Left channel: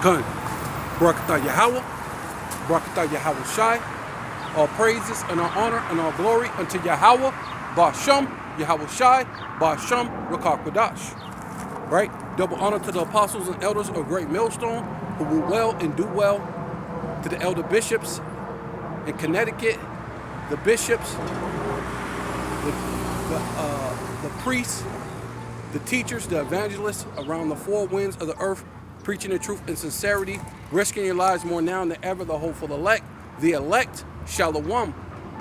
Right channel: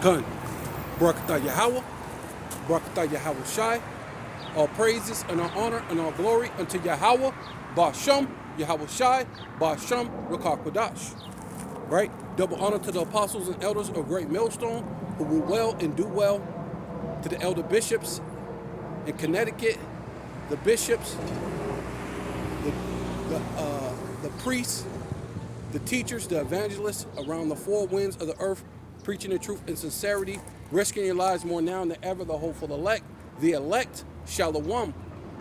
Khan. Barakatah Yahweh, Barakatah Yahweh Shai. All praises and all honor and all glory unto Yahweh, Ba'Shem, Yahweh Shai, Ba'Shem, Rakah Kodash. Right? Double honor to the apostles and elders of Great Millstone who will well and do well, to the elder bishops in Connecticut, the bishops, the priests, the teachers, the evangelists around the four winds of the earth, preaching the truth in sincerity, risking your lives more now than ever, the hopeful elect, Shalom,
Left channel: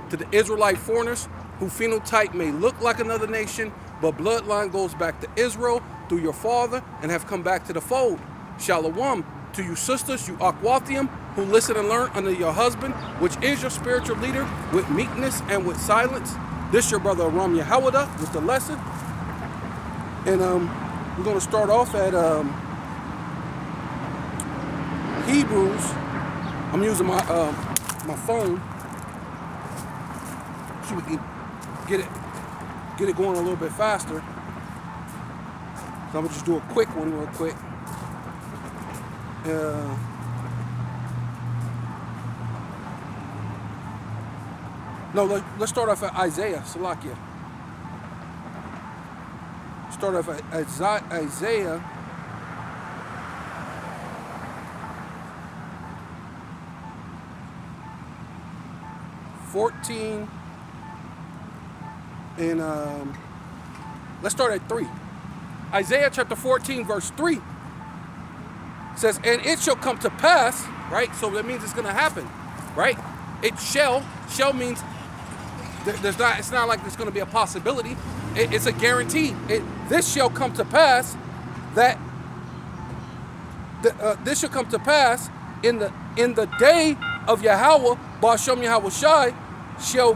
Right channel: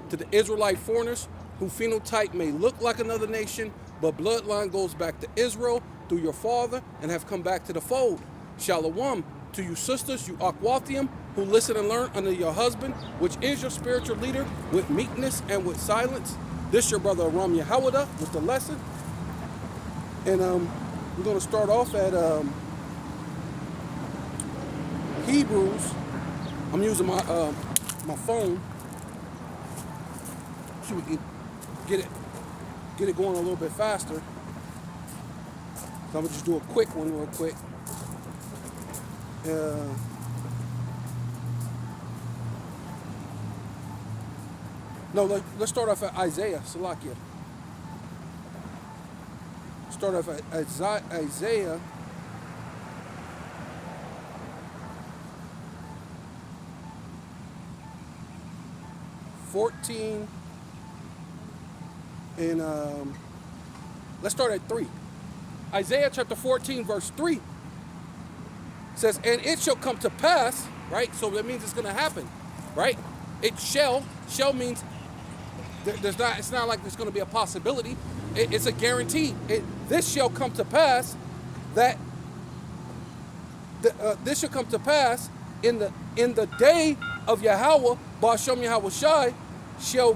to the Israelite foreigners who phenotype may look like another nation, but bloodline goes back to Israel through your father and have come back to the fold. Shalom to you sisters, you Akwathium, who listen and learn under your husband, which is your spiritual leader, with meekness and with silence. This your brother Aram Yahawada with the lesson. And we're going to start off at Hebrews. I'm using my phone so we can get it going a little bit faster. So I'm gonna just do a quick one real quick. No, let's start off at Isaiah, Salakia. Start off at Isaiah. And let's start at 3. Isaiah chapter 14 verse 3 says, and it shall come to pass, right? So that means it's going to happen, right? It shall means it's not like it's going to be a possibility. It's a guarantee. This shall come to pass that this shall come to pass in the day of Yahweh, Ba'Shem Yahweh Shai, shall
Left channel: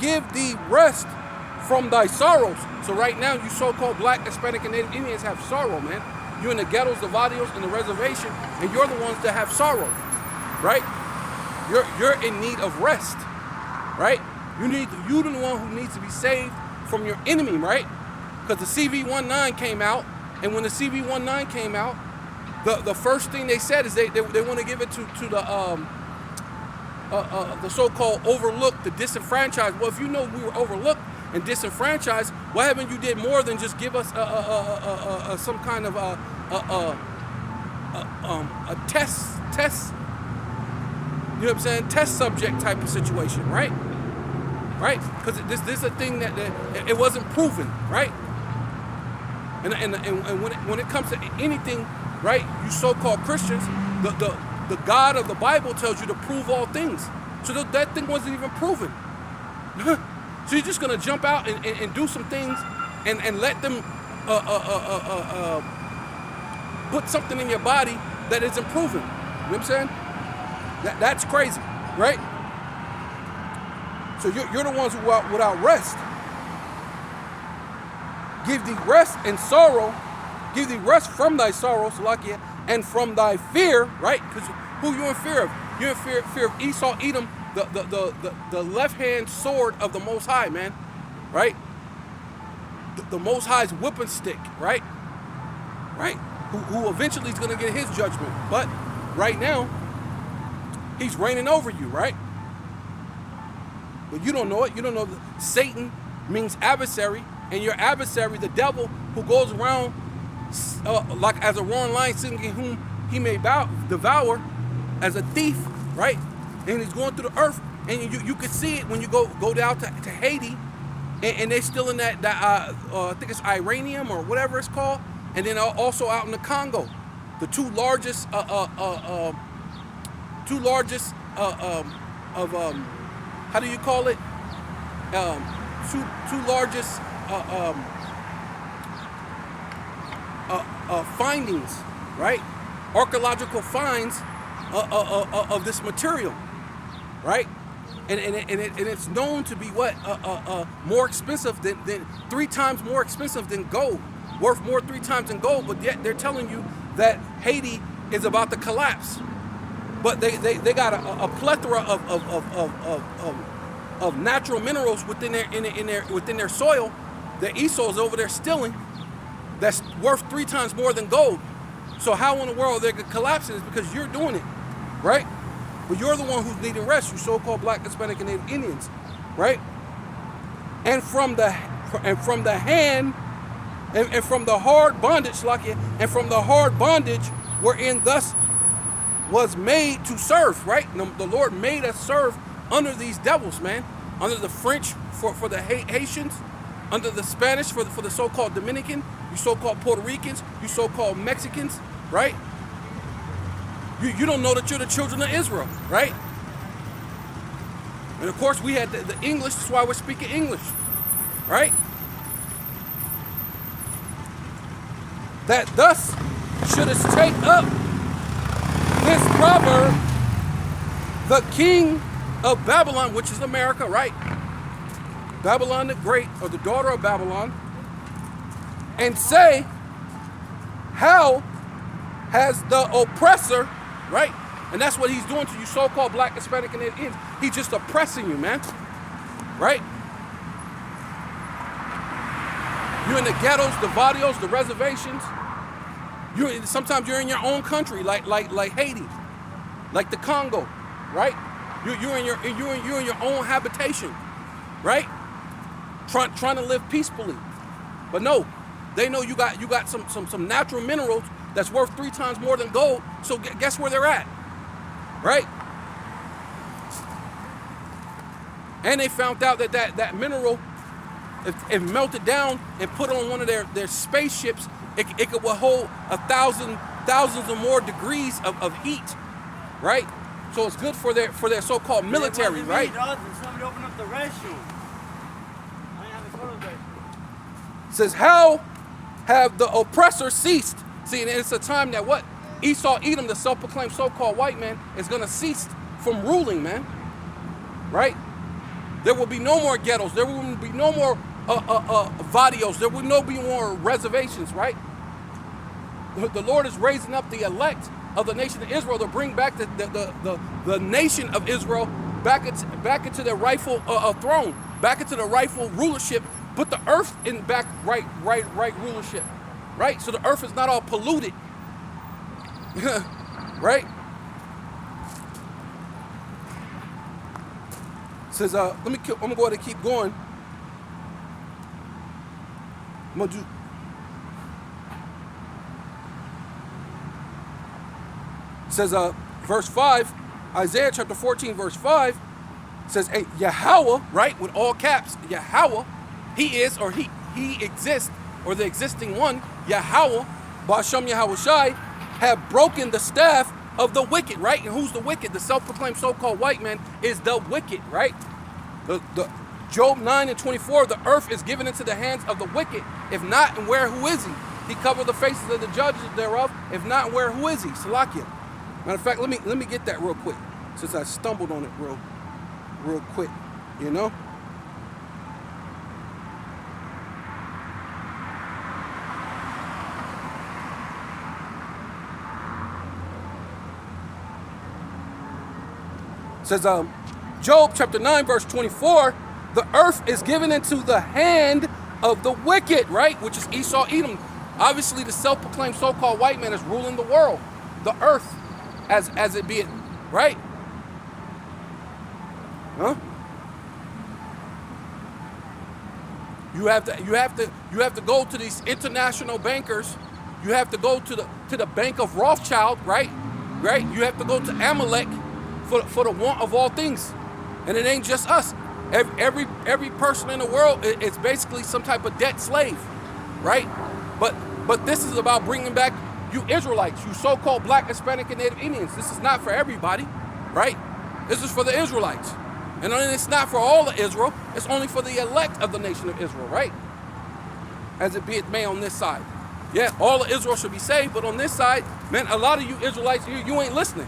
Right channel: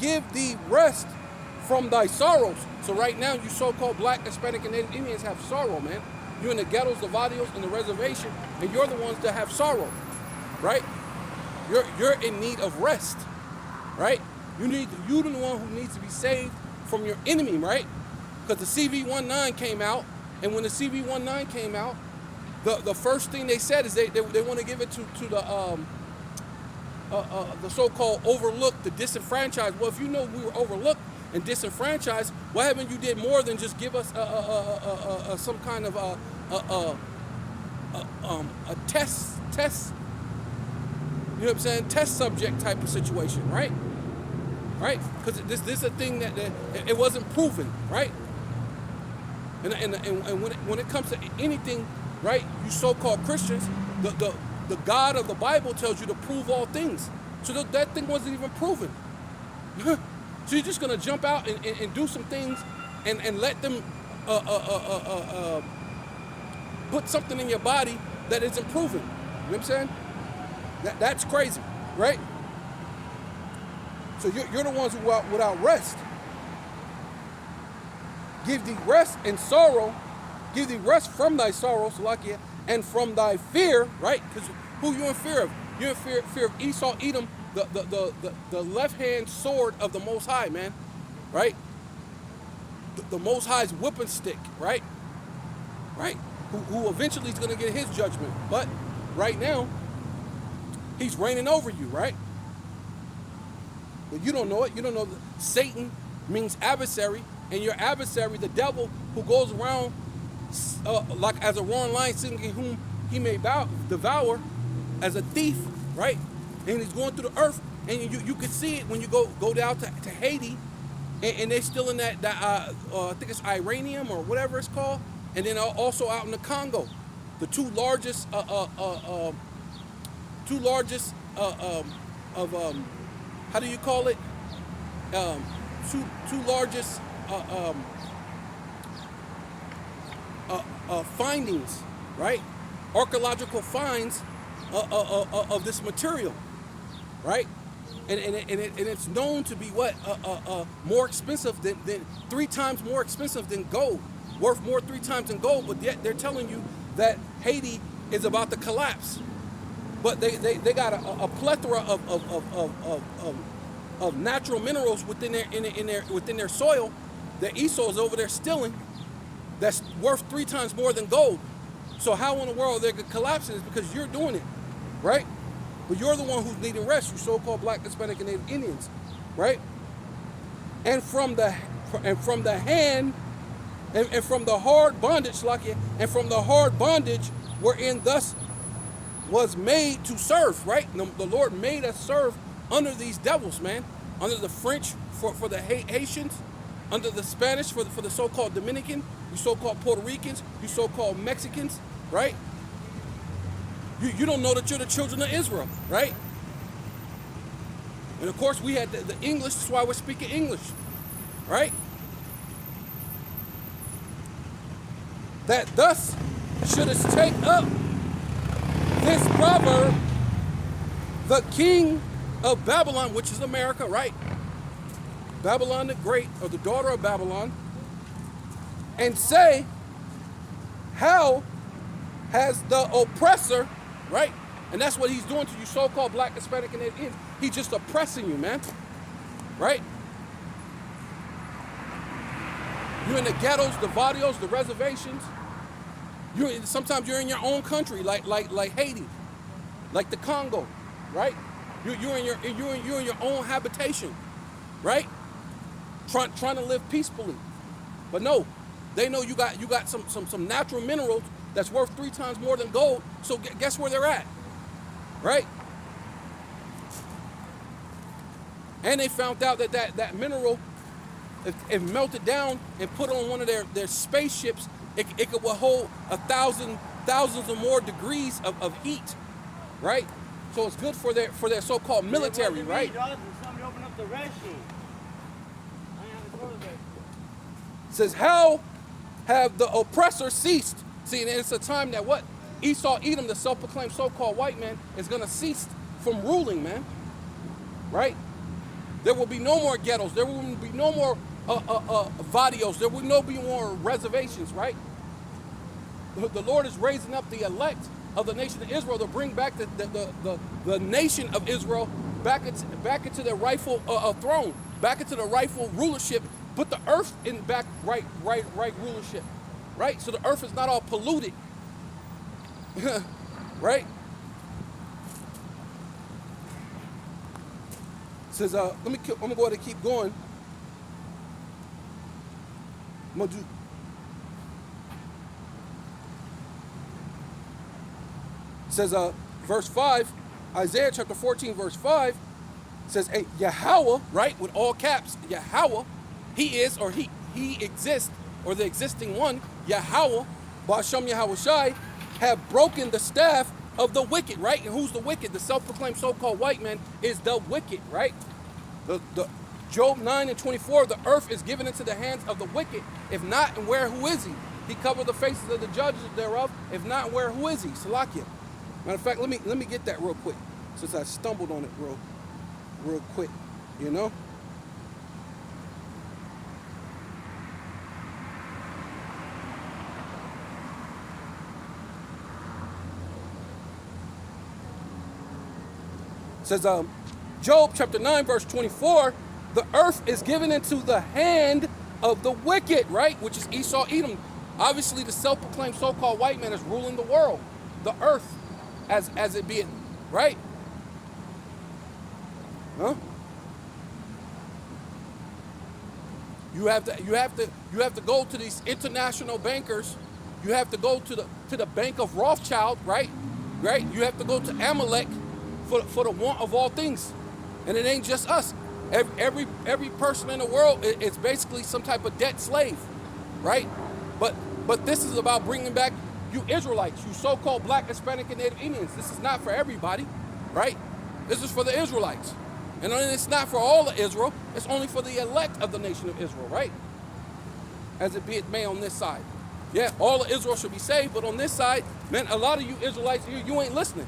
give thee rest from thy sorrows. So right now, you so-called black, Hispanic, and Native Indians have sorrow, man. You in the ghettos, the barrios, and the reservation, and you're the ones that have sorrow, right? You're in need of rest, right? You're the one who needs to be saved from your enemy, right? Because the CV-19 came out, and when the CV-19 came out, the first thing they said is they want to give it to the so-called overlooked, the disenfranchised. Well, if you know we were overlooked and disenfranchised, why haven't you did more than just give us some kind of a test? You know what I'm saying? Test subject type of situation, right? Right? Because this is a thing that it wasn't proven, right? And when it comes to anything, right? You so-called Christians, the God of the Bible tells you to prove all things. So that thing wasn't even proven. So you're just going to jump out and do some things and let them put something in your body that isn't proven. You know what I'm saying? That's crazy, right? So you're the ones who are without rest. Give thee rest and sorrow. Give thee rest from thy sorrows, Salakia, and from thy fear, right? Because who you in fear of? You're in fear of Esau, Edom, the left-hand sword of the Most High, man, right? The Most High's whipping stick, right? Right? Who eventually is going to get his judgment. But right now, he's reigning over you, right? But you don't know it. You don't know that Satan means adversary, and your adversary, the devil, who goes around like as a roaring lion, seeking whom he may devour, as a thief, right? And he's going through the earth, and you can see it when you go down to Haiti, and they're still in that I think it's Iranium or whatever it's called, and then also out in the Congo, the two largest how do you call it? Two largest findings, right? Archaeological finds of this material, right? And it's known to be what more expensive than 3 times more expensive than gold, worth more 3 times than gold. But yet they're telling you that Haiti is about to collapse. But they got a plethora of natural minerals within their soil that Esau is over there stealing. That's worth 3 times more than gold. So how in the world they're collapsing is because you're doing it, right? But you're the one who's needing rest, you so-called Black, Hispanic, and Native Indians, right? And from the hand and from the hard bondage, and from the hard bondage wherein thus was made to serve, right? The Lord made us serve under these devils, man. Under the French for the Haitians, under the Spanish for the so-called Dominican, you so-called Puerto Ricans, you so-called Mexicans, right? You don't know that you're the children of Israel, right? And of course we had the English, that's why we're speaking English, right? That thus shouldst take up his brother, the king of Babylon, which is America, right? Babylon the Great, or the daughter of Babylon, and say, how has the oppressor, right? And that's what he's doing to you so-called Black, Hispanic, and Indians. He's just oppressing you, man, right? You're in the ghettos, the barrios, the reservations. Sometimes you're in your own country, like Haiti, like the Congo, right? You're in your own habitation, right? Trying to live peacefully, but no, they know you got some natural minerals that's worth 3 times more than gold. So guess where they're at, right? And they found out that mineral, if melted down and put on one of their spaceships, it could hold thousands or more degrees of heat, right? So it's good for their so-called military, right? Somebody open up the restroom. It says, how have the oppressor ceased? See, and it's a time that what? Esau, Edom, the self-proclaimed so-called white man, is going to cease from ruling, man, right? There will be no more ghettos. There will be no more barrios. There will be more reservations, right? The Lord is raising up the elect of the nation of Israel to bring back the nation of Israel back into their rightful throne, back into the rightful rulership. Put the earth in back right rulership, right? So the earth is not all polluted, right? Says, I'm gonna go ahead and keep going. I'm gonna do. Says, verse 5, Isaiah chapter 14, verse 5 says, hey, Yahweh, right, with all caps, Yahweh, he is, or he exists, or the existing one, Yahweh, Ba'ashem Yahushai, have broken the staff of the wicked, right? And who's the wicked? The self-proclaimed so-called white man is the wicked, right? The Job 9:24, the earth is given into the hands of the wicked. If not, and where, who is he? He covered the faces of the judges thereof. If not, and where, who is he? Salakia. Matter of fact, let me get that real quick, since I stumbled on it real quick, you know? It says, Job chapter 9, verse 24, the earth is given into the hand of the wicked, right? Which is Esau, Edom. Obviously, the self-proclaimed so-called white man is ruling the world, the earth, as it be, right? Huh? You have to go to these international bankers. You have to go to the Bank of Rothschild, right? Right? You have to go to Amalek for the want of all things. And it ain't just us. Every person in the world is basically some type of debt slave, right? But this is about bringing back you Israelites, you so-called Black, Hispanic, and Native Indians. This is not for everybody, right? This is for the Israelites. And it's not for all of Israel. It's only for the elect of the nation of Israel, right? As it be it may on this side. Yeah, all of Israel should be saved, but on this side, man, a lot of you Israelites, you ain't listening.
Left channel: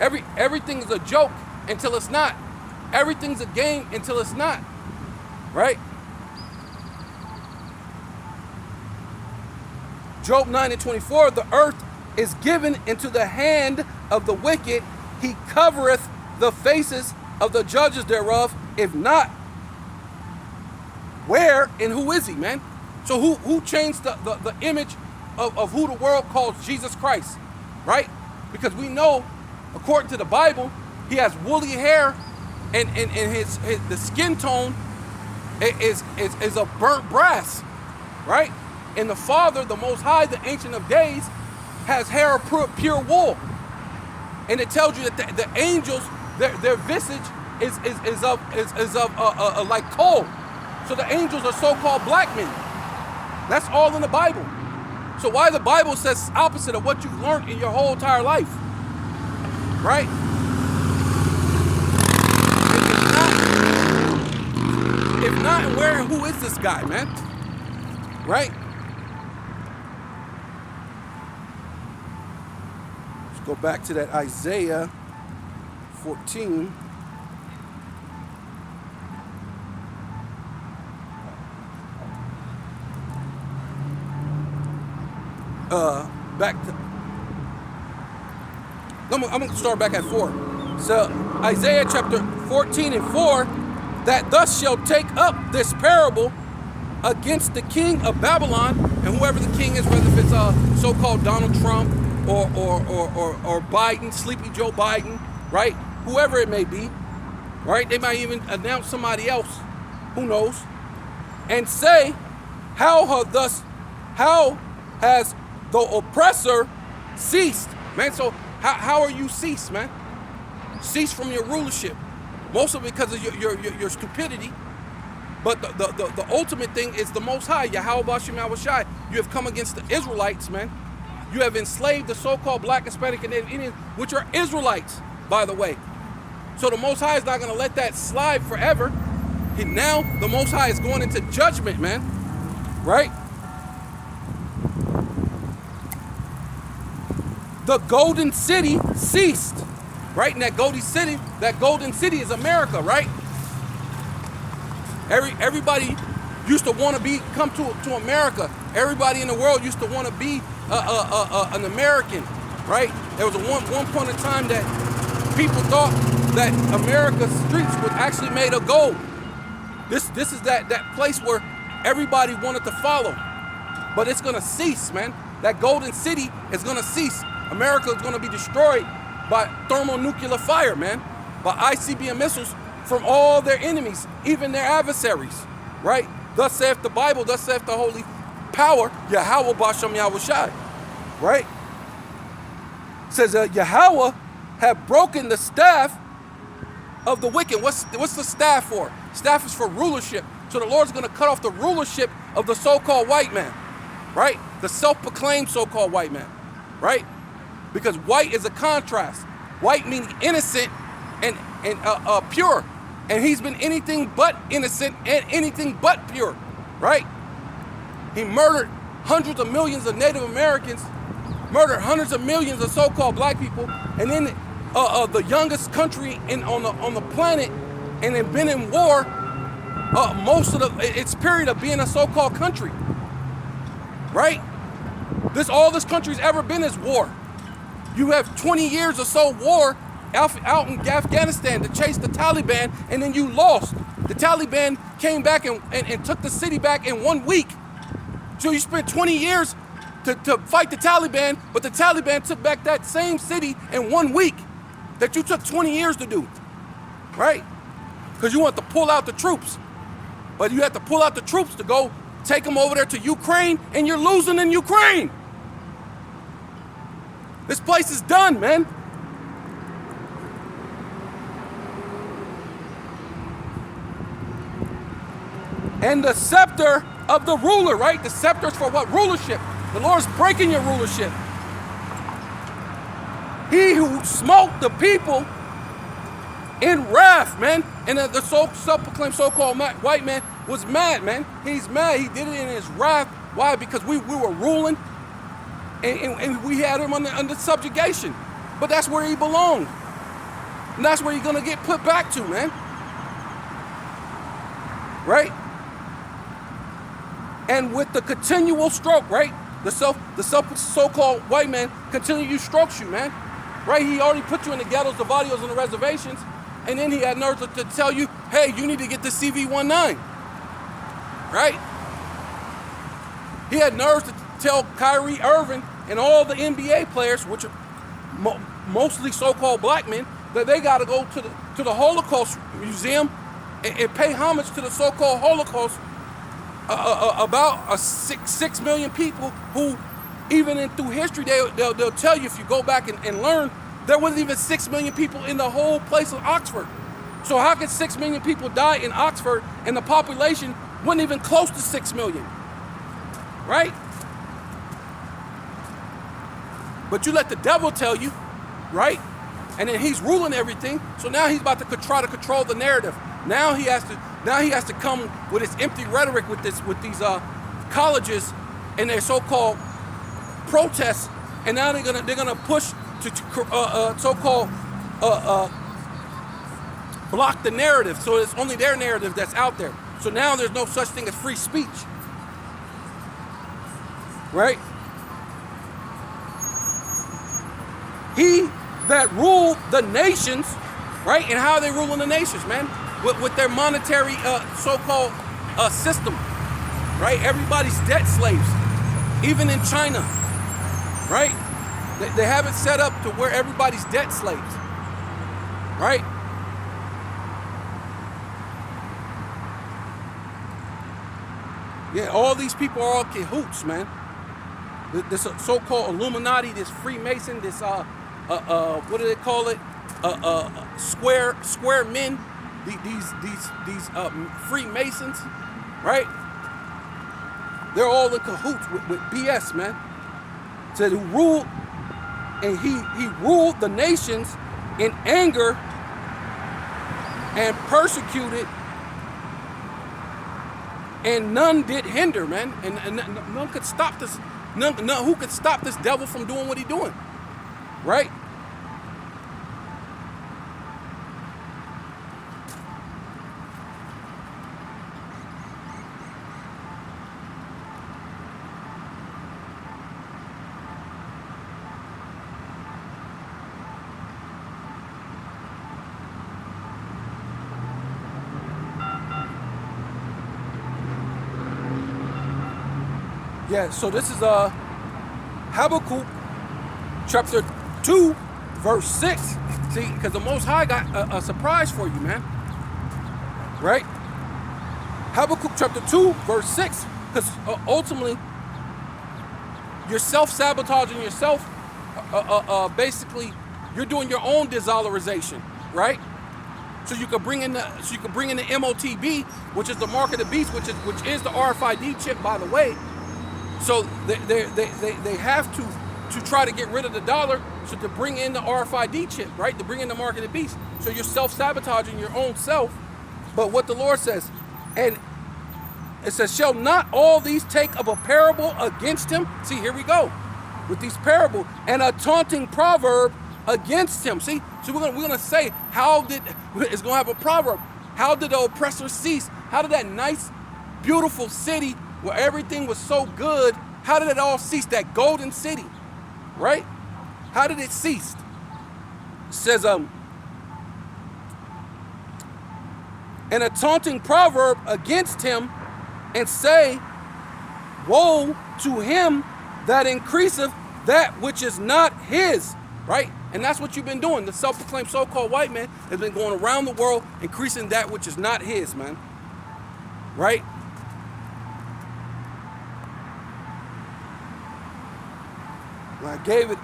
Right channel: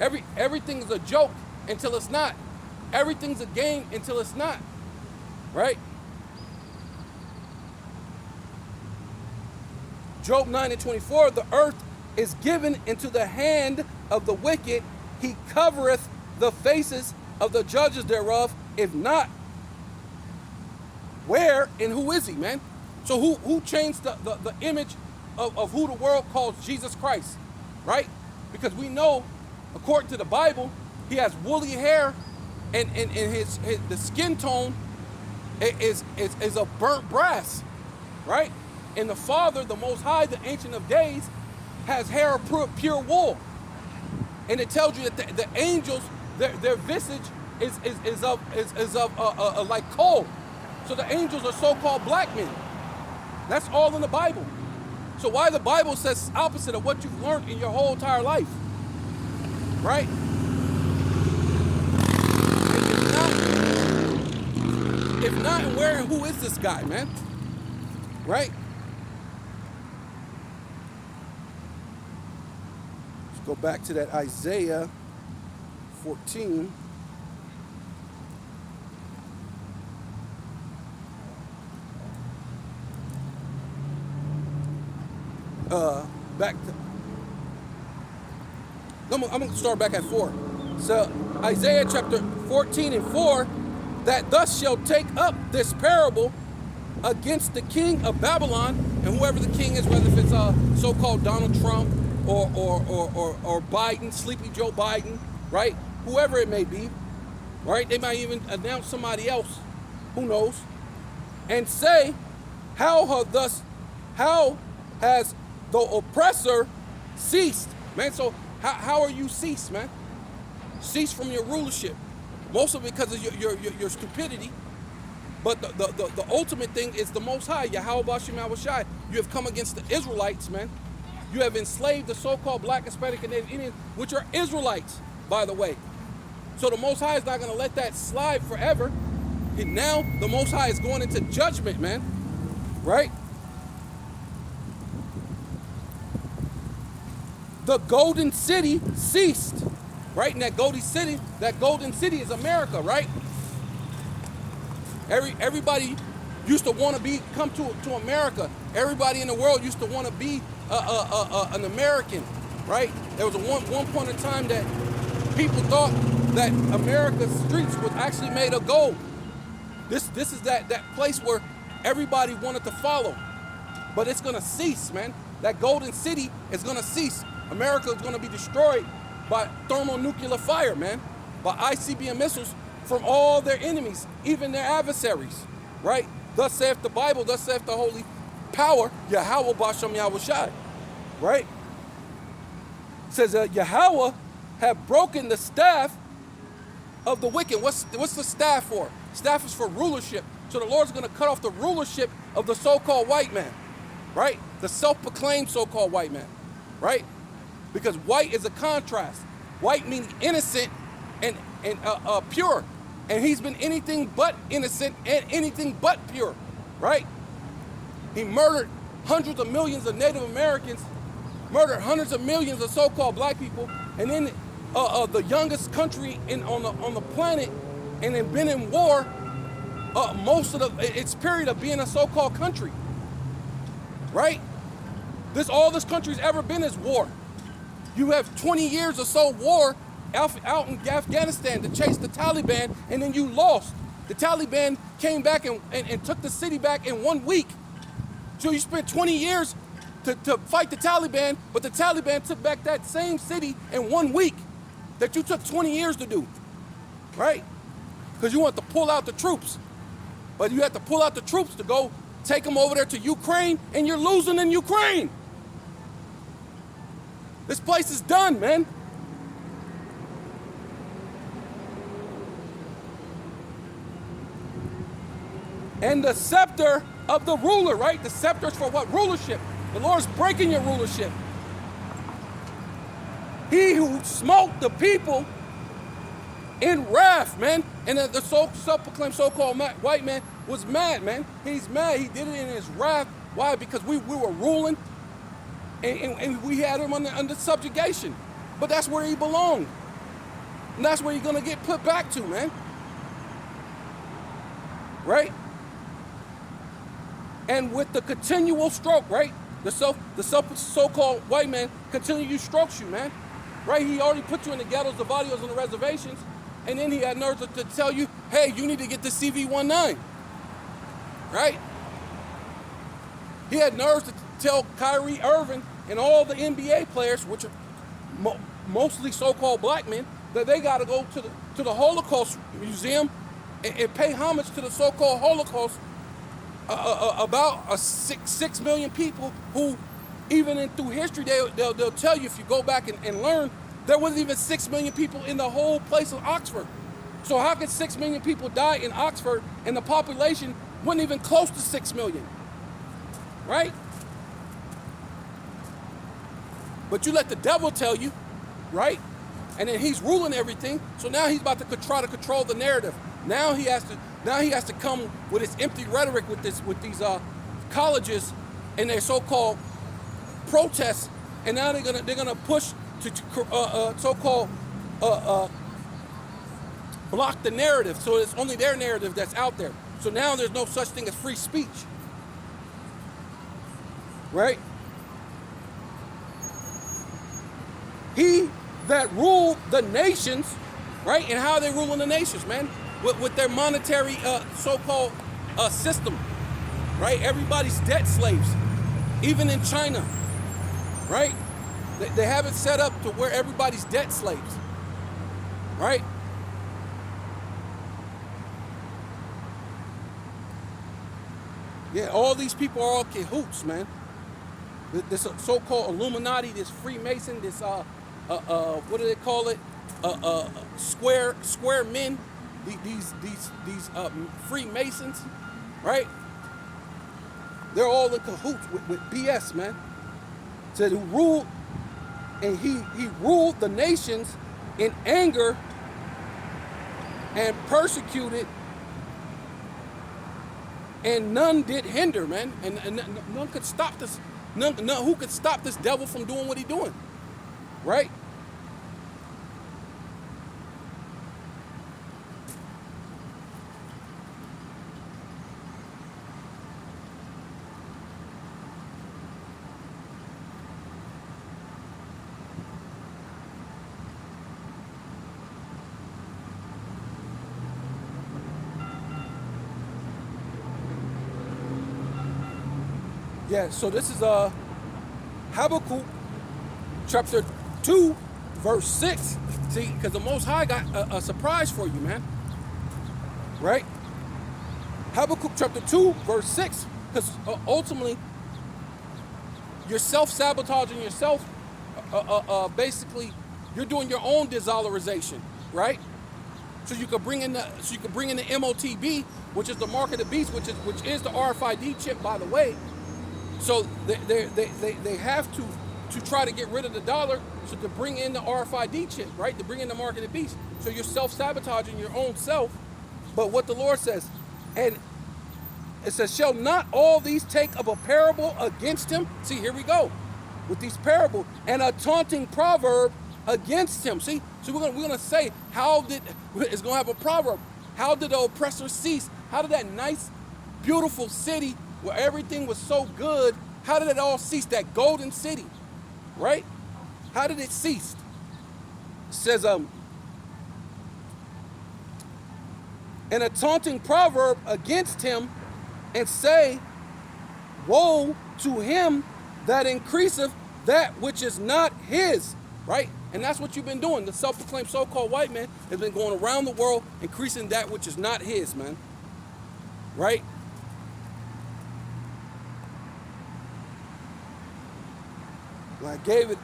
Everything is a joke until it's not. Everything's a game until it's not, right? Job 9:24, the earth is given into the hand of the wicked. He covereth the faces of the judges thereof. If not, where and who is he, man? So who changed the image of who the world calls Jesus Christ, right? Because we know, according to the Bible, he has woolly hair, and his the skin tone is of burnt brass, right? And the Father, the Most High, the Ancient of Days, has hair of pure wool. And it tells you that the angels, their visage is of like coal. So the angels are so-called black men. That's all in the Bible. So why the Bible says opposite of what you've learned in your whole entire life, right? If not, where and who is this guy, man? Right? Let's go back to that Isaiah 14. I'm going to start back at 4. So Isaiah chapter 14 and 4, that thus shall take up this parable against the king of Babylon, and whoever the king is, whether if it's so-called Donald Trump or Biden, Sleepy Joe Biden, right? Whoever it may be, right? They might even announce somebody else, who knows, and say, how has the oppressor ceased, man? So how are you ceased, man? Cease from your rulership, mostly because of your stupidity. But the ultimate thing is the Most High, Yahweh Bashem Yahushai. You have come against the Israelites, man. You have enslaved the so-called black, Hispanic, and Native Indians, which are Israelites, by the way. So the Most High is not going to let that slide forever. And now the Most High is going into judgment, man. Right? The golden city ceased, right? And that golden city is America, right? Everybody used to want to come to America. Everybody in the world used to want to be an American, right? There was one point in time that people thought that America's streets were actually made of gold. This is that place where everybody wanted to follow, but it's gonna cease, man. That golden city is gonna cease. America is going to be destroyed by thermonuclear fire, man, by ICBM missiles from all their enemies, even their adversaries, right? Thus saith the Bible, thus saith the holy power, Yahweh Bashem Yahushai, right? It says Yahweh have broken the staff of the wicked. What's the staff for? Staff is for rulership. So the Lord's going to cut off the rulership of the so-called white man, right? The self-proclaimed so-called white man, right? Because white is a contrast. White meaning innocent and pure. And he's been anything but innocent and anything but pure, right? He murdered hundreds of millions of Native Americans, murdered hundreds of millions of so-called black people, and then the youngest country on the planet, and then been in war most of its period of being a so-called country, right? All this country's ever been is war. You have 20 years or so war out in Afghanistan to chase the Taliban, and then you lost. The Taliban came back and took the city back in 1 week. So you spent 20 years to fight the Taliban, but the Taliban took back that same city in 1 week that you took 20 years to do, right? Because you want to pull out the troops. But you have to pull out the troops to go take them over there to Ukraine, and you're losing in Ukraine. This place is done, man. And the scepter of the ruler, right? The scepter is for what? Rulership. The Lord's breaking your rulership. He who smote the people in wrath, man. And the self-proclaimed so-called white man was mad, man. He's mad. He did it in his wrath. Why? Because we were ruling. And we had him under subjugation. But that's where he belonged. And that's where you're going to get put back to, man. Right? And with the continual stroke, right? The so-called white man continually strokes you, man. Right? He already put you in the ghettos, the barrios, and the reservations. And then he had nerves to tell you, hey, you need to get the CV-19. Right? He had nerves tell Kyrie Irving and all the NBA players, which are mostly so-called black men, that they got to go to the Holocaust Museum and pay homage to the so-called Holocaust about 6 million people who, even through history, they'll tell you, if you go back and learn, there wasn't even 6 million people in the whole place of Oxford. So how could 6 million people die in Oxford and the population wasn't even close to 6 million? Right? But you let the devil tell you, right? And then he's ruling everything. So now he's about to try to control the narrative. Now he has to come with his empty rhetoric with these colleges and their so-called protests. And now they're gonna push to so-called block the narrative. So it's only their narrative that's out there. So now there's no such thing as free speech. Right? He that ruled the nations, right? And how are they ruling the nations, man? With their monetary so-called system, right? Everybody's debt slaves, even in China, right? They have it set up to where everybody's debt slaves, right? Yeah, all these people are all cahoots, man. This so-called Illuminati, this Freemason, this what do they call it? Square men. These Freemasons, right? They're all in cahoots with BS, man. So he ruled, and he ruled the nations in anger and persecuted, and none did hinder, man. And none could stop this. None who could stop this devil from doing what he's doing, right? Yeah, so this is Habakkuk chapter 2, verse 6. See, because the Most High got a surprise for you, man. Right? Habakkuk chapter 2, verse 6. Because ultimately, you're self-sabotaging yourself. Basically, you're doing your own desolarization, right? So you can bring in the MOTB, which is the mark of the beast, which is the RFID chip, by the way. So they have to try to get rid of the dollar, so to bring in the RFID chip, right? To bring in the mark of the beast. So you're self-sabotaging your own self. But what the Lord says, and it says, shall not all these take up a parable against him? See, here we go with these parables, and a taunting proverb against him. See, so we're gonna say, it's gonna have a proverb. How did the oppressor cease? How did that nice, beautiful city where everything was so good, how did it all cease? That golden city, right? How did it cease? It says, and a taunting proverb against him, and say, woe to him that increaseth that which is not his, right? And that's what you've been doing. The self-proclaimed so-called white man has been going around the world increasing that which is not his, man, right? I gave it.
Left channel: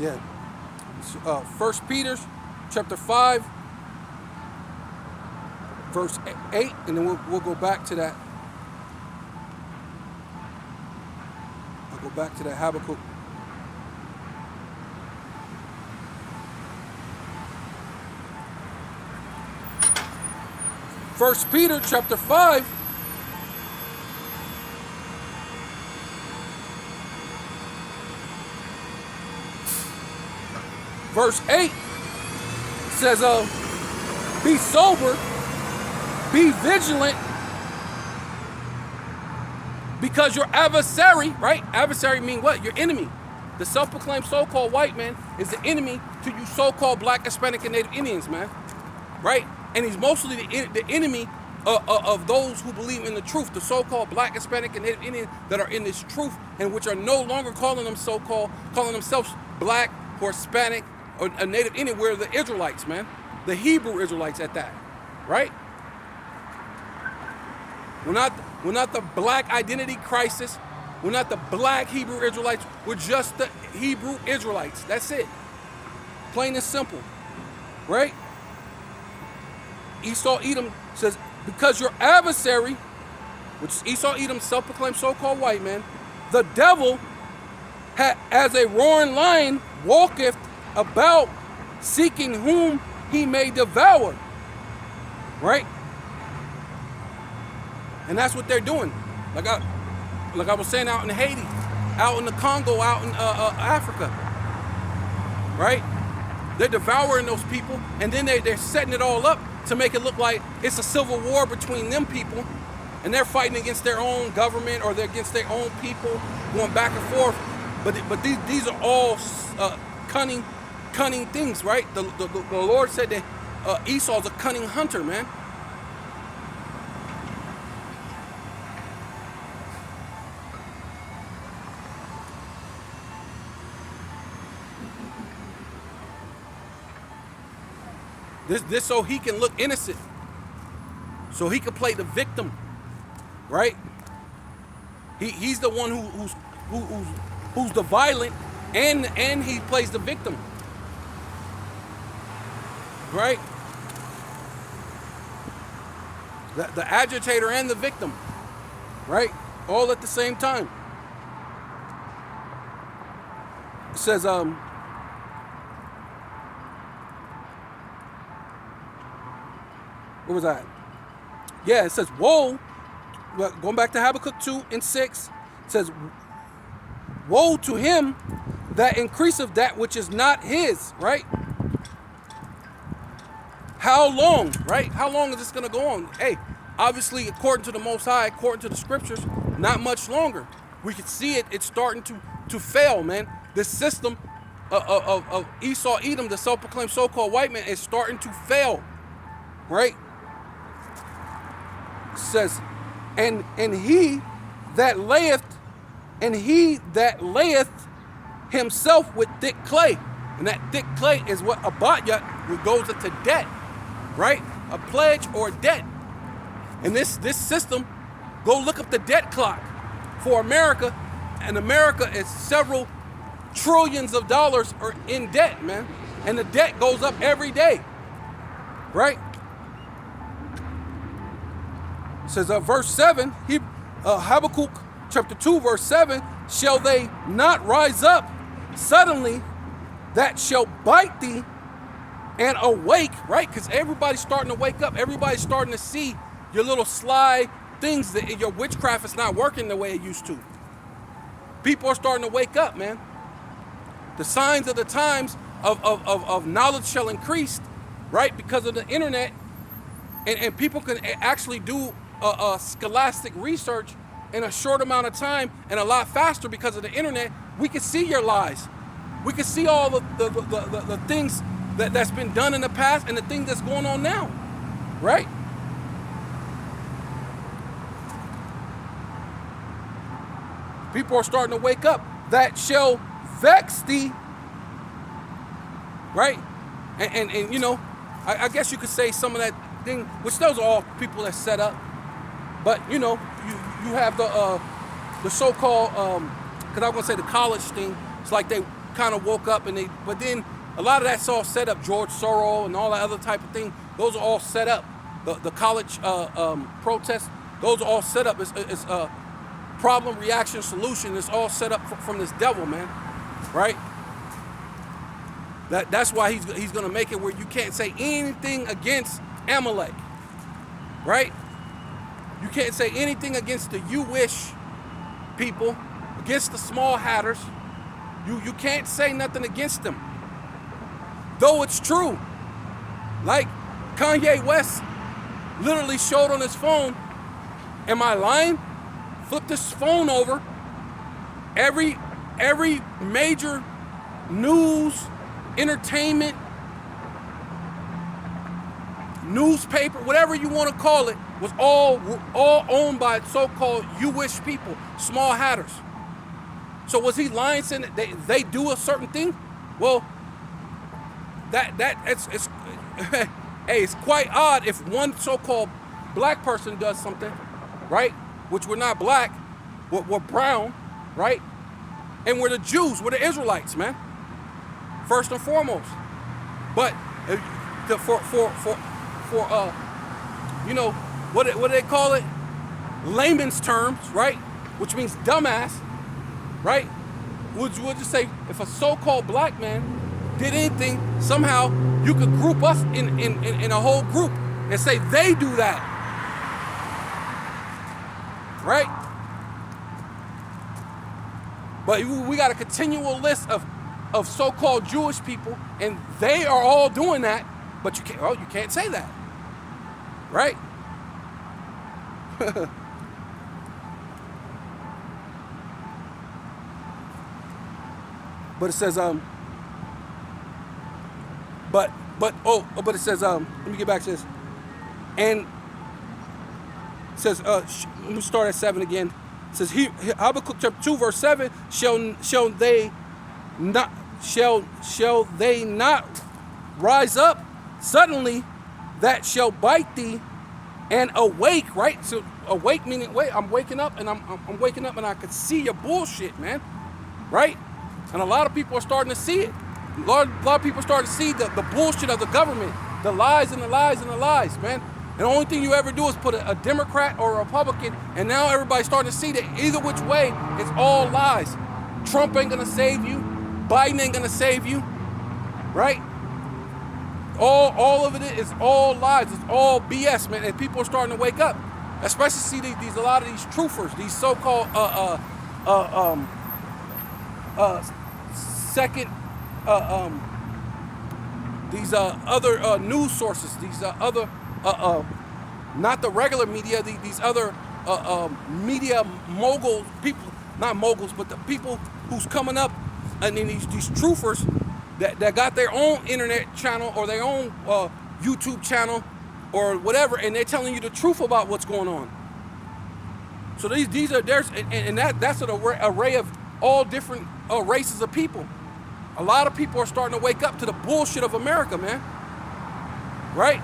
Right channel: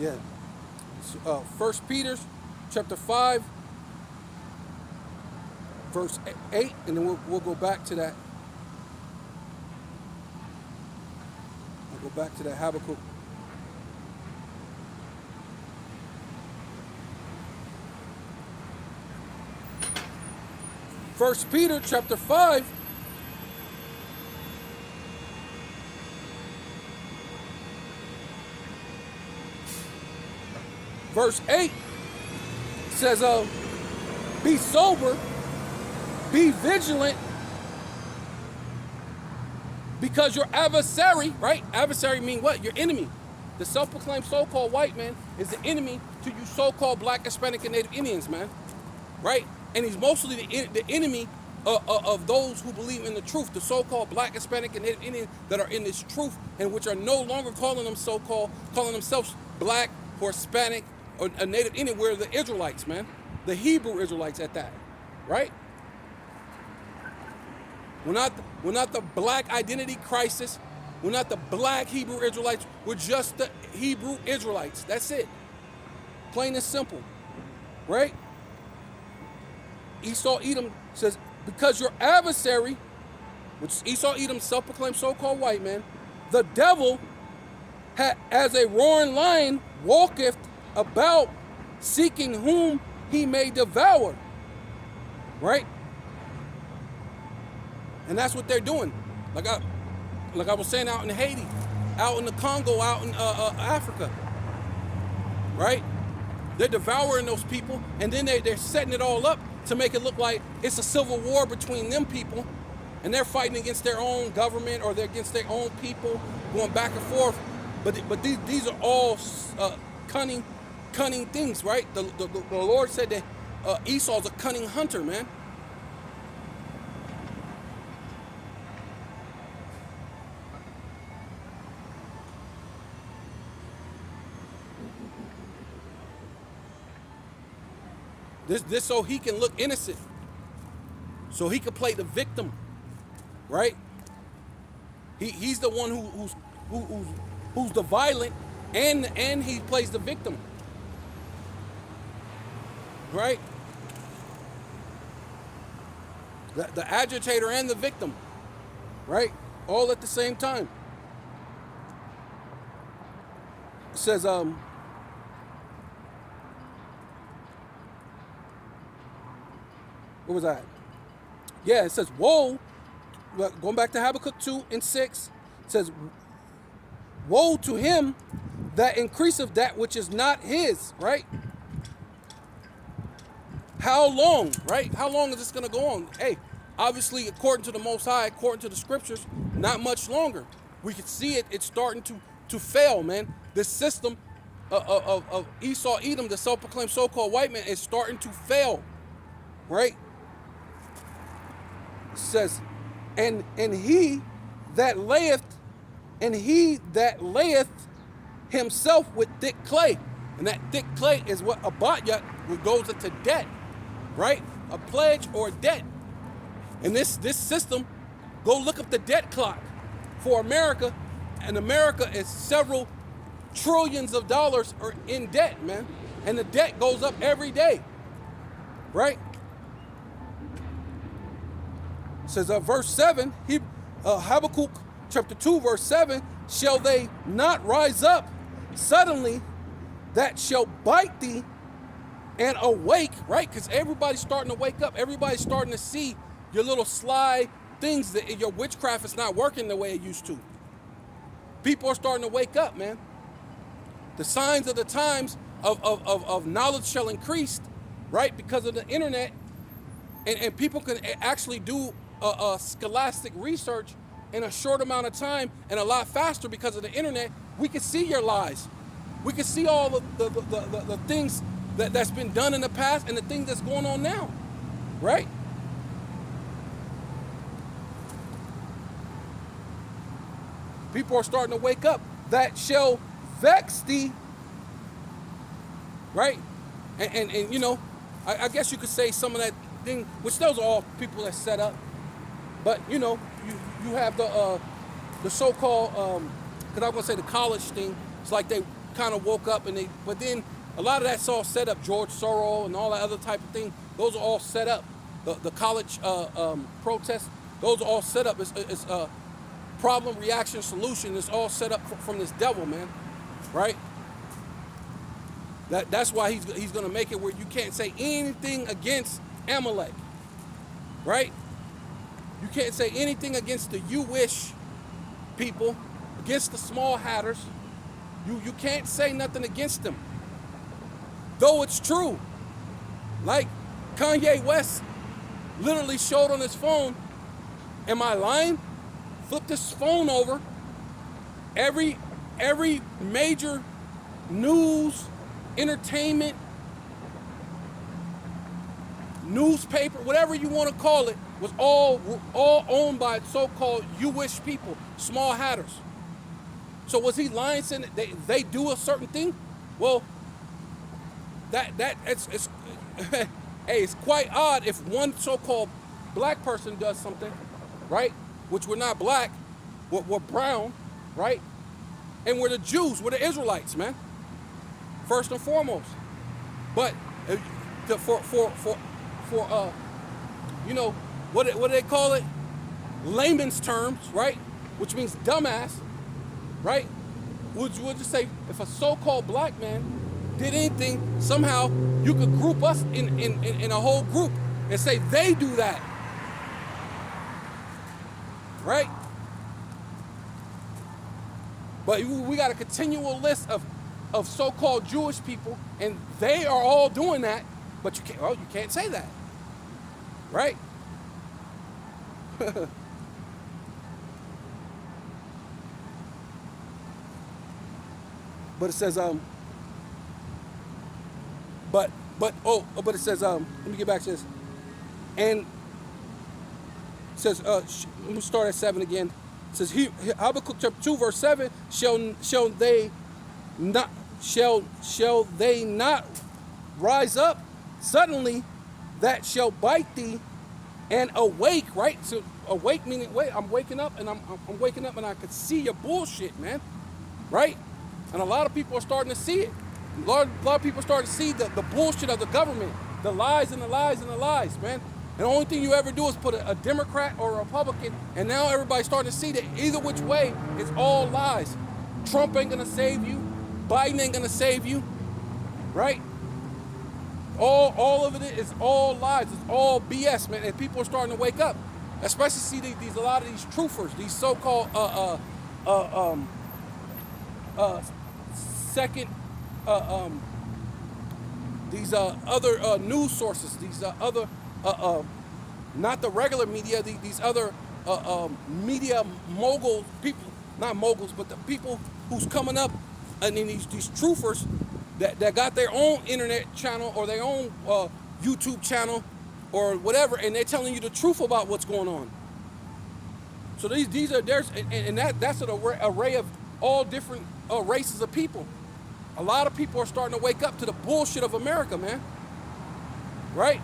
Yeah. 1 Peter chapter 5, verse 8, and then we'll go back to that. I'll go back to that Habakkuk. 1 Peter chapter 5, verse 8 says, be sober, be vigilant, because your adversary, right? Adversary mean what? Your enemy. The self-proclaimed so-called white man is the enemy to you so-called black, Hispanic, and Native Indians, man. Right? And he's mostly the enemy of those who believe in the truth, the so-called black, Hispanic, and Native Indians that are in this truth and which are no longer calling themselves black or Hispanic or a Native Indian. We're the Israelites, man. The Hebrew Israelites at that. Right? We're not the black identity crisis. We're not the black Hebrew Israelites. We're just the Hebrew Israelites. That's it. Plain and simple. Right? Esau Edom says, because your adversary, which is Esau Edom, self-proclaimed so-called white man, the devil, as a roaring lion, walketh about, seeking whom he may devour. Right? And that's what they're doing. Like I was saying, out in Haiti, out in the Congo, out in Africa. Right? They're devouring those people, and then they're setting it all up to make it look like it's a civil war between them people, and they're fighting against their own government or they're against their own people, going back and forth. But these are all cunning things, right? The Lord said that Esau's a cunning hunter, man. This so he can look innocent, so he can play the victim, right? He's the one who's the violent, and he plays the victim, right? The agitator and the victim, right? All at the same time. It says where was that? Yeah, it says, woe, going back to Habakkuk 2:6, it says, woe to him that increaseth that which is not his, right? How long, right? How long is this going to go on? Hey, obviously, according to the Most High, according to the scriptures, not much longer. We can see it's starting to fail, man. This system of Esau Edom, the self-proclaimed so-called white man, is starting to fail, right? It says, and he that layeth himself with thick clay, and that thick clay is what abatya, what goes into debt, right? A pledge or debt. And this system, go look up the debt clock for America, and America is several trillions of dollars are in debt, man, and the debt goes up every day, right? It says verse 7, Habakkuk chapter 2 verse 7, shall they not rise up suddenly that shall bite thee and awake, right? Because everybody's starting to wake up. Everybody's starting to see your little sly things, that your witchcraft is not working the way it used to. People are starting to wake up, man. The signs of the times of knowledge shall increase, right? Because of the internet, and people can actually do scholastic research in a short amount of time and a lot faster because of the internet. We can see your lies. We can see all the things that's been done in the past and the things that's going on now, right? People are starting to wake up. That shall vex thee, right? And you know, I guess you could say some of that thing, which those are all people that set up. But you know, you have the so-called, because I'm gonna say the college thing. It's like they kind of woke up but then a lot of that's all set up. George Soros and all that other type of thing. Those are all set up. The college protests. Those are all set up. It's problem, reaction, solution. It's all set up from this devil, man. Right? That's why he's gonna make it where you can't say anything against Amalek. Right? You can't say anything against the Jewish people, against the small hatters. You can't say nothing against them. though it's true. Like Kanye West literally showed on his phone. Am I lying? Flip this phone over. Every major news, entertainment, newspaper, whatever you want to call it, was all owned by so-called Jewish people, small hatters. So was he lying saying that they do a certain thing? Well, it's hey, it's quite odd if one so-called black person does something, right? Which we're not black, we're brown, right? And we're the Jews, we're the Israelites, man. First and foremost. But for you know, what do they call it? Layman's terms, right? Which means dumbass, right? We'll just say if a so-called black man did anything, somehow you could group us in a whole group and say they do that, right? But we got a continual list of so-called Jewish people, and they are all doing that, but you can't say that, right? But it says but it says let me get back to this. And it says let me start at 7 again. It says Habakkuk chapter 2 verse 7, shall they not rise up suddenly that shall bite thee and awake, right? So awake meaning wait, I'm waking up and I'm waking up and I could see your bullshit, man. Right? And a lot of people are starting to see it. A lot of people are starting to see the bullshit of the government, the lies and the lies and the lies, man. And the only thing you ever do is put a Democrat or a Republican, and now everybody's starting to see that either which way, it's all lies. Trump ain't gonna save you. Biden ain't gonna save you, right? All of it is all lies. It's all BS, man. And people are starting to wake up, especially see these a lot of these truthers, these so-called second these other news sources, these other not the regular media, these other media mogul people, not moguls, but the people who's coming up, and then these truthers that got their own internet channel or their own YouTube channel or whatever, and they're telling you the truth about what's going on. So these are that's an array of all different races of people. A lot of people are starting to wake up to the bullshit of America, man. Right?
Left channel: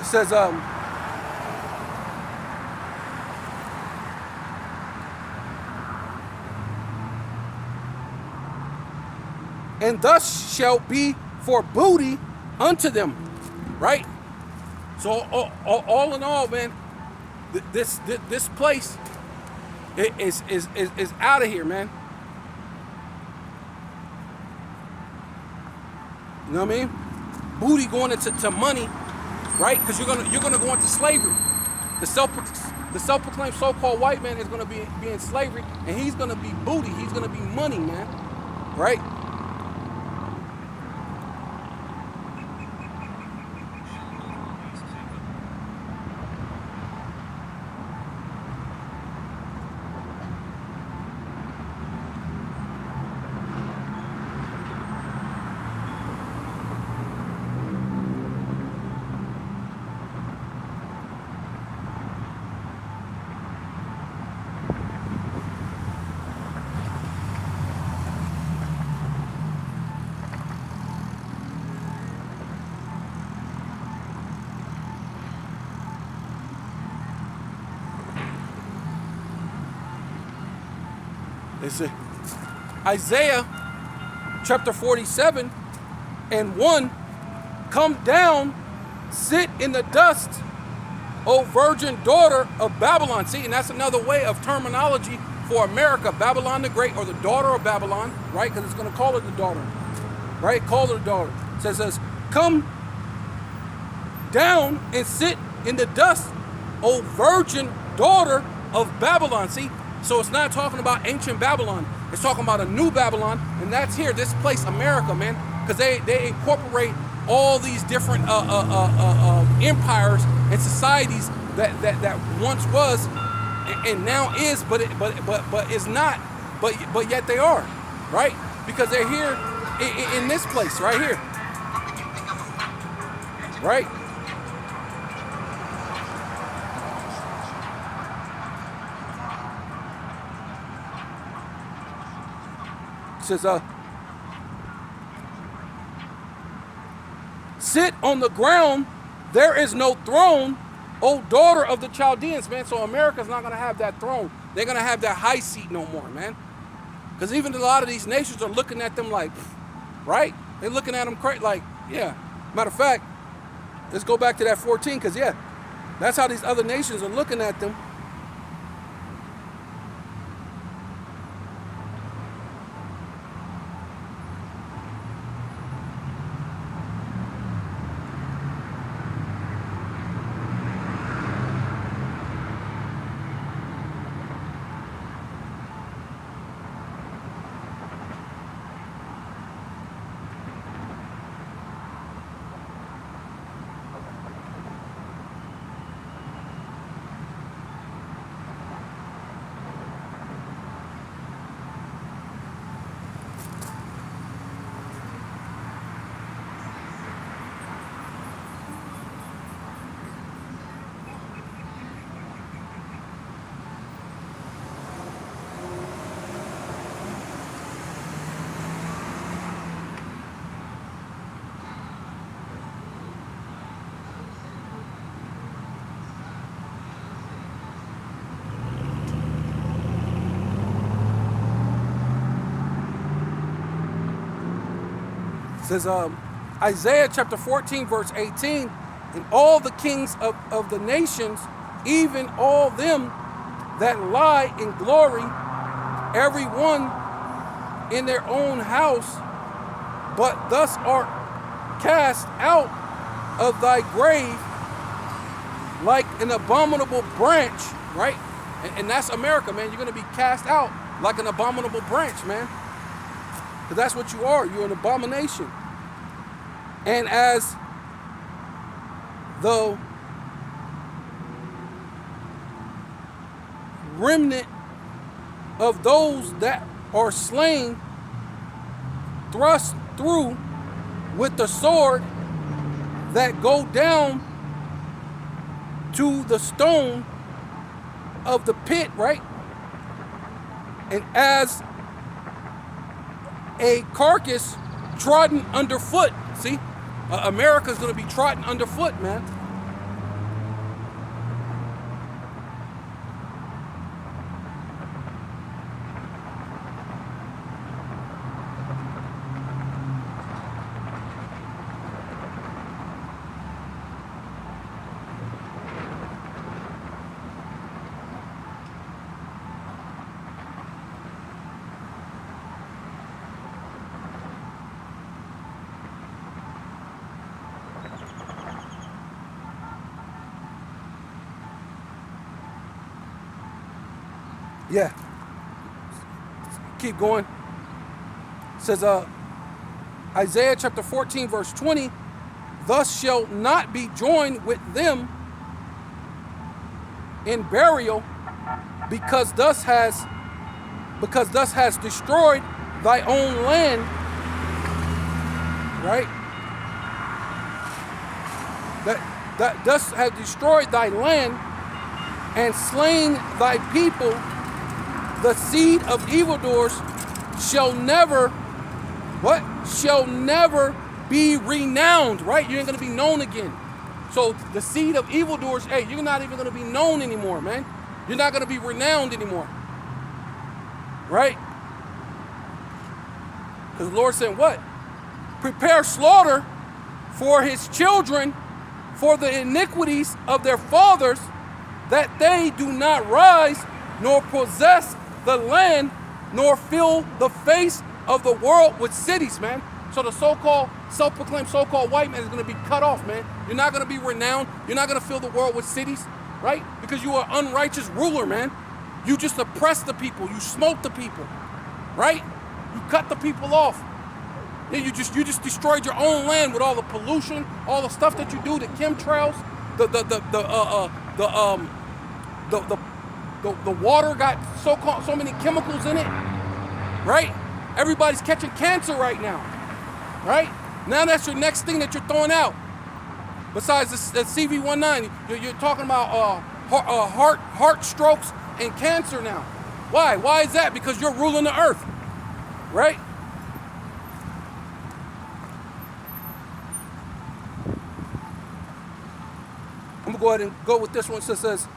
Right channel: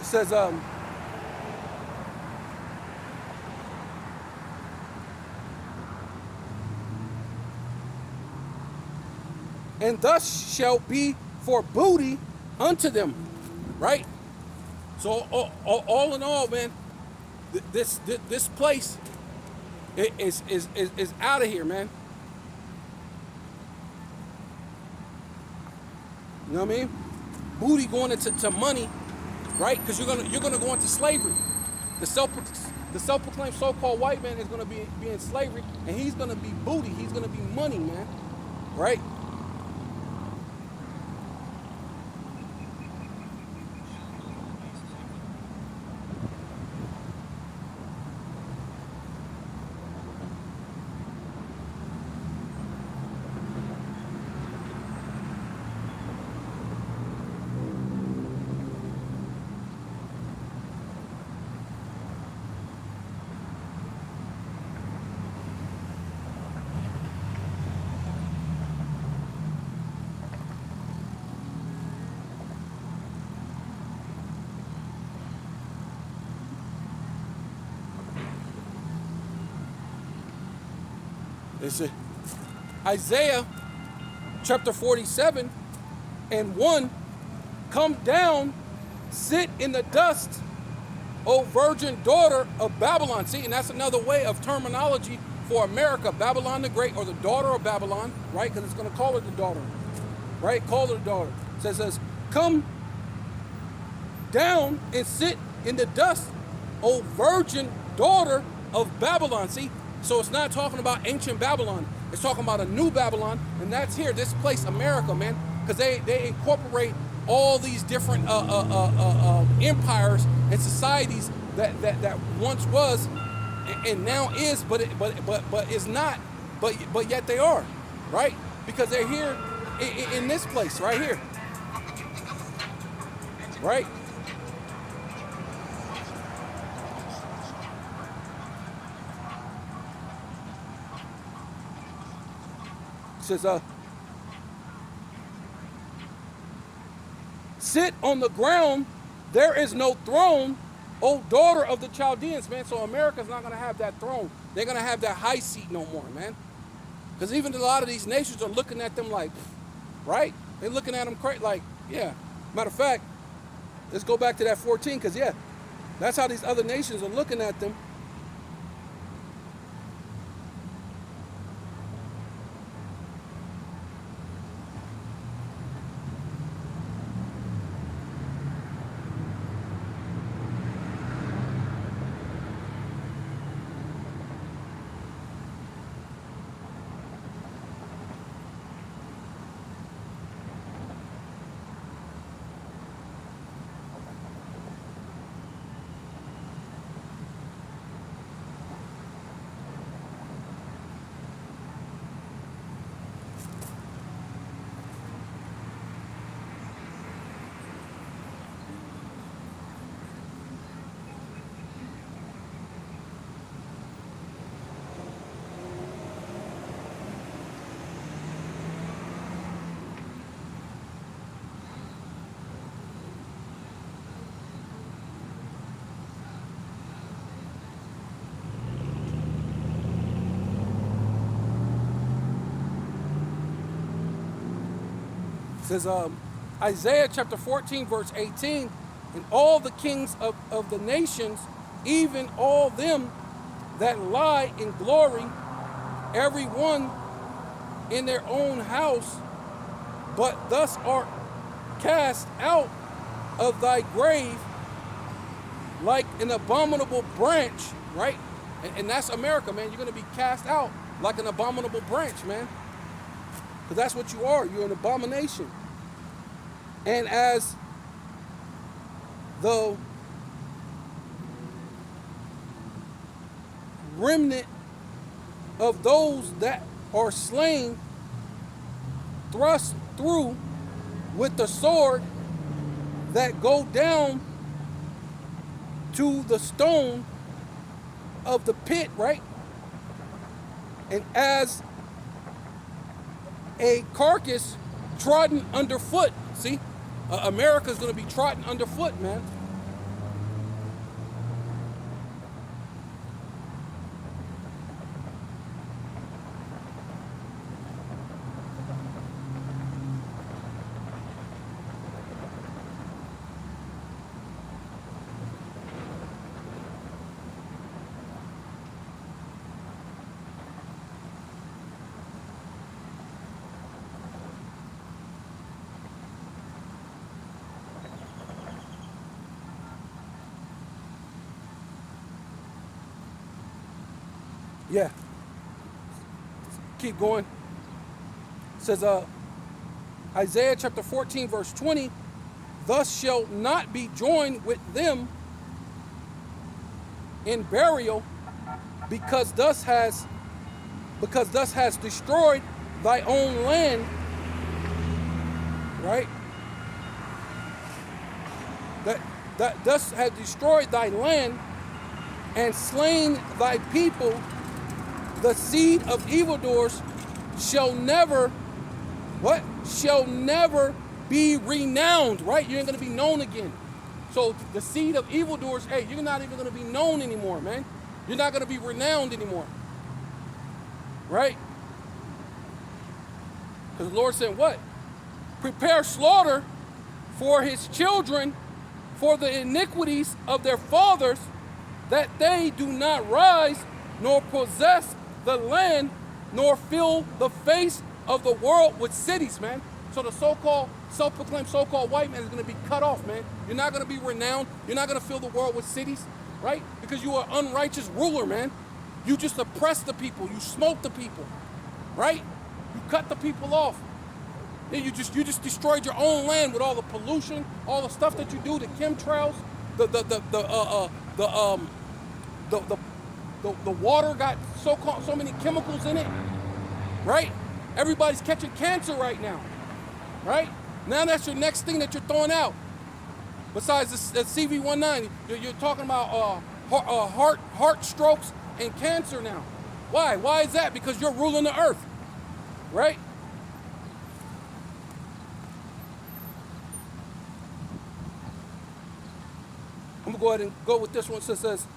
It says, and thus shall be for booty unto them, right? So all in all, man, this place is out of here, man. You know what I mean? Booty going into money, right? Because you're gonna go into slavery. The self-proclaimed so-called white man is gonna be in slavery, and he's gonna be booty. He's gonna be money, man. Right? It's Isaiah chapter 47 and 1, come down, sit in the dust, O virgin daughter of Babylon. See, and that's another way of terminology for America, Babylon the Great, or the daughter of Babylon, right? Because it's going to call it the daughter, right? Call it the daughter. It says, come down and sit in the dust, O virgin daughter of Babylon. See, So it's not talking about ancient Babylon. It's talking about a new Babylon, and that's here, this place, America, man. Because they incorporate all these different empires and societies that once was and now is, but is not, but yet they are, right? Because they're here in this place right here, right? It says, sit on the ground, there is no throne, O daughter of the Chaldeans, man. So America's not going to have that throne. They're going to have that high seat no more, man. Because even a lot of these nations are looking at them like, right? They're looking at them crazy, like, yeah. Matter of fact, let's go back to that 14, because, yeah, that's how these other nations are looking at them. It says Isaiah chapter 14 verse 18, and all the kings of the nations, even all them that lie in glory, every one in their own house, but thus art cast out of thy grave like an abominable branch, right? And that's America, man. You're going to be cast out like an abominable branch, man. Because that's what you are. You're an abomination. And as the remnant of those that are slain, thrust through with the sword, that go down to the stone of the pit, right? And as a carcass trodden underfoot. See, America's going to be trodden underfoot, man. Yeah. Keep going. It says Isaiah chapter 14 verse 20, thus shall not be joined with them in burial, because thus has destroyed thy own land, right? That thus has destroyed thy land and slain thy people. The seed of evildoers shall never, what? Shall never be renowned, right? You ain't gonna be known again. So the seed of evildoers, hey, you're not even gonna be known anymore, man. You're not gonna be renowned anymore, right? Because the Lord said, what? Prepare slaughter for his children, for the iniquities of their fathers, that they do not rise, nor possess the land, nor fill the face of the world with cities, man. So the so-called, self-proclaimed so-called white man is going to be cut off, man. You're not going to be renowned. You're not going to fill the world with cities, right? Because you are an unrighteous ruler, man. You just oppress the people. You smoke the people, right? You cut the people off. Then you just destroyed your own land with all the pollution, all the stuff that you do, the chemtrails, the water got so many chemicals in it, right? Everybody's catching cancer right now, right? Now that's your next thing that you're throwing out. Besides the CV19, you're talking about heart strokes and cancer now. Why? Why is that? Because you're ruling the earth, right? I'm gonna go ahead and go with this one. So it says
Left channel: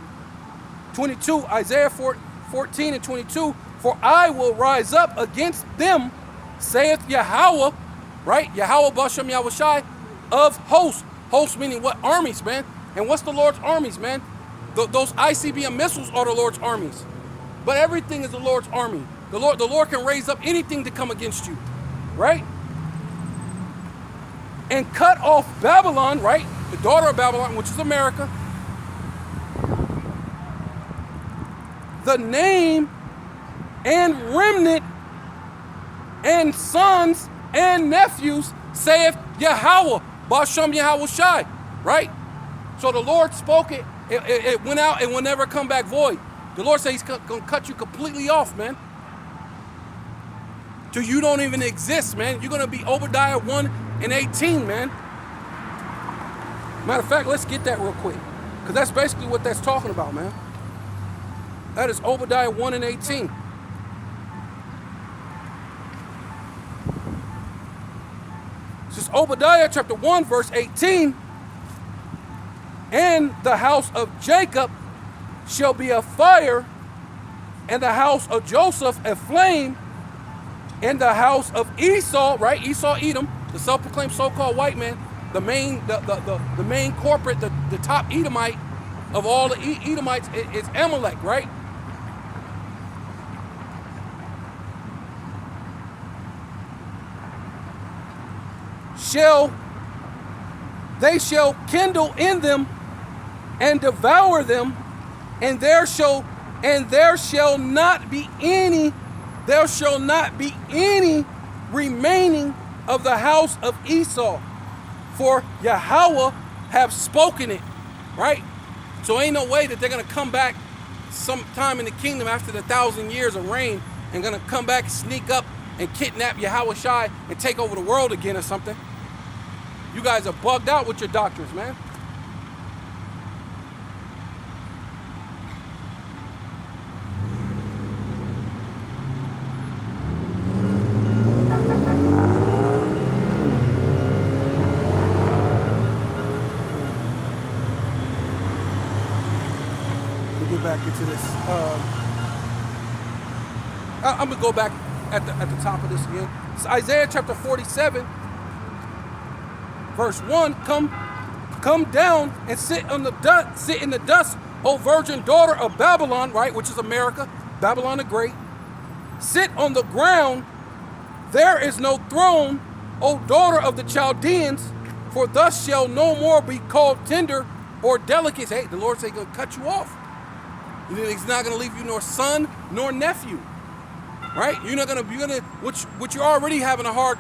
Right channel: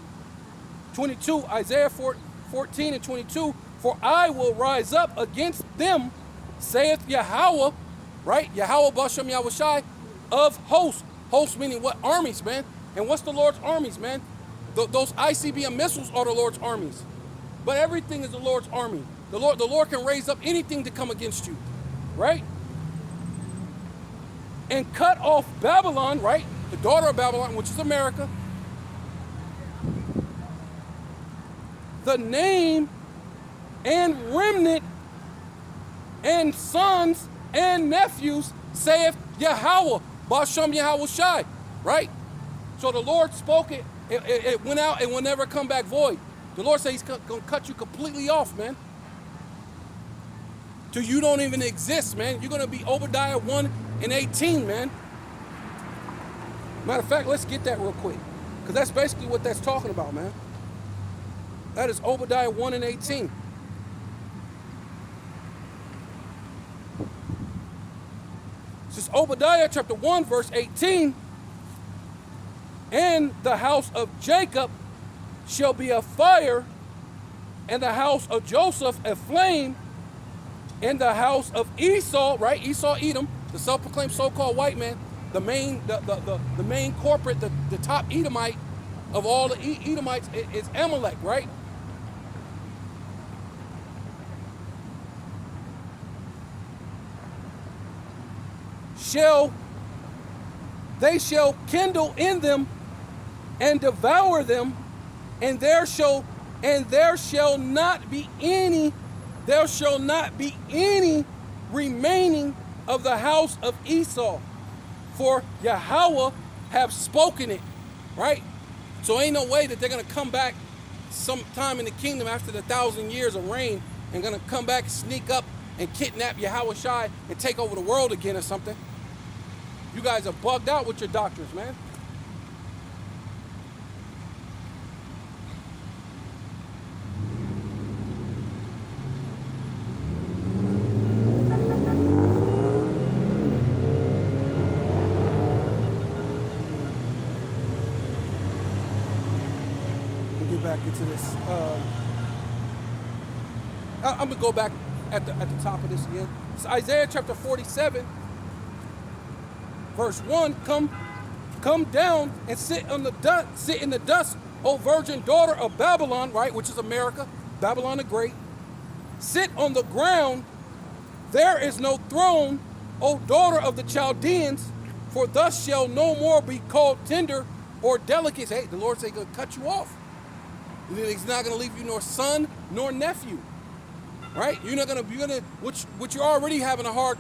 22, Isaiah 14 and 22. For I will rise up against them, saith Yahweh, right? Yahweh Bashem Yahushai of hosts. Hosts meaning what? Armies, man. And what's the Lord's armies, man? Those ICBM missiles are the Lord's armies. But everything is the Lord's army. The Lord can raise up anything to come against you, right? And cut off Babylon, right? The daughter of Babylon, which is America. The name and remnant and sons and nephews, saith Yahweh, Bashem Yahushai, right? So the Lord spoke it, it went out and will never come back void. The Lord said he's going to cut you completely off, man. Till you don't even exist, man. You're going to be Obadiah 1 and 18, man. Matter of fact, let's get that real quick. Because that's basically what that's talking about, man. That is Obadiah 1 and 18. This is Obadiah chapter 1, verse 18. And the house of Jacob shall be a fire, and the house of Joseph a flame, and the house of Esau, right? Esau, Edom, the self-proclaimed so-called white man, the main corporate, the top Edomite of all the Edomites is Amalek, right? They shall kindle in them and devour them, and there shall not be any remaining of the house of Esau, for Yahweh have spoken it, right? So ain't no way that they're gonna come back sometime in the kingdom after the 1,000 years of reign and gonna come back and sneak up and kidnap Yahweh Shai and take over the world again or something. You guys are bugged out with your doctrines, man. I'm gonna go back at the top of this again. It's Isaiah chapter 47, verse 1. Come down and sit in the dust, O virgin daughter of Babylon, right, which is America, Babylon the Great. Sit on the ground. There is no throne, O daughter of the Chaldeans, for thus shall no more be called tender or delicate. Hey, the Lord said he's gonna cut you off. He's not gonna leave you nor son nor nephew. Right? You're gonna, which you're already having a hard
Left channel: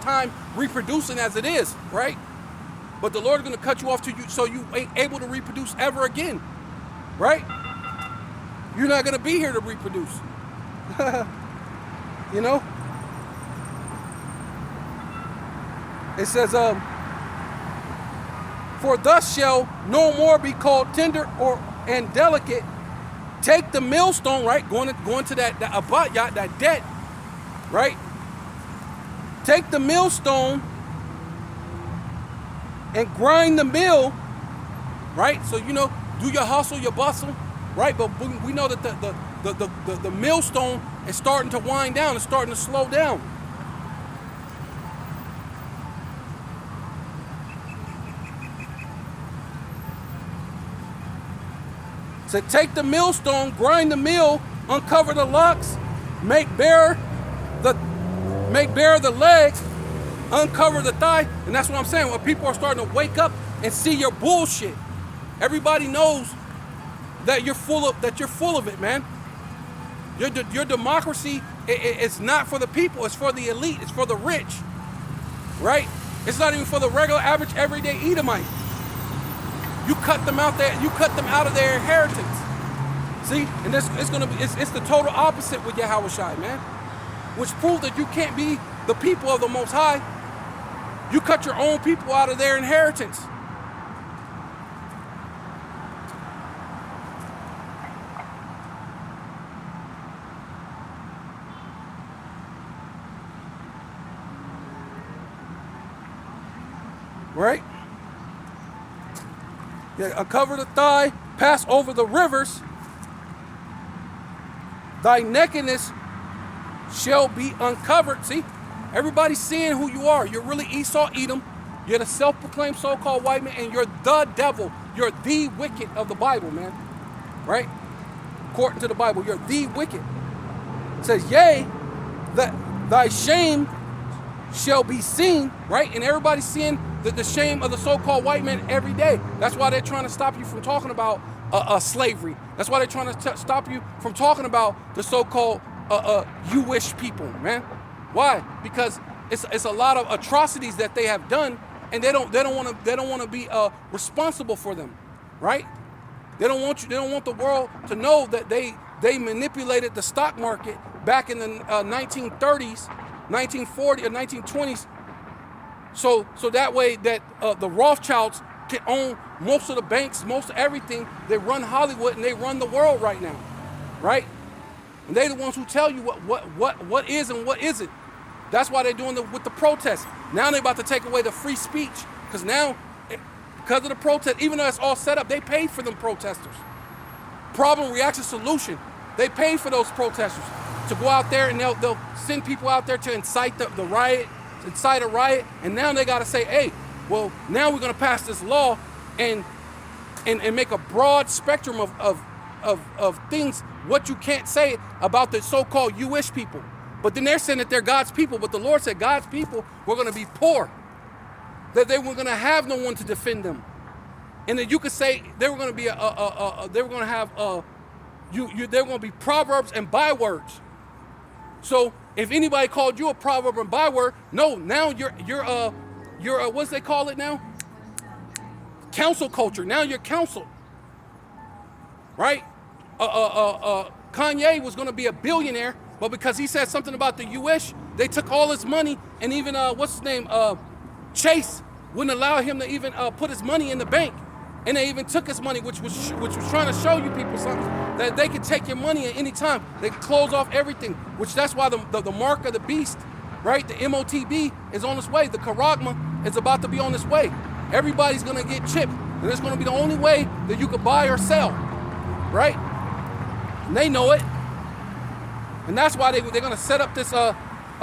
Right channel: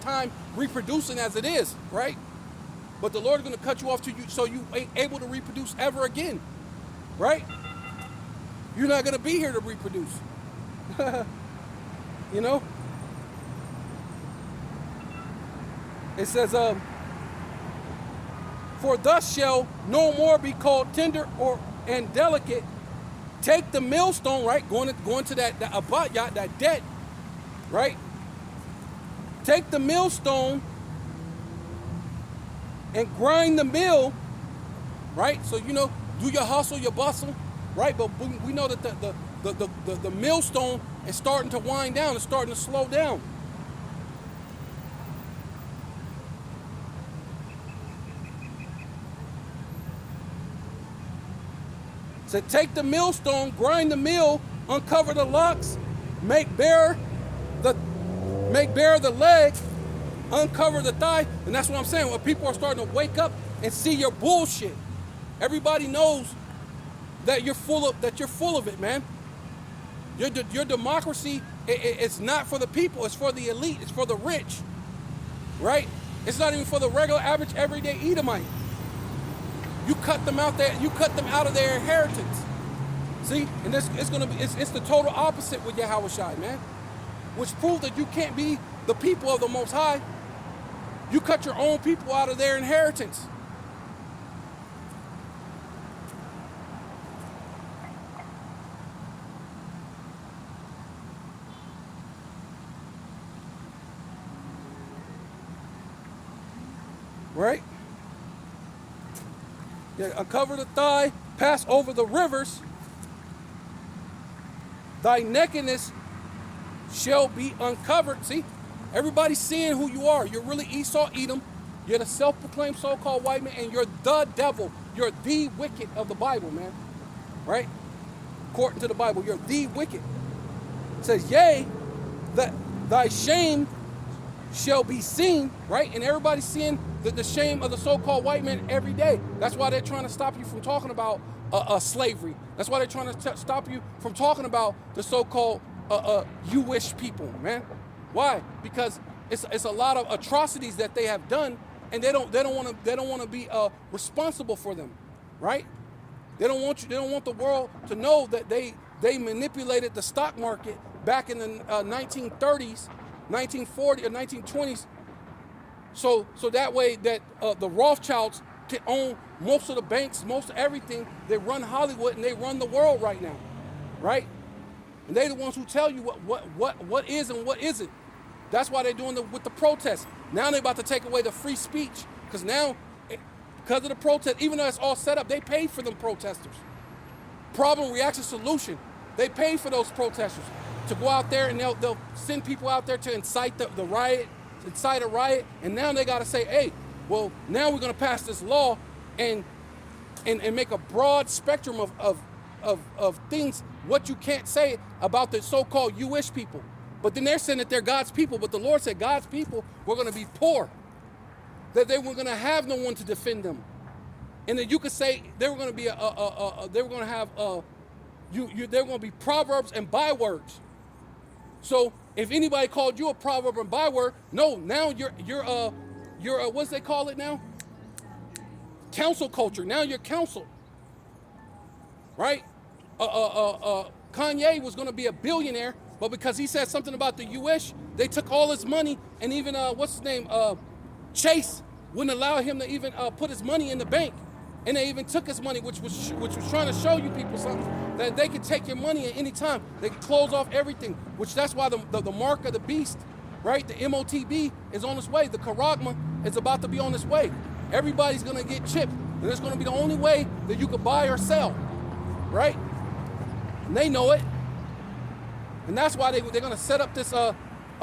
time reproducing as it is, right? But the Lord's gonna cut you off so you ain't able to reproduce ever again, right? You're not gonna be here to reproduce, you know. It says, for thus shall no more be called tender and delicate. Take the millstone, right? Going to that abayat, that debt, right? Take the millstone and grind the mill, right? So do your hustle, your bustle, right? But we know that the millstone is starting to wind down, it's starting to slow down. So take the millstone, grind the mill, uncover the locks, make bare the legs, uncover the thigh. And that's what I'm saying. When people are starting to wake up and see your bullshit, everybody knows that you're full of it, man. Your democracy it's not for the people. It's for the elite. It's for the rich, right? It's not even for the regular, average, everyday Edomite. You cut them out there. You cut them out of their inheritance. See, and it's the total opposite with Yahweh Shai, man. Which proves that you can't be the people of the Most High. You cut your own people out of their inheritance. Right? Uncover the thigh, pass over the rivers. Thy nakedness shall be uncovered. See, everybody's seeing who you are. You're really Esau, Edom. You're the self-proclaimed so-called white man, and you're the devil. You're the wicked of the Bible, man. Right? According to the Bible, you're the wicked. It says, yea, that thy shame shall be seen, right? And everybody's seeing the shame of the so-called white man every day. That's why they're trying to stop you from talking about slavery. That's why they're trying to stop you from talking about the so-called Jewish people, man. Why? Because it's a lot of atrocities that they have done, and they don't want to be responsible for them, right? They don't want the world to know that they manipulated the stock market back in the 1930s, 1940 or 1920s. So that way that the Rothschilds can own most of the banks, most of everything. They run Hollywood and they run the world right now, right? And they're the ones who tell you what is and what isn't. That's why they're doing with the protests. Now they're about to take away the free speech because now, because of the protest, even though it's all set up, they pay for them protesters. Problem, reaction, solution. They pay for those protesters to go out there and they'll send people out there to incite the riot, incite a riot, and now they got to say, hey, well, now we're going to pass this law and make a broad spectrum of things, what you can't say about the so-called Jewish people. But then they're saying that they're God's people, but the Lord said God's people were going to be poor, that they were going to have no one to defend them. And that you could say they were going to be they were going to have they were going to be proverbs and bywords. So if anybody called you a proverb and byword, no, now you're what's they call it now? Council culture. Now you're counsel, right? Kanye was going to be a billionaire, but because he said something about the Jewish, they took all his money, and even what's his name, Chase wouldn't allow him to even put his money in the bank, and they even took his money, which was trying to show you people something, that they could take your money at any time. They could close off everything, which that's why the mark of the beast, right? The MOTB is on its way. The Karagma is about to be on its way. Everybody's gonna get chipped, and it's gonna be the only way that you could buy or sell, right? And they know it, and that's why they're gonna set up this a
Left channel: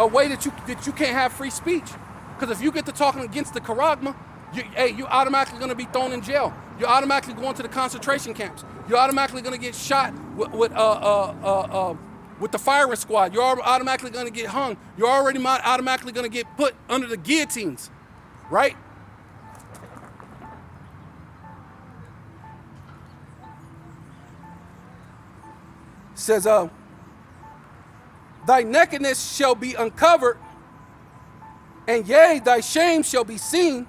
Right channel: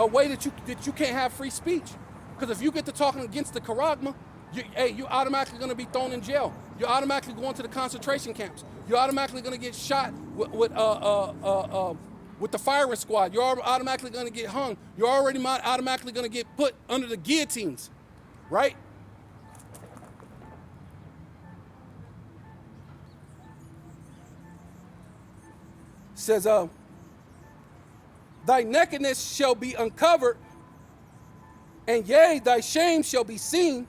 way that you can't have free speech. Because if you get to talking against the Karagma, you automatically gonna be thrown in jail. You're automatically going to the concentration camps. You're automatically gonna get shot with the firing squad. You're automatically gonna get hung. You're already automatically gonna get put under the guillotines, right? Says, thy nakedness shall be uncovered, and yea, thy shame shall be seen,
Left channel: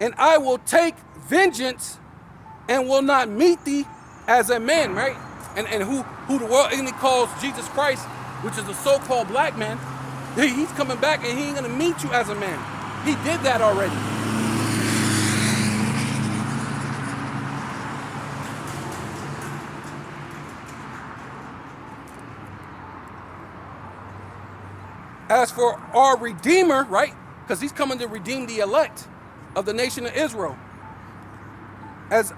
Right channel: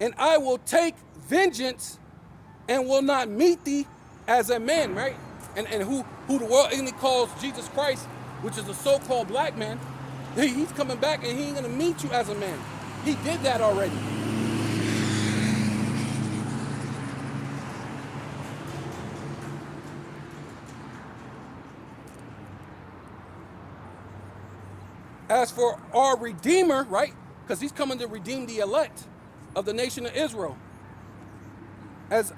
and I will take vengeance and will not meet thee as a man, right? And who the world enemy calls Jesus Christ, which is a so-called black man, he's coming back and he ain't gonna meet you as a man. He did that already. As for our Redeemer, right? Because he's coming to redeem the elect of the nation of Israel. As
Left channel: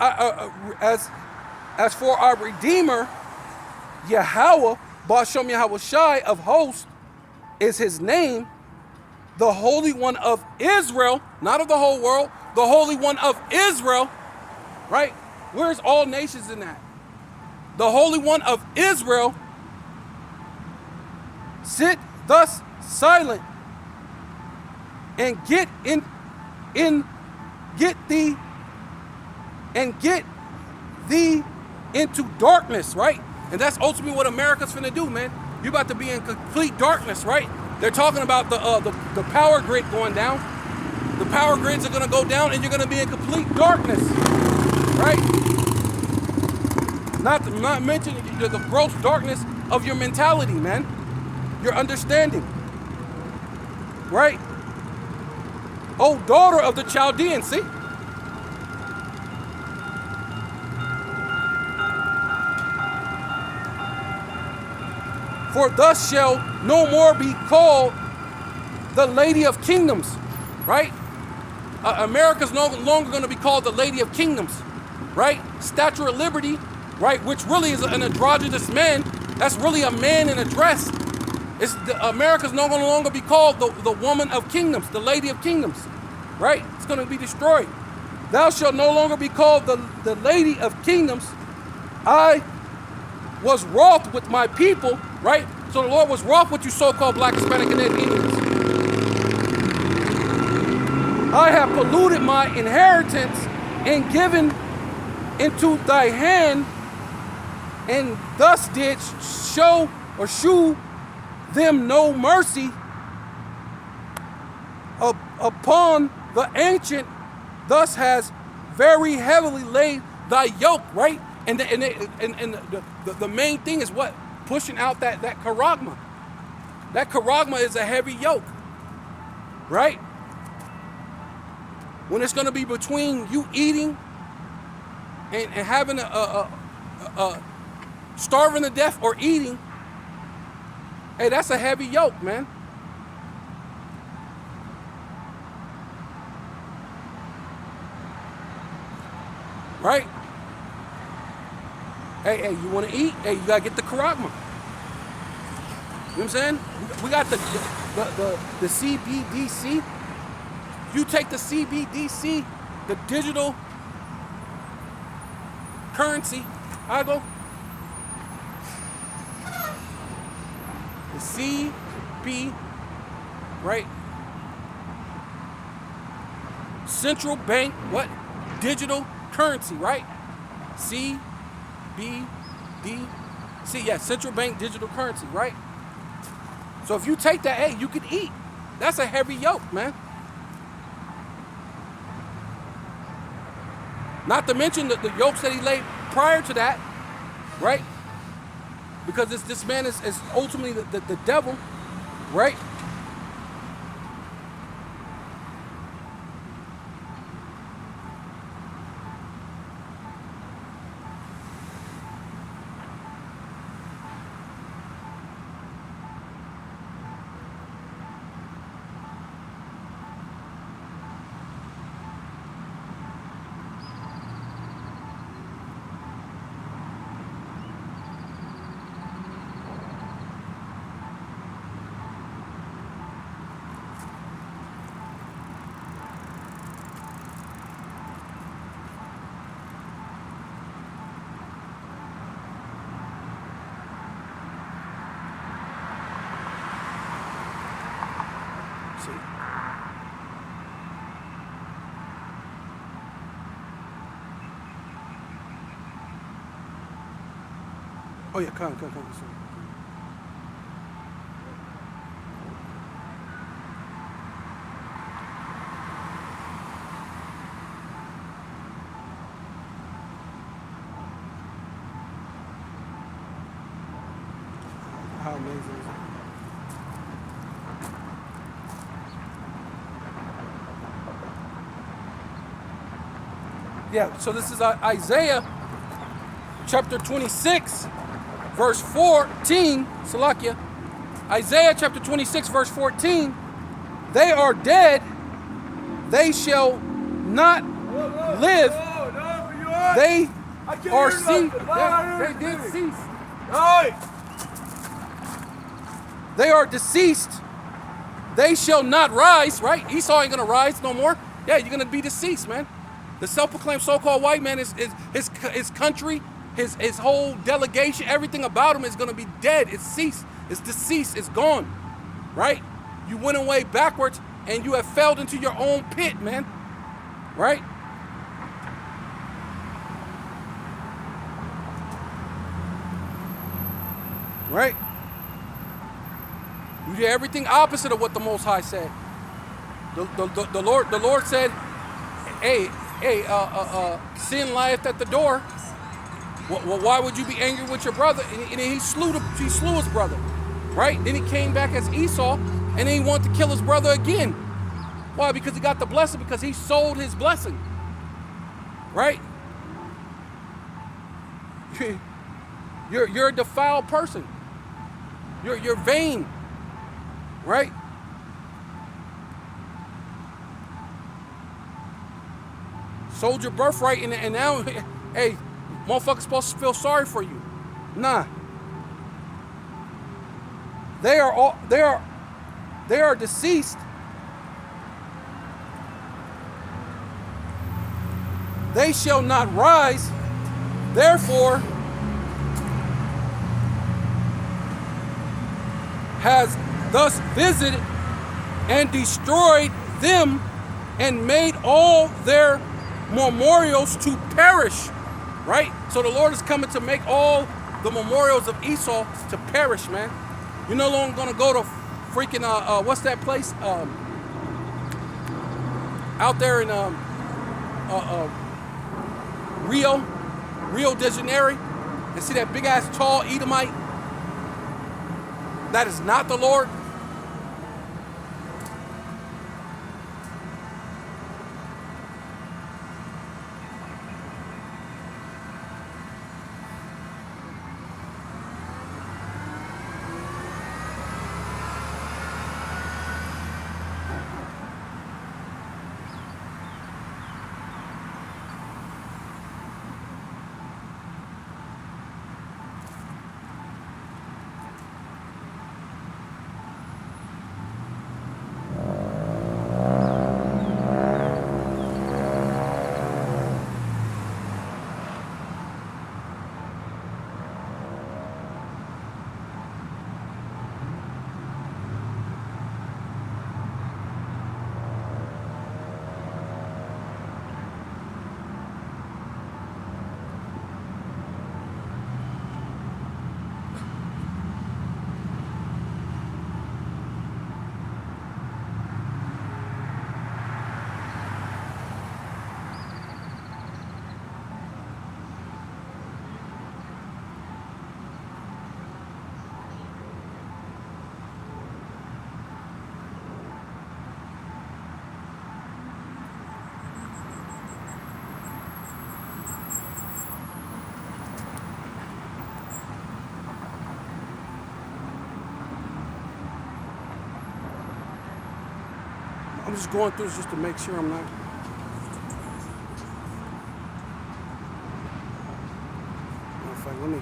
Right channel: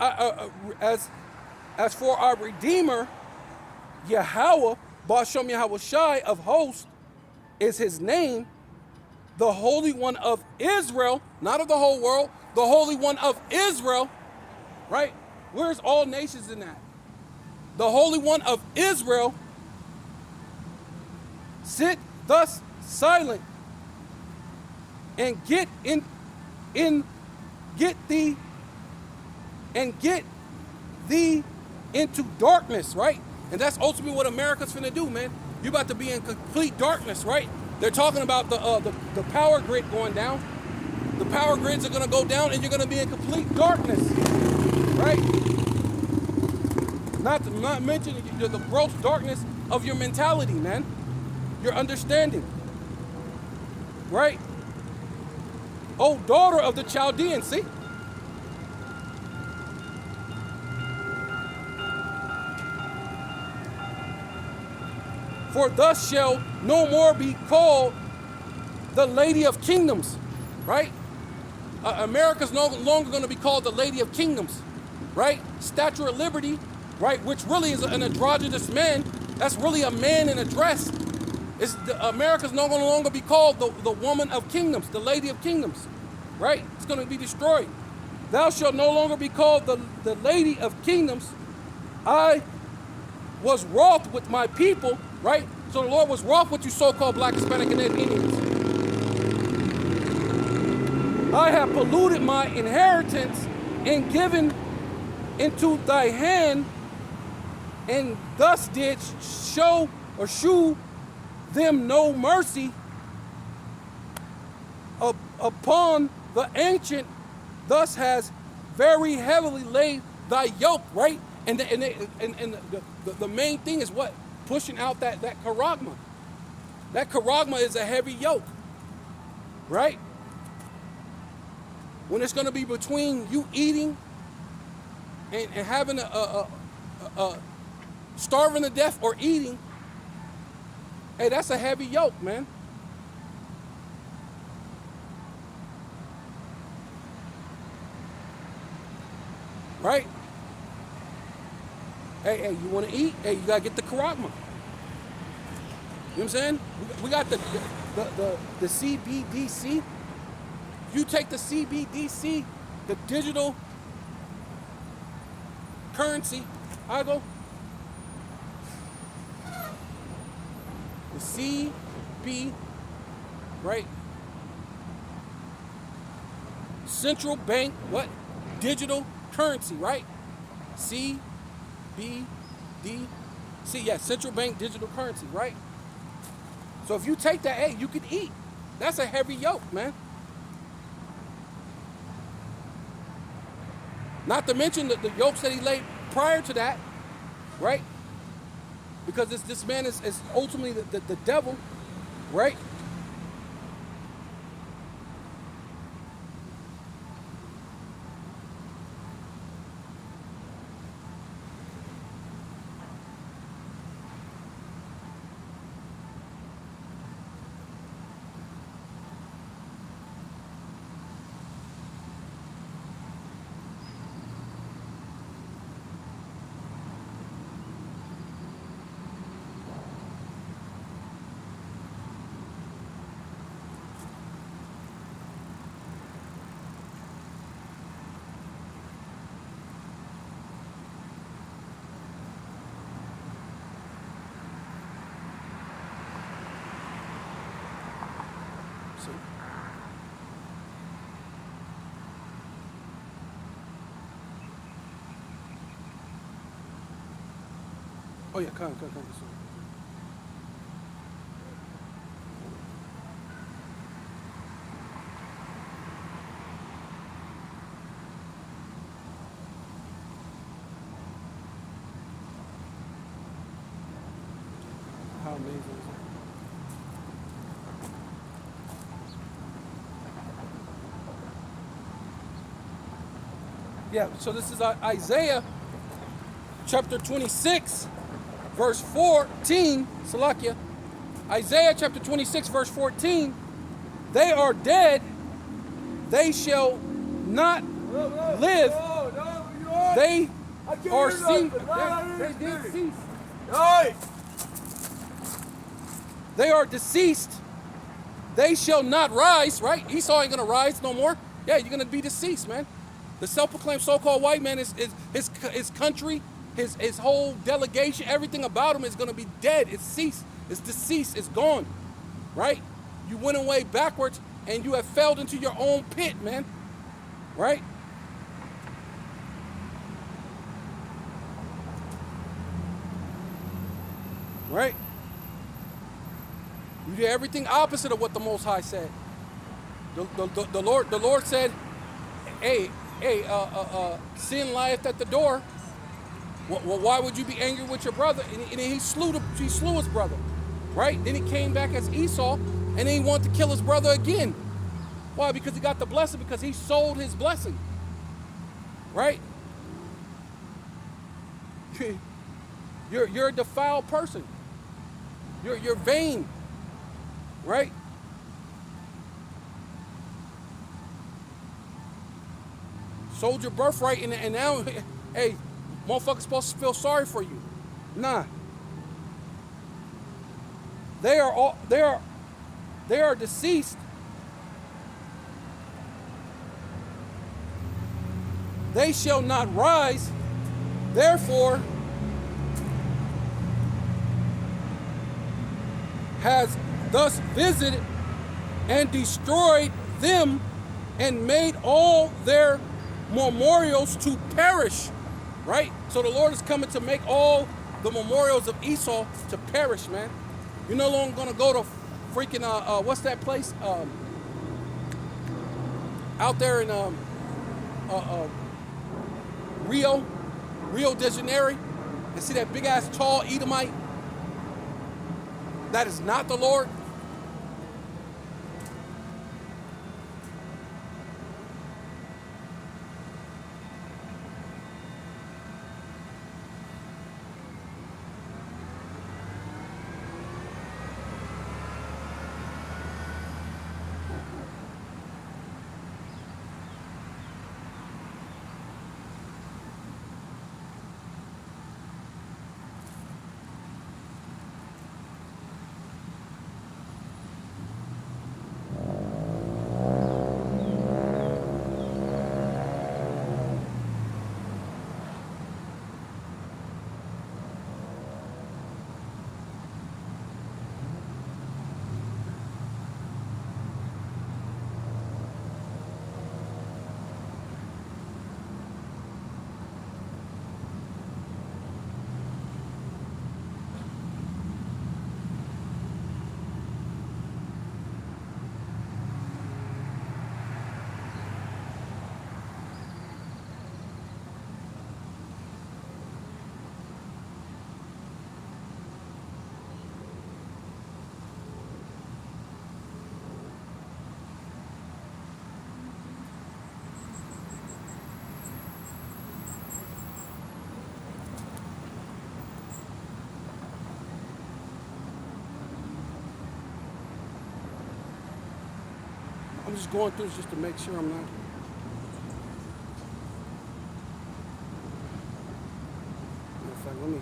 for our Redeemer, Yahweh, Ba'ashem Yahweh Shai of hosts, is his name, the Holy One of Israel, not of the whole world, the Holy One of Israel, right? Where's all nations in that? The Holy One of Israel, sit thus silent and get thee into darkness, right? And that's ultimately what America's finna do, man. You're about to be in complete darkness, right? They're talking about the power grid going down. The power grids are gonna go down, and you're gonna be in complete darkness, right? Not mentioning the gross darkness of your mentality, man. Your understanding, right? Oh, daughter of the Chaldeans, see? For thus shall no more be called the Lady of Kingdoms, right? America's no longer going to be called the Lady of Kingdoms, right? Statue of Liberty, right? Which really is an androgynous man. That's really a man in a dress. America's no longer be called the Woman of Kingdoms, the Lady of Kingdoms, right? It's going to be destroyed. Thou shalt no longer be called the Lady of Kingdoms. I was wroth with my people, right? So the Lord was wroth with you so-called Black, Hispanic, and Indians. I have polluted my inheritance and given into thy hand, and thus did shew them no mercy upon the ancient, thus has very heavily laid thy yoke, right? And the main thing is what? Pushing out that charagma. That charagma is a heavy yoke, right? When it's going to be between you eating and having a starving to death or eating, hey, that's a heavy yoke, man. Right? Hey, you want to eat? Hey, you got to get the charagma. You know what I'm saying? We got the CBDC. You take the CBDC, the digital currency, I go. The CB, right? Central bank, what? Digital currency, right? CBDC, yeah, central bank digital currency, right? So if you take that, hey, you could eat. That's a heavy yoke, man. Not to mention the yokes that he laid prior to that, right? Because this man is ultimately the devil, right? See? Oh yeah, come. How amazing is it? Yeah, so this is Isaiah chapter 26, verse 14, Salakia. Isaiah chapter 26, verse 14. They are dead, they shall not live. They are ceased. They did cease. They are deceased. They shall not rise, right? Esau ain't gonna rise no more. Yeah, you're gonna be deceased, man. The self-proclaimed so-called white man is his country, his whole delegation, everything about him is gonna be dead. It's ceased. It's deceased. It's gone, right? You went away backwards and you have fell into your own pit, man, right? You did everything opposite of what the Most High said. The Lord said, hey, sin lieth at the door. Well, why would you be angry with your brother? And he slew his brother, right? Then he came back as Esau, and then he wanted to kill his brother again. Why? Because he got the blessing, because he sold his blessing, right? You're a defiled person. You're vain, right? Sold your birthright, and now, hey, motherfuckers supposed to feel sorry for you. Nah. They are deceased. They shall not rise. Therefore, has thus visited and destroyed them and made all their memorials to perish, right? So the Lord is coming to make all the memorials of Esau to perish, man. You're no longer gonna go to freaking what's that place out there in Rio de Janeiro, and see that big ass tall Edomite. That is not the Lord. I'm just going through this just to make sure I'm not. Let me.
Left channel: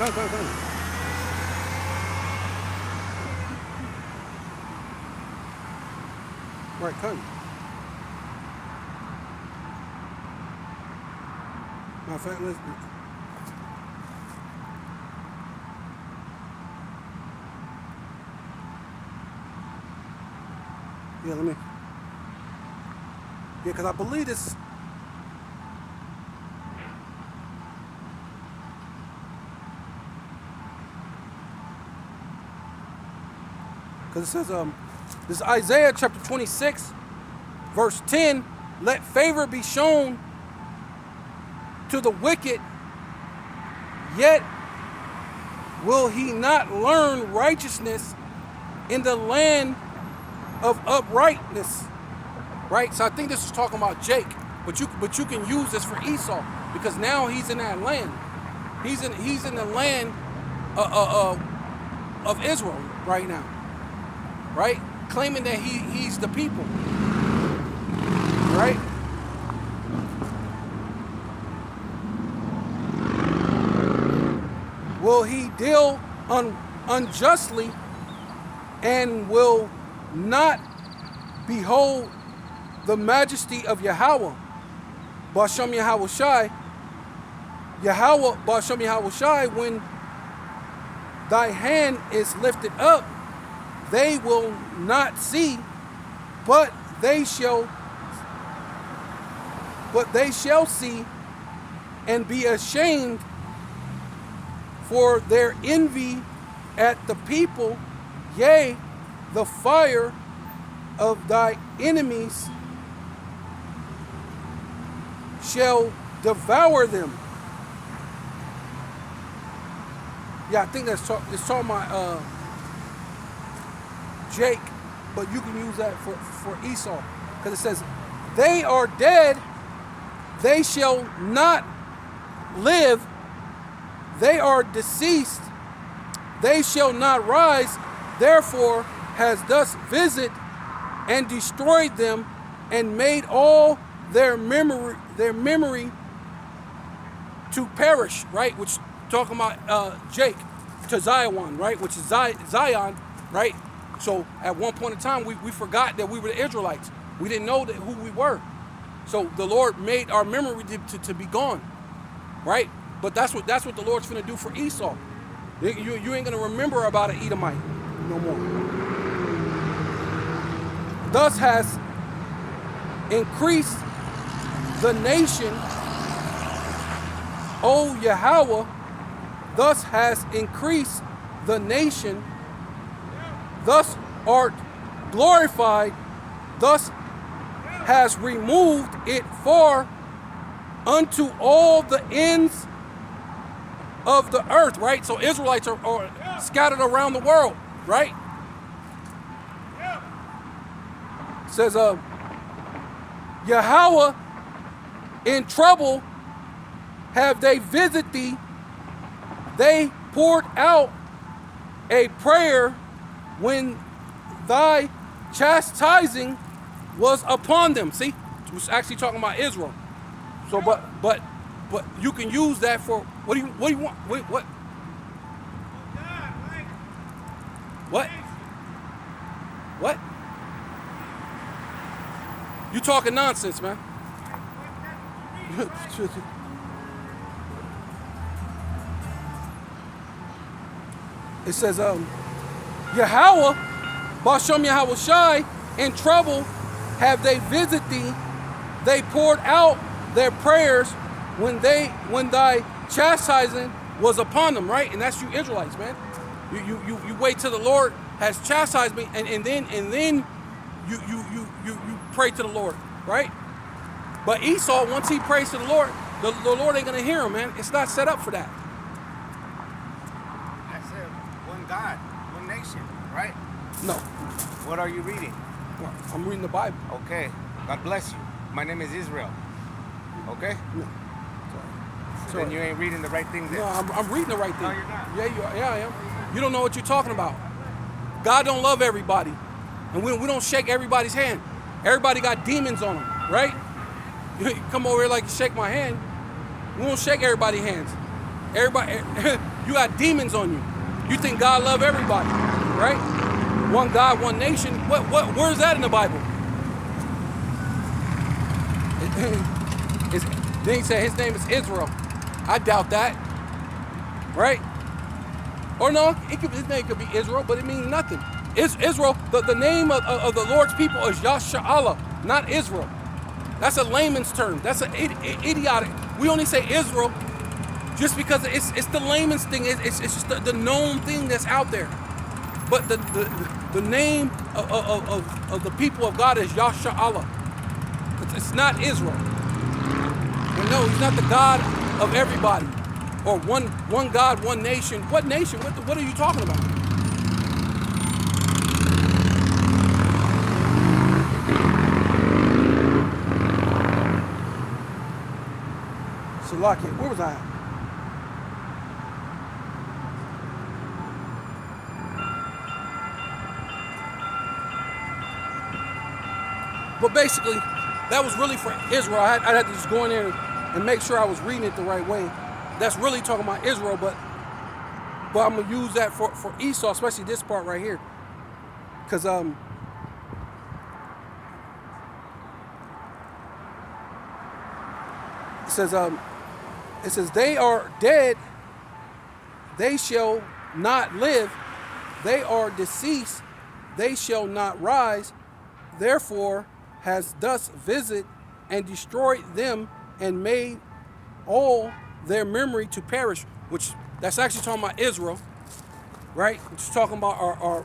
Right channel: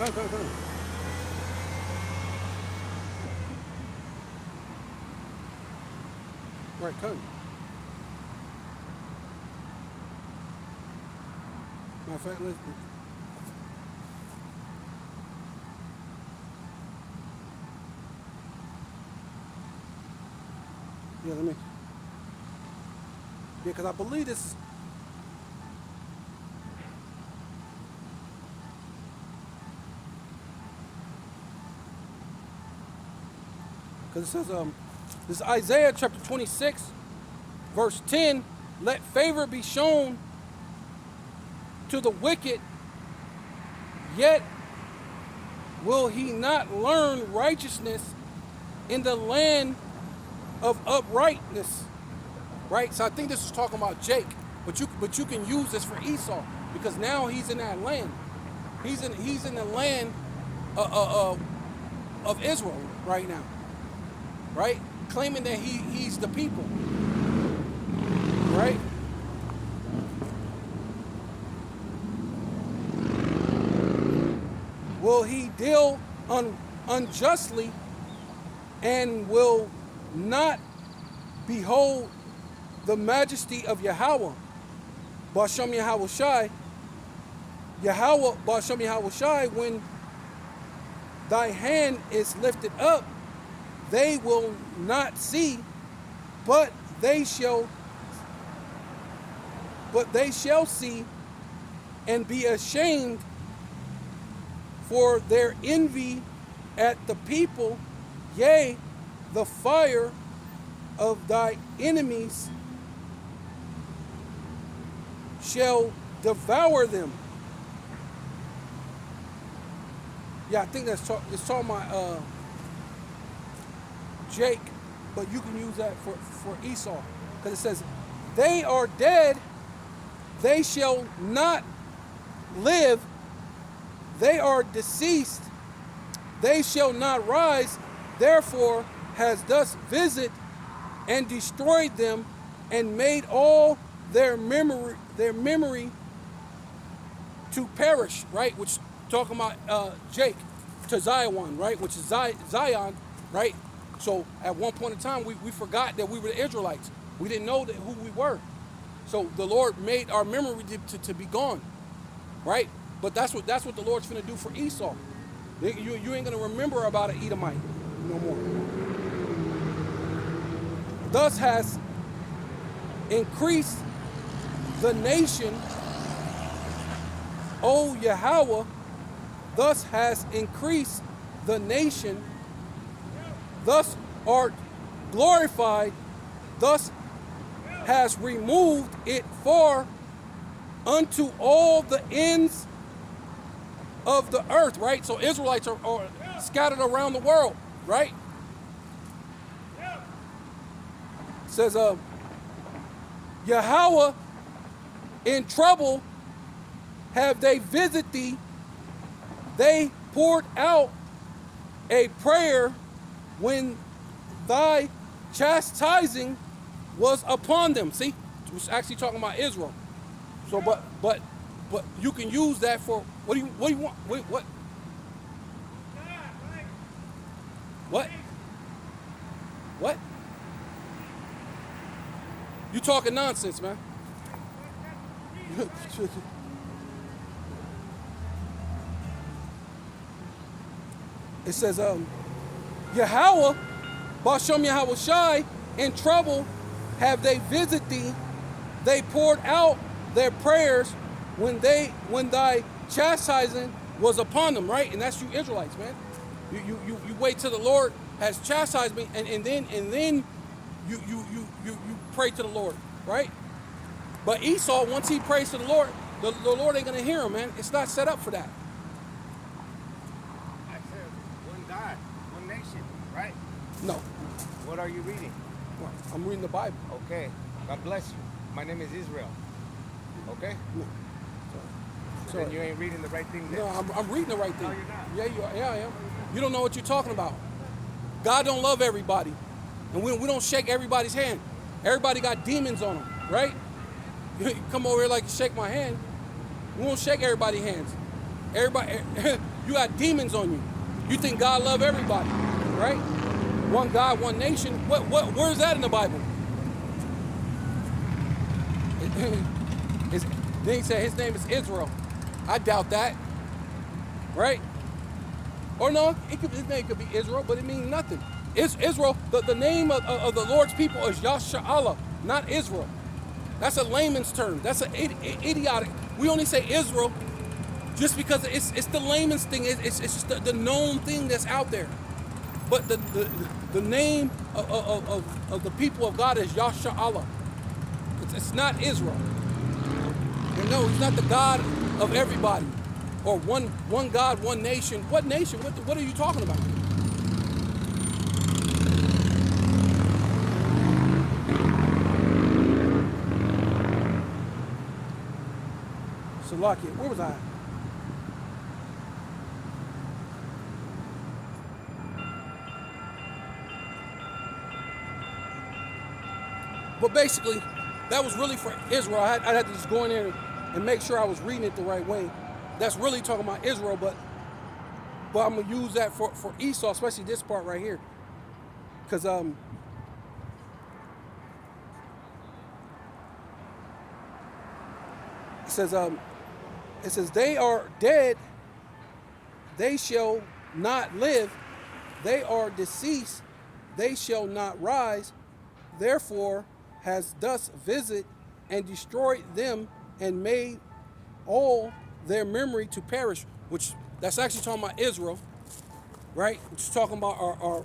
Come. Right, come. Matter of fact, let's. Yeah, let me. Yeah, because I believe this. Because it says, this is Isaiah chapter 26, verse 10. Let favor be shown to the wicked, yet will he not learn righteousness in the land of uprightness. Right? So I think this is talking about Jake. But you can use this for Esau because now he's in that land. He's in the land of Israel right now, right? Claiming that he's the people, right? Will he deal unjustly and will not behold the majesty of Yahweh, Bashem Yahweh Shai, Yahweh Bashem Yahweh Shai, when thy hand is lifted up, they will not see, but they shall see and be ashamed for their envy at the people, yea, the fire of thy enemies shall devour them. Yeah, I think it's talking about Jake, but you can use that for Esau. Because it says, they are dead, they shall not live, they are deceased, they shall not rise, therefore has thus visited and destroyed them and made all their memory to perish, right? Which talking about Jake to Zion, right? Which is Zion, right? So at one point in time, we forgot that we were the Israelites. We didn't know who we were. So the Lord made our memory to be gone, right? But that's what the Lord's finna do for Esau. You ain't gonna remember about an Edomite no more. Thus has increased the nation, O Yahweh, thus has increased the nation, thus art glorified, thus has removed it far unto all the ends of the earth, right? So Israelites are scattered around the world, right? It says, Yahweh, in trouble have they visited thee, they poured out a prayer when thy chastising was upon them. See, it was actually talking about Israel. So, but you can use that for what do you want? Wait, what? What? What? You talking nonsense, man. It says, Yahweh, Bashem Yahweh Shai, in trouble have they visited thee, they poured out their prayers when thy chastising was upon them, right? And that's you Israelites, man. You wait till the Lord has chastised me, and then you pray to the Lord, right? But Esau, once he prays to the Lord ain't gonna hear him, man. It's not set up for that. I said one God, one nation, right? No. What are you reading? I'm reading the Bible. Okay. God bless you. My name is Israel. Okay? So then you ain't reading the right thing then. No, I'm reading the right thing. No, you're not. Yeah, I am. You don't know what you're talking about. God don't love everybody. And we don't shake everybody's hand. Everybody got demons on them, right? You come over here like you shake my hand. We don't shake everybody's hands. Everybody, you got demons on you. You think God love everybody, right? One God, one nation. Where's that in the Bible? Then he said his name is Israel. I doubt that, right? Or no, his name could be Israel, but it means nothing. Israel, the name of the Lord's people is Yasha'Allah, not Israel. That's a layman's term. That's an idiotic. We only say Israel just because it's the layman's thing. It's just the known thing that's out there. But the name of the people of God is Yasha'Allah. It's not Israel. And no, he's not the God of everybody. Or one God, one nation. What nation? What are you talking about? Salakia, where was I at? But basically, that was really for Israel. I'd have to just go in there and make sure I was reading it the right way. That's really talking about Israel, but I'm gonna use that for Esau, especially this part right here, because it says they are dead, they shall not live. They are deceased, they shall not rise. Therefore has thus visited and destroyed them and made all their memory to perish. Which that's actually talking about Israel, right? It's talking about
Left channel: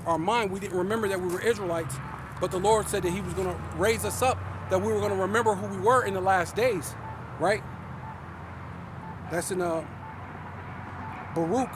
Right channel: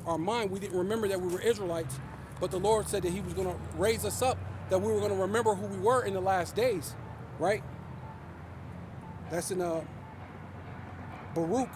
our mind. We didn't remember that we were Israelites, but the Lord said that He was going to raise us up, that we were going to remember who we were in the last days, right? That's in Baruch.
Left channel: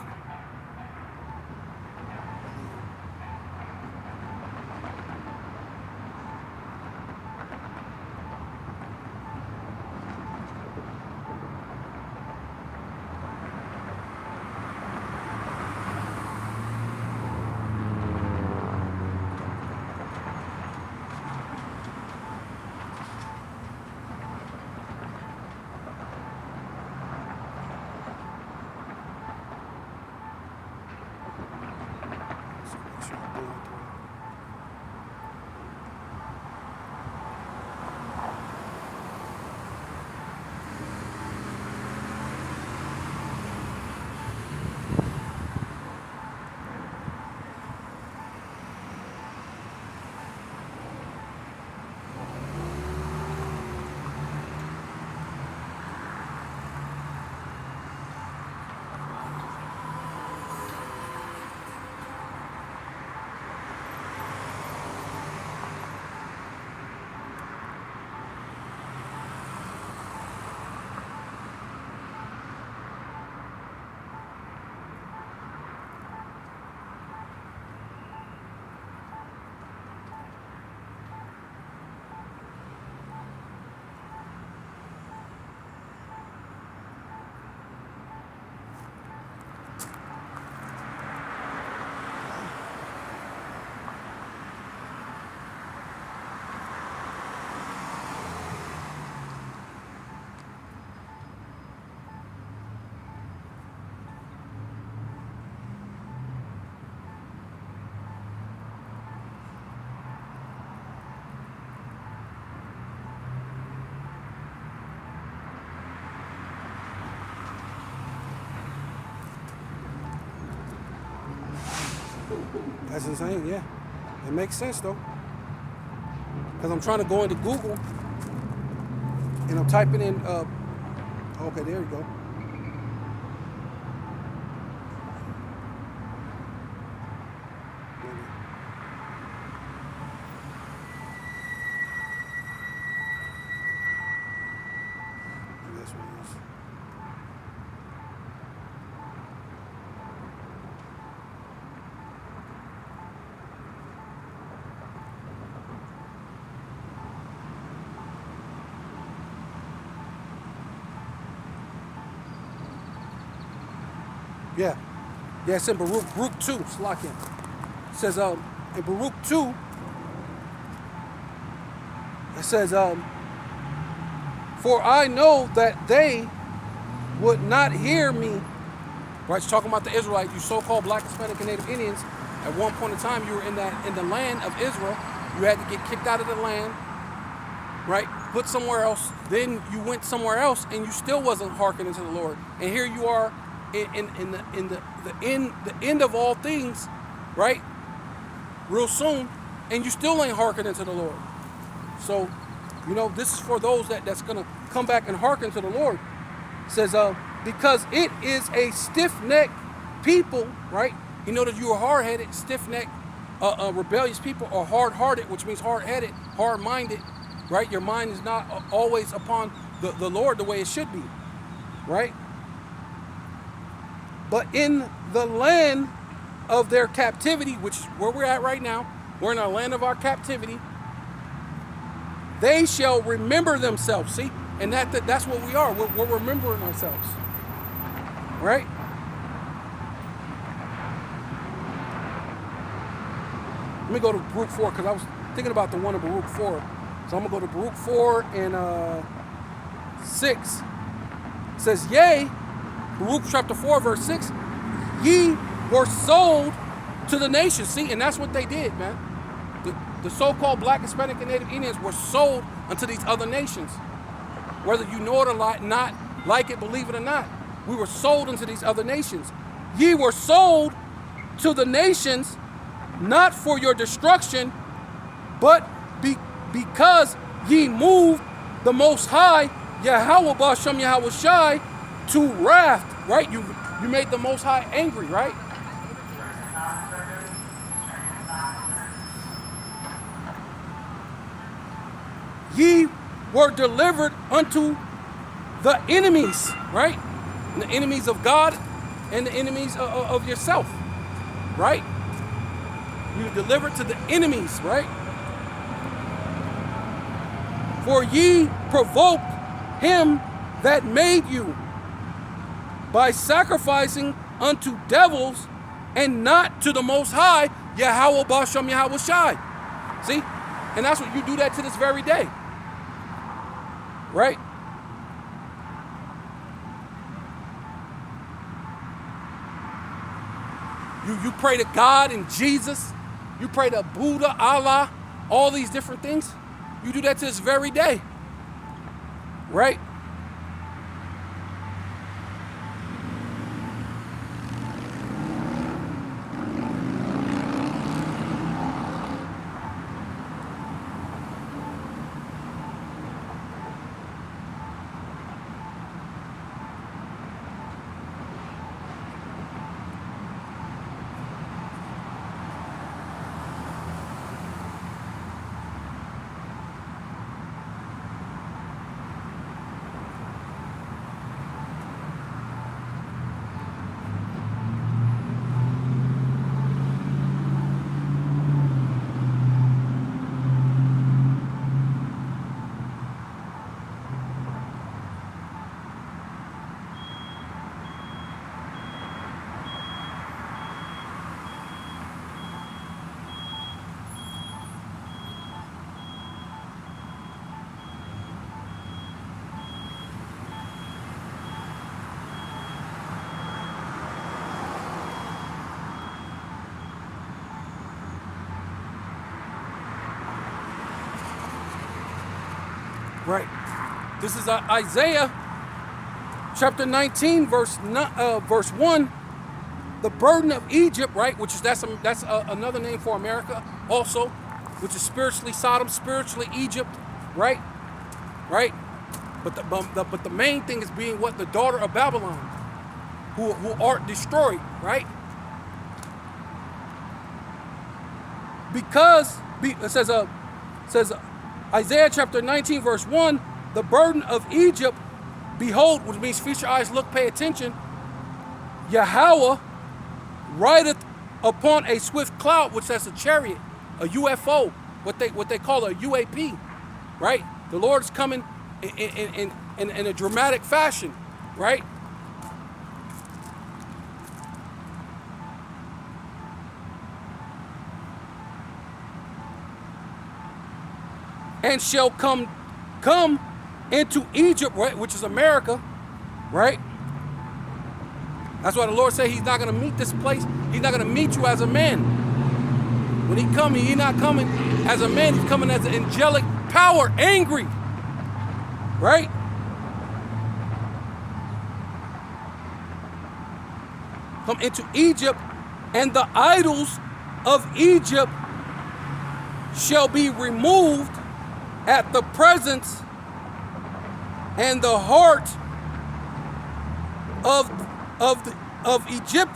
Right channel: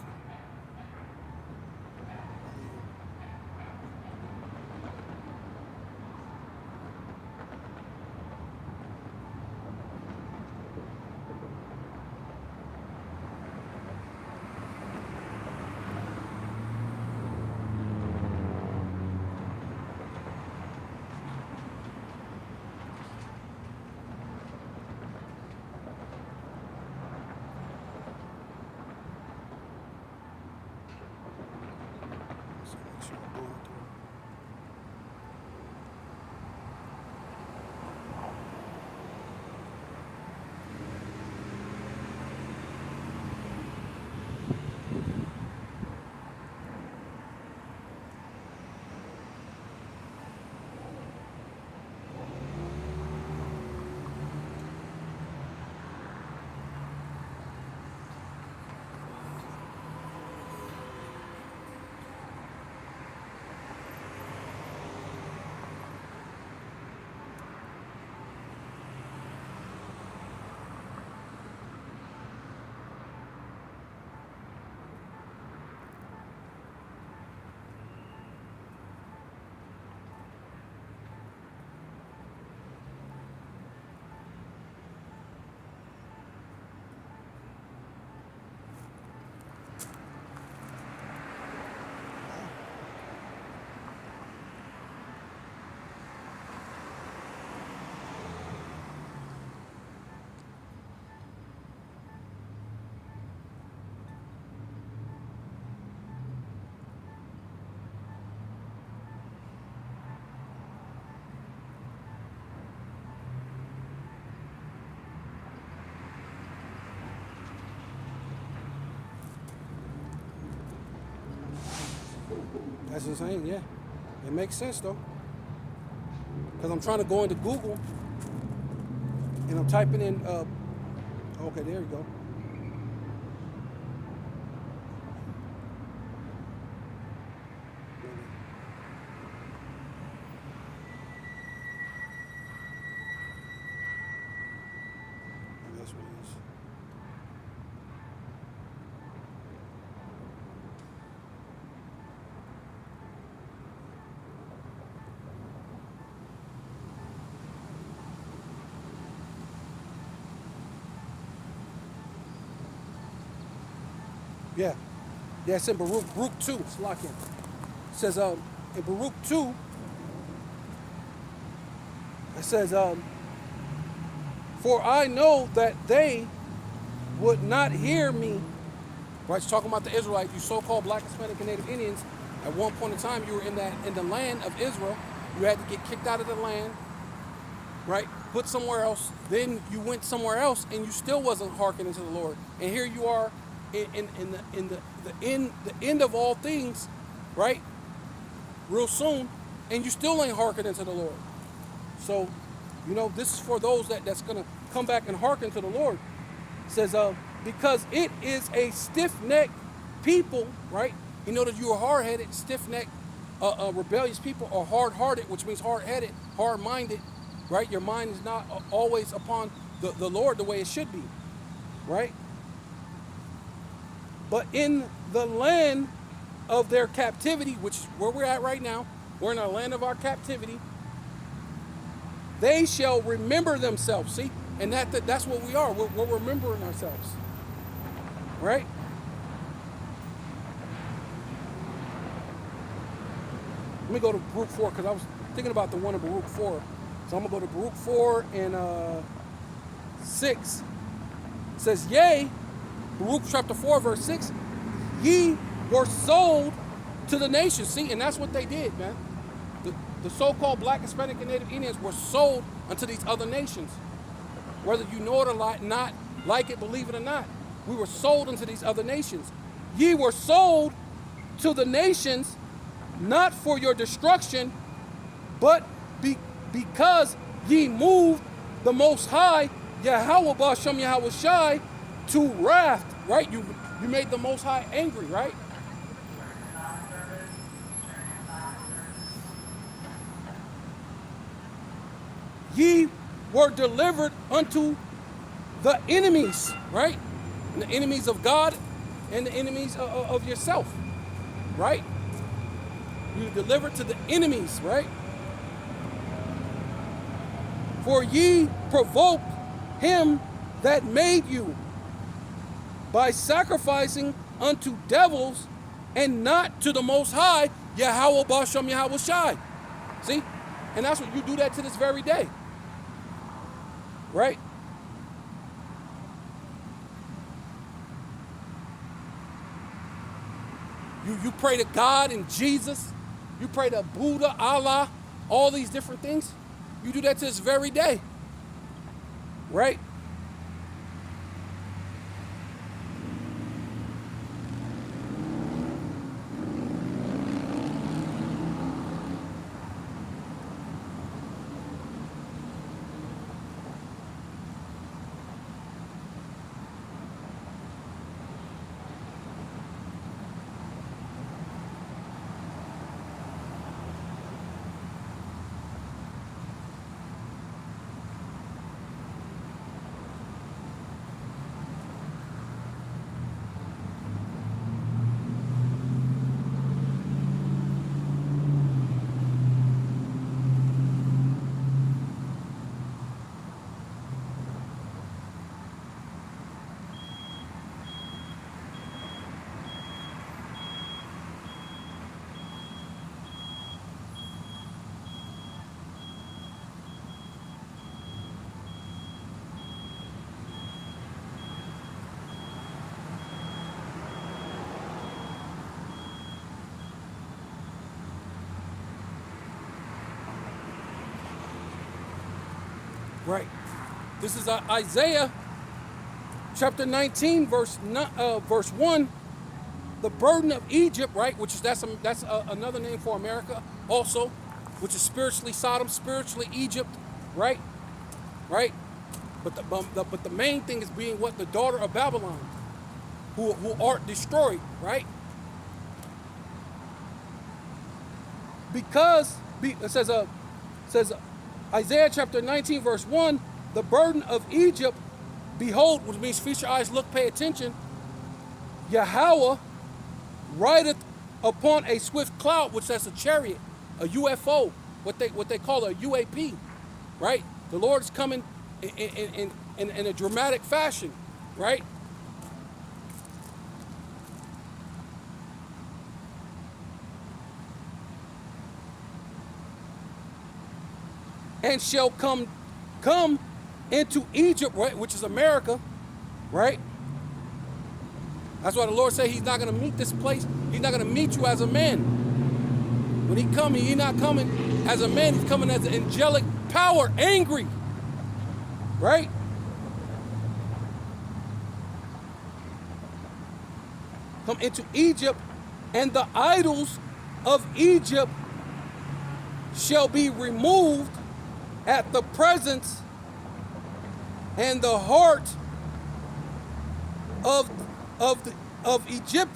That's insane, yeah. It makes sense though. Because I'm trying to go into Google and I'm typing in, okay, there we go. That's what it is. Yeah. Yeah, it's in Baruch 2. Slack it. It says in Baruch 2, it says, for I know that they would not hear me. Right, it's talking about the Israelites, you so-called Black, Hispanic, and Native Indians. At one point in time, you were in the land of Israel. You had to get kicked out of the land, right? Put somewhere else. Then you went somewhere else, and you still wasn't hearkening to the Lord. And here you are in the end of all things, right? Real soon, and you still ain't hearkening to the Lord. So, you know, this is for those that's gonna come back and hearken to the Lord. It says, because it is a stiff-necked people, right? You know that you are hard-headed, stiff-necked, rebellious people, or hard-hearted, which means hard-headed, hard-minded, right? Your mind is not always upon the Lord the way it should be, right? But in the land of their captivity, which is where we're at right now, we're in our land of our captivity, they shall remember themselves. See, And that's what we are. We're remembering ourselves. Right? Let me go to Baruch 4 because I was thinking about the one in Baruch 4. So I'm going to go to Baruch 4 and 6. It says, yea, Baruch chapter 4, verse 6, ye were sold to the nations. See, and that's what they did, man. The so-called Black, Hispanic, and Native Indians were sold unto these other nations. Whether you know it or not, like it, believe it or not, we were sold into these other nations. Ye were sold to the nations, not for your destruction, but because ye moved the Most High, Yahweh Bashem Yahweh Shai, to wrath, right? You made the Most High angry, right? Ye were delivered unto the enemies, right? The enemies of God and the enemies of yourself, right? You delivered to the enemies, right? For ye provoked him that made you by sacrificing unto devils and not to the Most High, Yahweh Bashem Yahweh Shai. See? And that's what you do that to this very day. Right? You pray to God and Jesus. You pray to Buddha, Allah, all these different things. You do that to this very day. Right? Right. This is Isaiah chapter 19, verse 1. The burden of Egypt, right? Which is that's another name for America, also, which is spiritually Sodom, spiritually Egypt, right? Right. But the main thing is being what? The daughter of Babylon, who art destroyed, right? Because it says Isaiah chapter 19, verse 1, the burden of Egypt, behold, which means feast your eyes, look, pay attention, Yahweh rideth upon a swift cloud, which that's a chariot, a UFO, what they call a UAP, right? The Lord is coming in a dramatic fashion, right? And shall come into Egypt, right, which is America, right? That's why the Lord said he's not going to meet this place. He's not going to meet you as a man. When he comes, he's not coming as a man. He's coming as an angelic power, angry, right? Come into Egypt, and the idols of Egypt shall be removed at the presence, and the heart of Egypt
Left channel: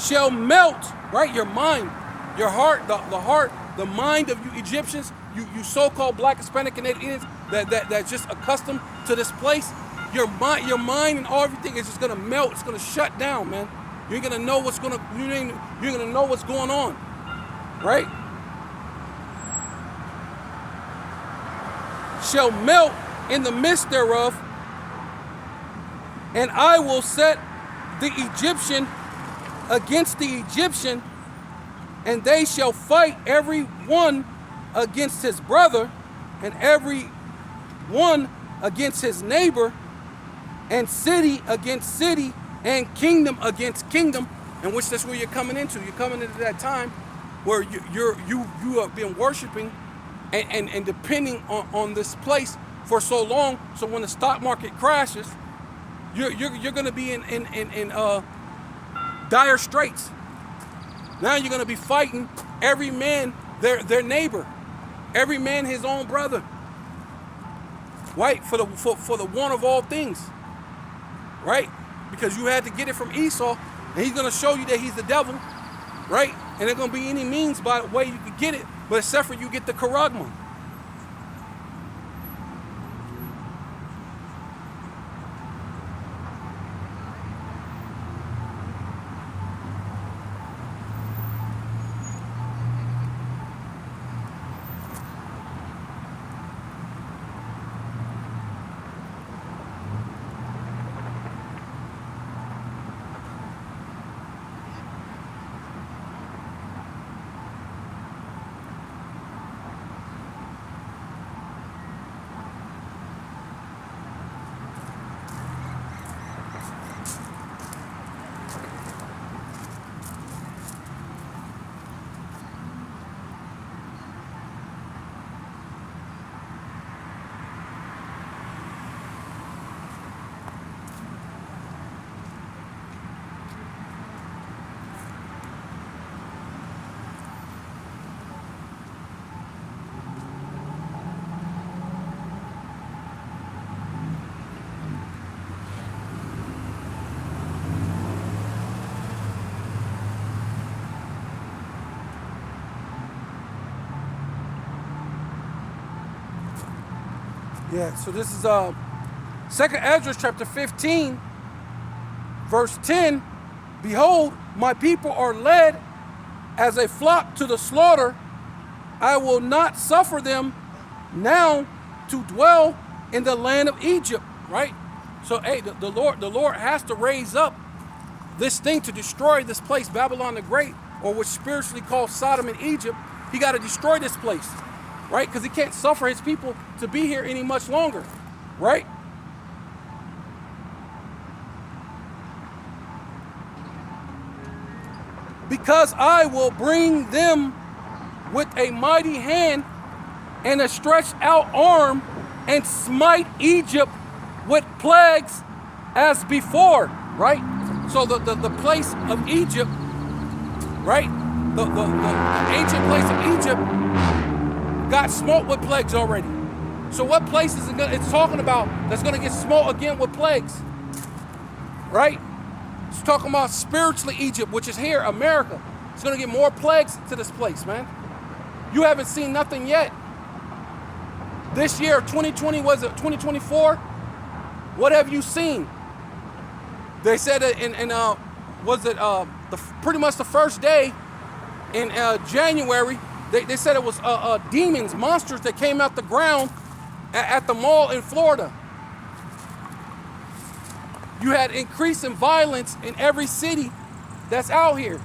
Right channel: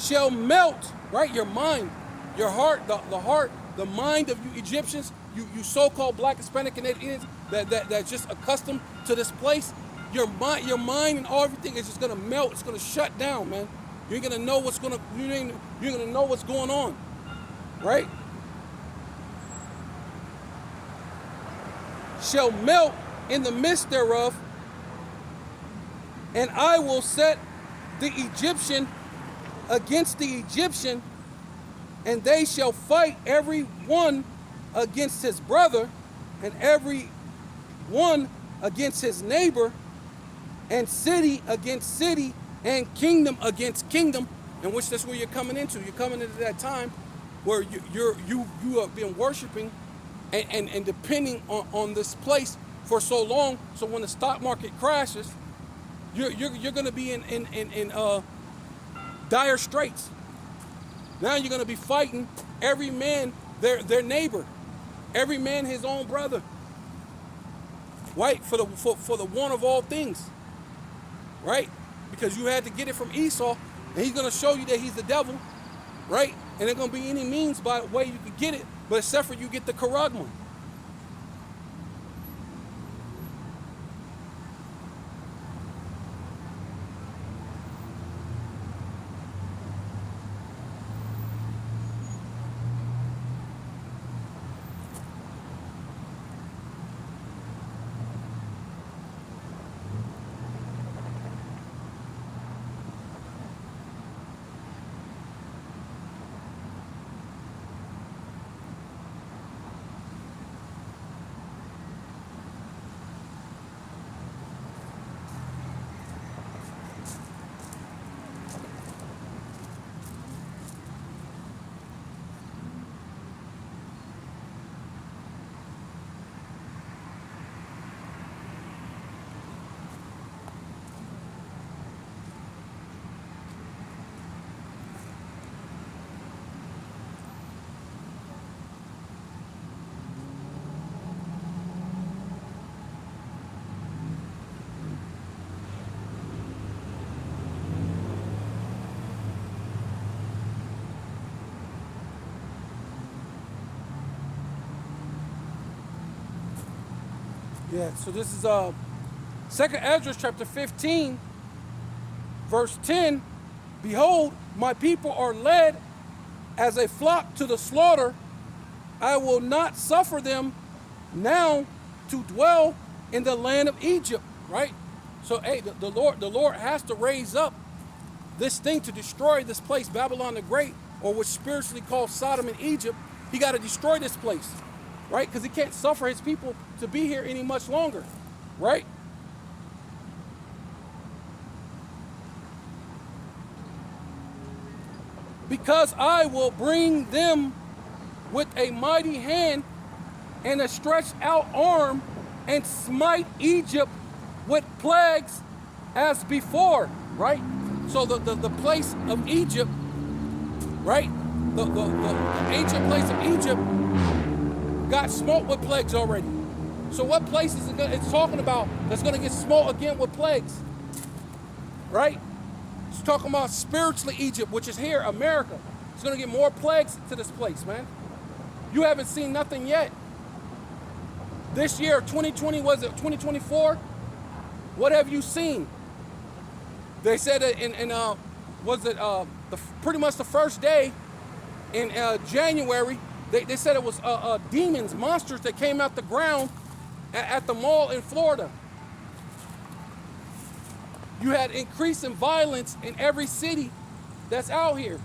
shall melt, right? Your mind, your heart, the mind of you Egyptians, you so-called Black, Hispanic, and Native Indians that's just accustomed to this place. Your mind and everything is just gonna melt. It's gonna shut down, man. You ain't gonna know what's going on, right? Shall melt in the midst thereof, and I will set the Egyptian against the Egyptian, and they shall fight every one against his brother, and every one against his neighbor, and city against city, and kingdom against kingdom. And which that's where you're coming into. You're coming into that time where you have been worshiping and depending on this place for so long. So when the stock market crashes, you're going to be in dire straits. Now you're going to be fighting every man their neighbor, every man his own brother, right? For the one of all things, right? Because you had to get it from Esau, and he's going to show you that he's the devil, right? And there's going to be any means by the way you can get it, but except for you get the charagma. Yeah, so this is 2nd Ezra chapter 15, verse 10. Behold, my people are led as a flock to the slaughter. I will not suffer them now to dwell in the land of Egypt. Right? So, hey, the Lord has to raise up this thing to destroy this place, Babylon the Great, or what's spiritually called Sodom and Egypt. He got to destroy this place. Right? Because he can't suffer his people to be here any much longer. Right? Because I will bring them with a mighty hand and a stretched out arm and smite Egypt with plagues as before. Right? So the place of Egypt, right? The ancient place of Egypt got smote with plagues already. So what place is it's talking about that's going to get smote again with plagues? Right? It's talking about spiritually Egypt, which is here, America. It's going to get more plagues to this place, man. You haven't seen nothing yet. This year, 2020, was it 2024? What have you seen? They said that pretty much the first day in January, they said it was demons, monsters that came out the ground at the mall in Florida. You had increase in violence in every city that's out here.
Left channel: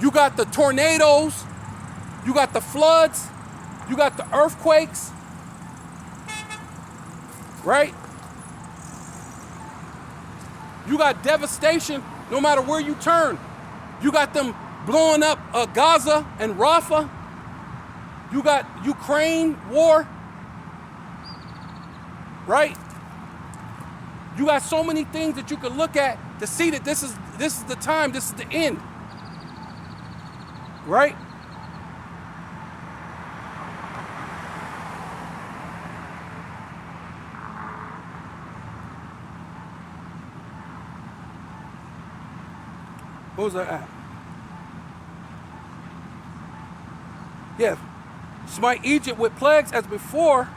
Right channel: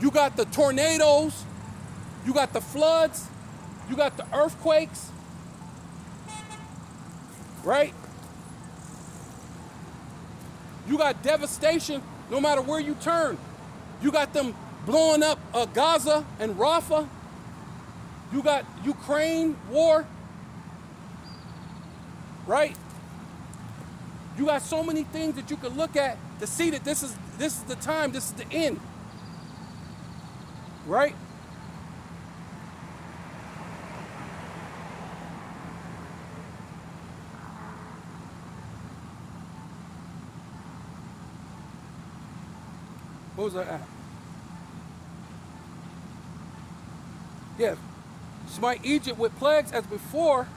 You got the tornadoes, you got the floods, you got the earthquakes, right? You got devastation no matter where you turn. You got them blowing up Gaza and Rafah. You got Ukraine war, right? You got so many things that you can look at to see that this is the time, this is the end, right? What was that at? Yeah. Smite Egypt with plagues as before.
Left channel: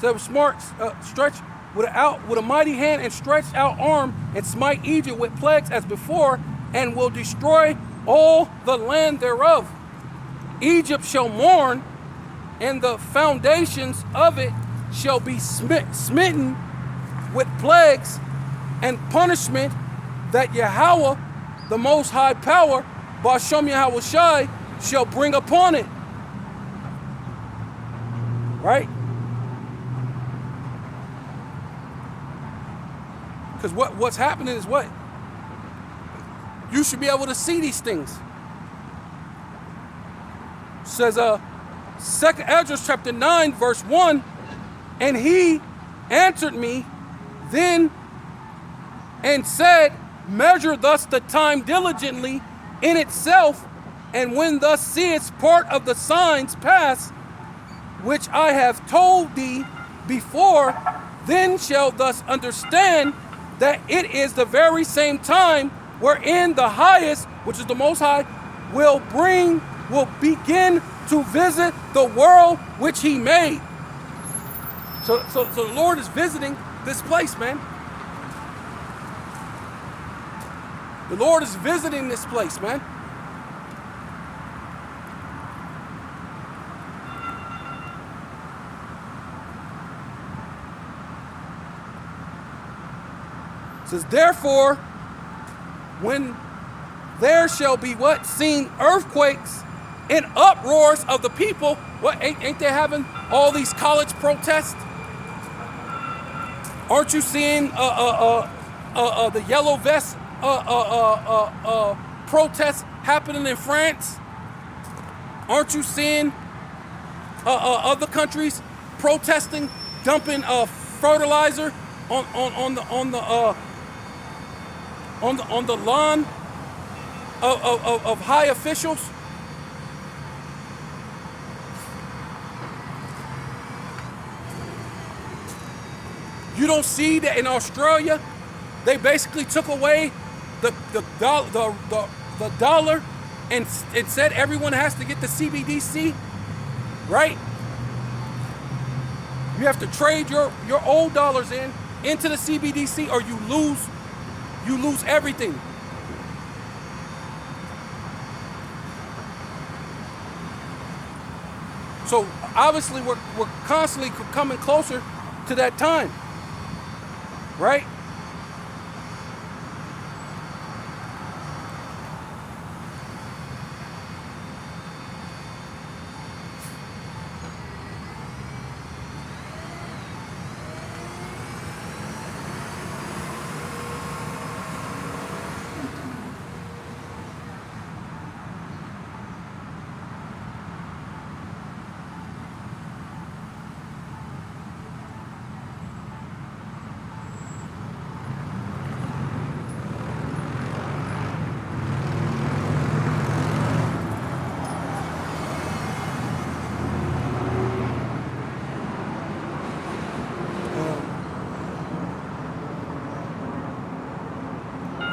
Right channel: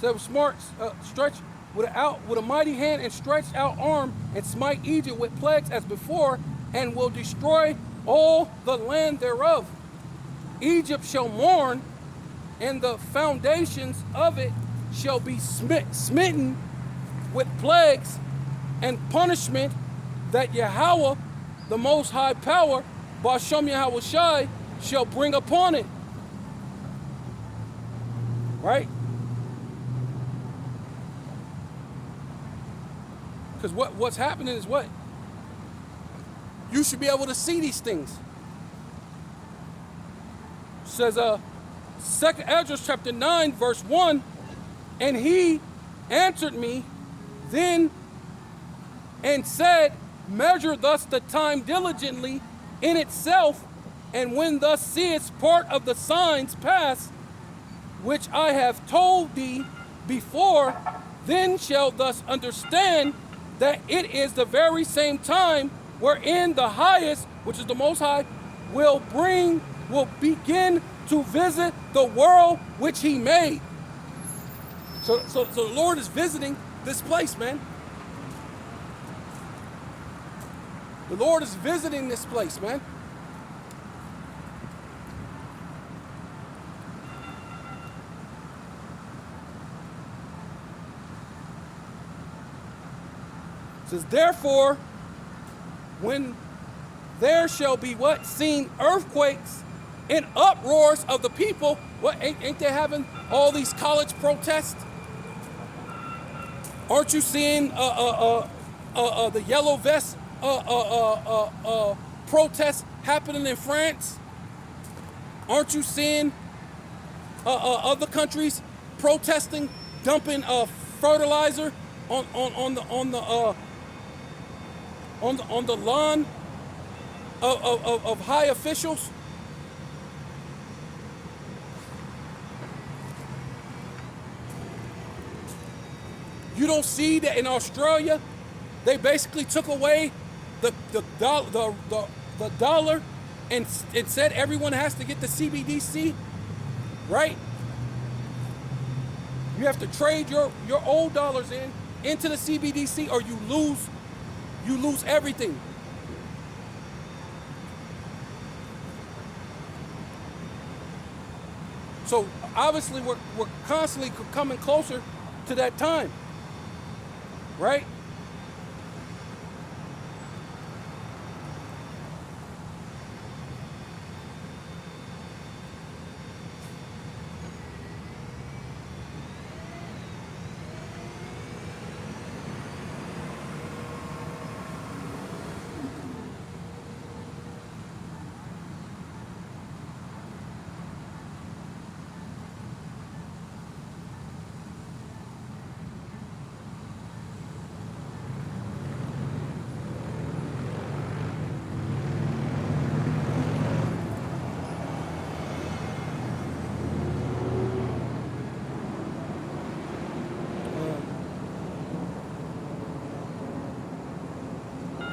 So stretch with a mighty hand and stretched out arm, and smite Egypt with plagues as before, and will destroy all the land thereof. Egypt shall mourn and the foundations of it shall be smitten with plagues and punishment, that Yahweh, the Most High Power, Bashem Yahweh Shai, shall bring upon it. Right? Because what's happening is what? You should be able to see these things. It says 2nd Esdras chapter 9 verse 1, and he answered me then and said, measure thus the time diligently in itself, and when thus seest part of the signs pass, which I have told thee before, then shalt thus understand that it is the very same time wherein the highest, which is the Most High, will begin to visit the world which he made. So the Lord is visiting this place, man. The Lord is visiting this place, man. It says, therefore, when there shall be what? Seen earthquakes and uproars of the people. What, ain't they having all these college protests? Aren't you seeing the yellow vest protests happening in France? Aren't you seeing other countries protesting, dumping fertilizer on the lawn of high officials? You don't see that in Australia, they basically took away the dollar and it said everyone has to get the CBDC, right? You have to trade your old dollars into the CBDC, or you lose everything. So obviously we're constantly coming closer to that time, right?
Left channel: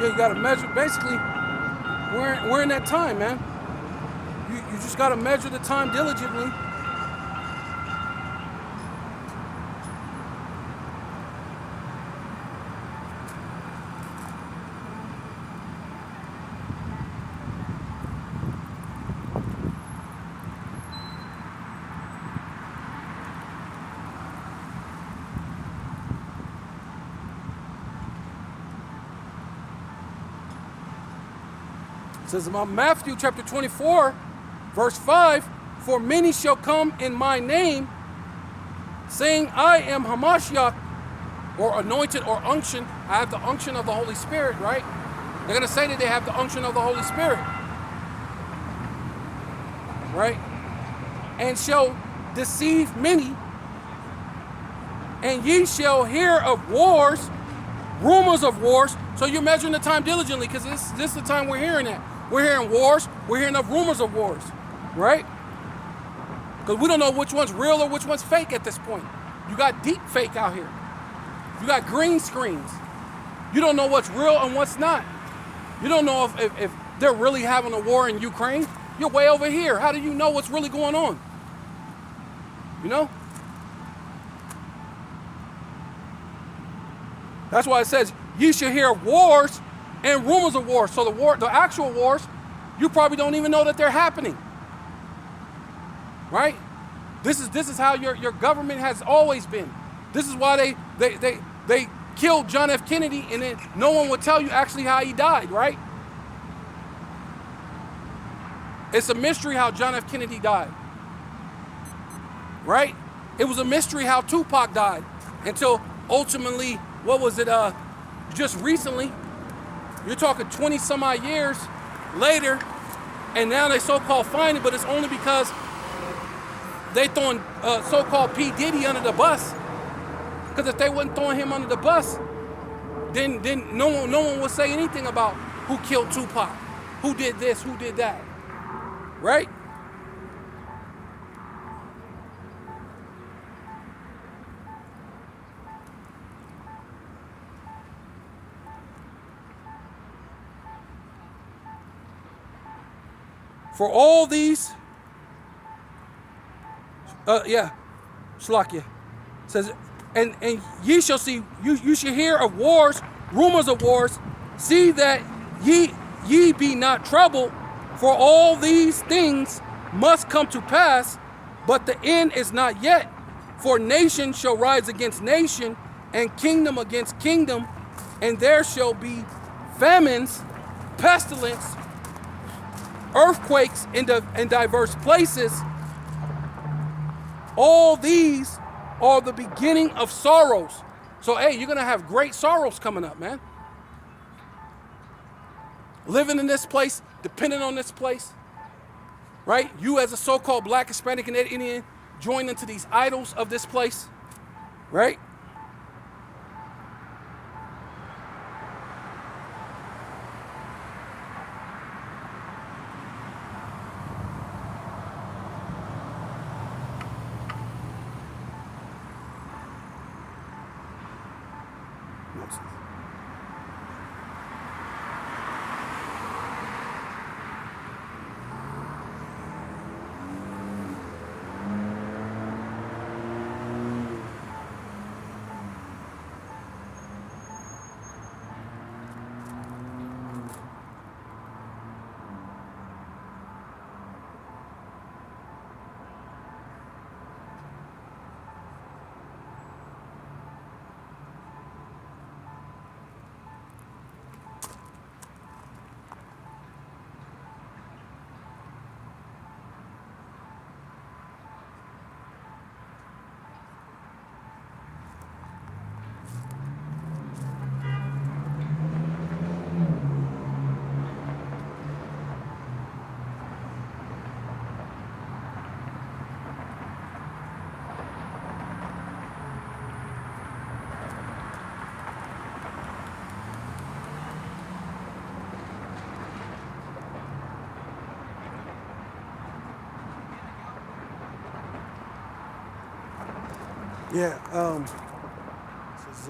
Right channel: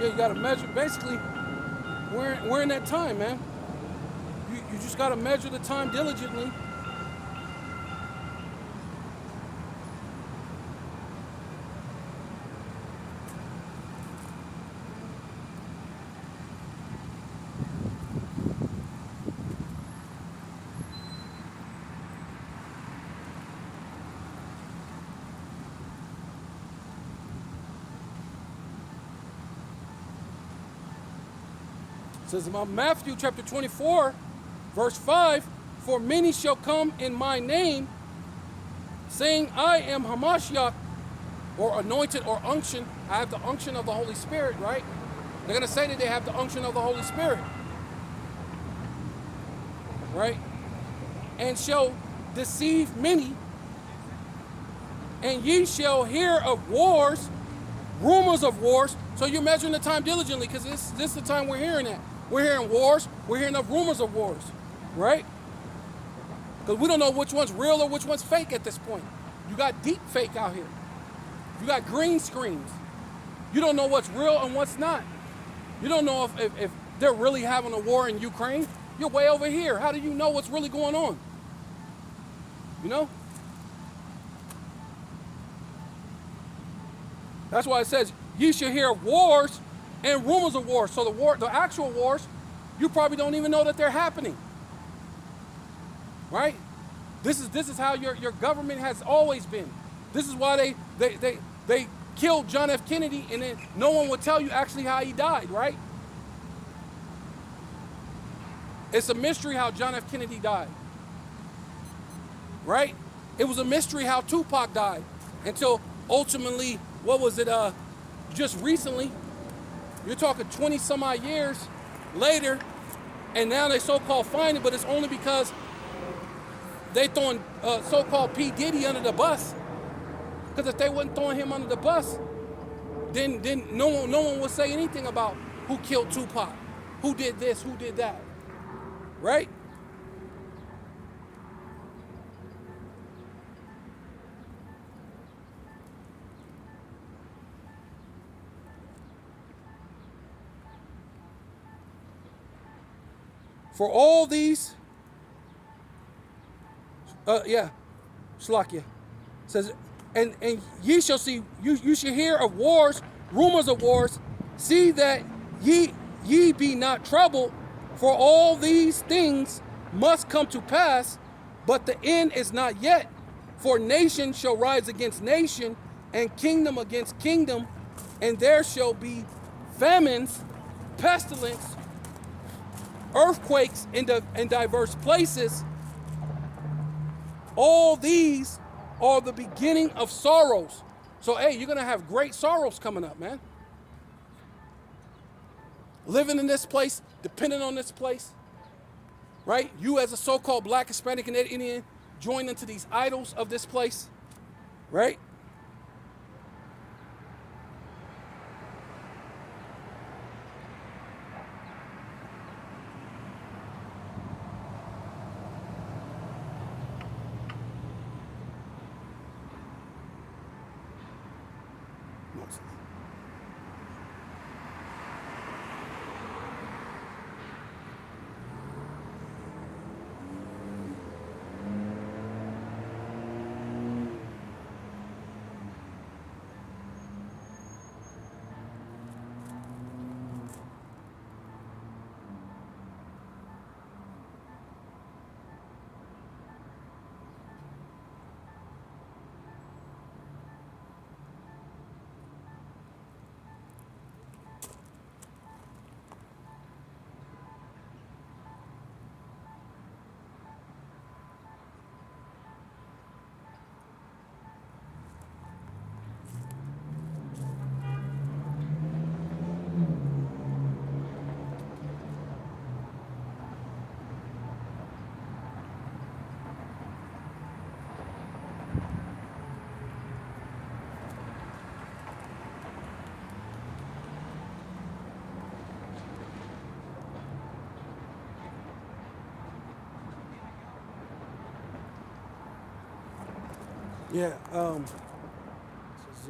You gotta measure. Basically, we're in that time, man. You just gotta measure the time diligently. It says about Matthew chapter 24, verse 5, for many shall come in my name, saying, I am Hamashiach, or anointed or unction. I have the unction of the Holy Spirit, right? They're going to say that they have the unction of the Holy Spirit, right? And shall deceive many, and ye shall hear of wars, rumors of wars. So you're measuring the time diligently, because this is the time we're hearing that. We're hearing wars. We're hearing of rumors of wars, right? Because we don't know which one's real or which one's fake at this point. You got deep fake out here. You got green screens. You don't know what's real and what's not. You don't know if they're really having a war in Ukraine. You're way over here. How do you know what's really going on? You know? That's why it says, ye shall hear wars and rumors of wars. So the actual wars, you probably don't even know that they're happening. Right? This is how your government has always been. This is why they killed John F. Kennedy, and then no one would tell you actually how he died, right? It's a mystery how John F. Kennedy died, right? It was a mystery how Tupac died until ultimately, what was it, just recently, you're talking 20 some odd years later, and now they so-called find it, but it's only because they throwing so-called P. Diddy under the bus. Because if they wasn't throwing him under the bus, then no one would say anything about who killed Tupac, who did this, who did that, right? For all these, Shalakia says, and ye shall see, you shall hear of wars, rumors of wars. See that ye be not troubled, for all these things must come to pass, but the end is not yet. For nation shall rise against nation, and kingdom against kingdom, and there shall be famines, pestilence, earthquakes in diverse places. All these are the beginning of sorrows. So, hey, you're going to have great sorrows coming up, man. Living in this place, depending on this place, right? You as a so-called Black, Hispanic, and Indian join into these idols of this place, right? Yeah, this is,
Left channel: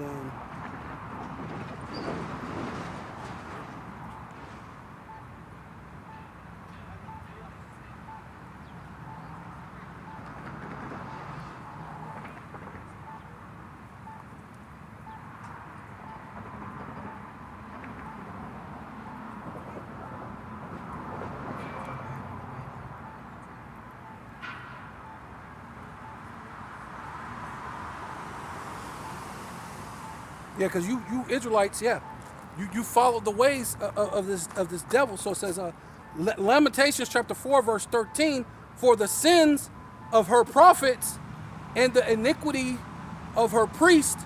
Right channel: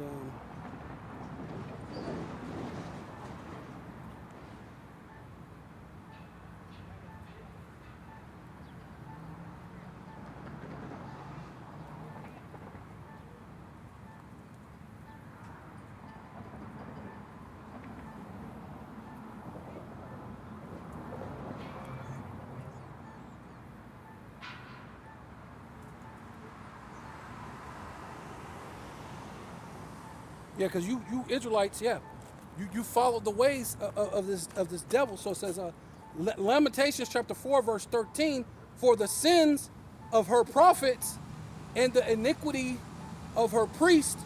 yeah, because you Israelites, yeah, you follow the ways of this devil. So it says, Lamentations chapter 4 verse 13, for the sins of her prophets and the iniquity of her priests,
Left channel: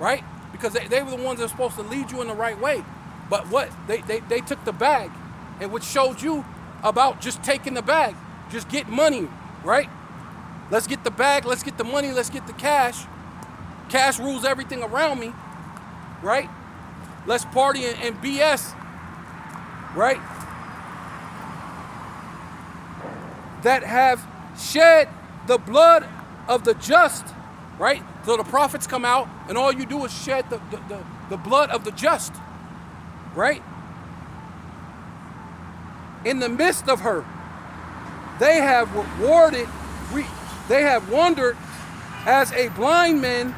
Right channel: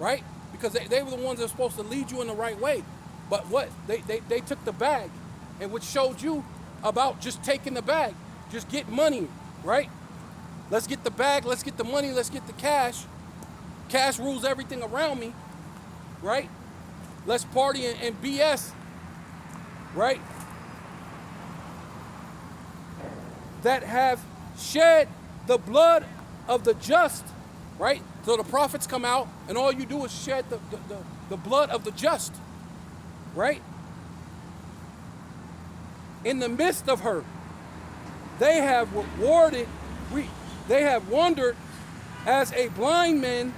right? Because they were the ones that were supposed to lead you in the right way. But what they took the bag, and which showed you about just taking the bag, just get money, right? Let's get the bag, let's get the money, let's get the cash. Cash rules everything around me. Right? Let's party and BS, right? That have shed the blood of the just, right? So the prophets come out and all you do is shed the blood of the just, right? In the midst of her, they have they have wandered as blind men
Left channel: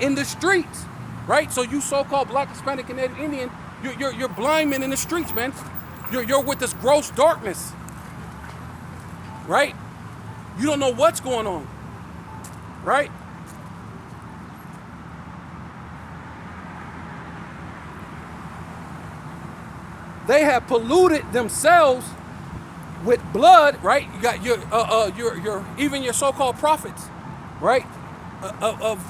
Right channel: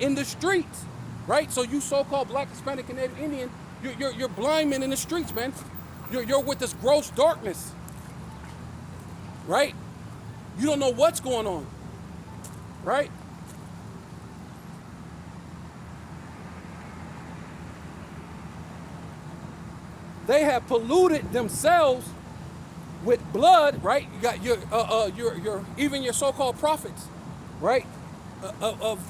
in the streets. Right? So you so-called Black, Hispanic, and Indian, you're blind men in the streets, man. You're with this gross darkness. Right? You don't know what's going on, right? They have polluted themselves with blood, right? You got your even your so-called prophets, right? Of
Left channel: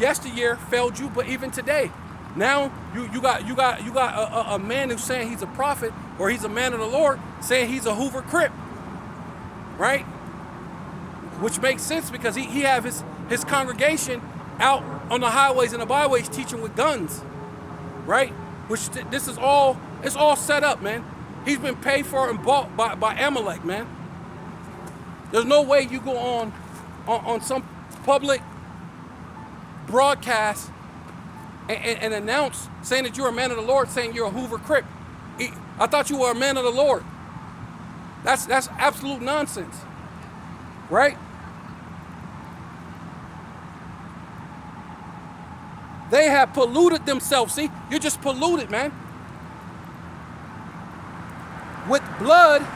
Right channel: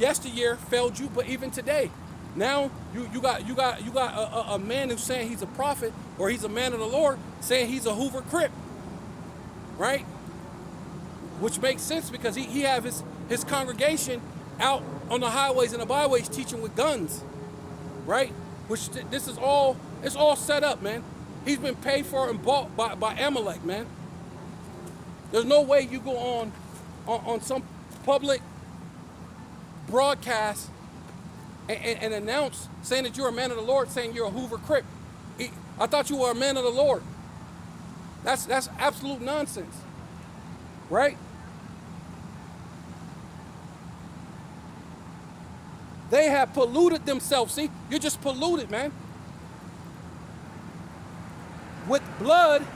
yesteryear failed you, but even today, now you got a man who's saying he's a prophet or he's a man of the Lord, saying he's a Hoover Crip, right? Which makes sense because he have his congregation out on the highways and the byways teaching with guns, right? Which this is all, it's all set up, man. He's been paid for and bought by Amalek, man. There's no way you go on some public broadcast and announce saying that you're a man of the Lord, saying you're a Hoover Crip. I thought you were a man of the Lord. That's absolute nonsense, right? They have polluted themselves. See, you're just polluted, man. With blood,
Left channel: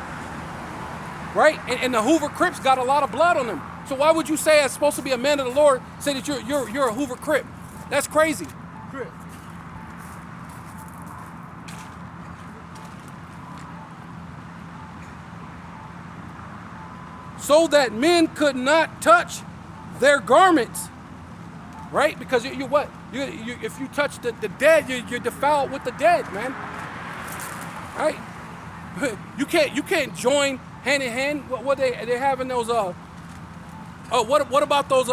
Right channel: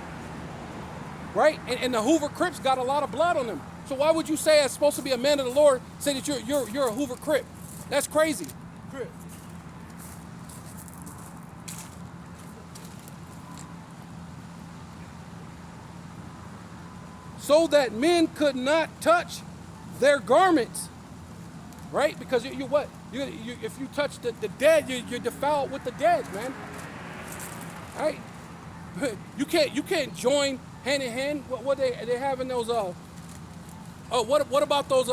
right? And the Hoover Crips got a lot of blood on them. So why would you say as supposed to be a man of the Lord, say that you're a Hoover Crip? That's crazy. Crip. So that men could not touch their garments, right? Because you what? If you touch the dead, you're defiled with the dead, man. Right? You can't join hand in hand. What they having those what about those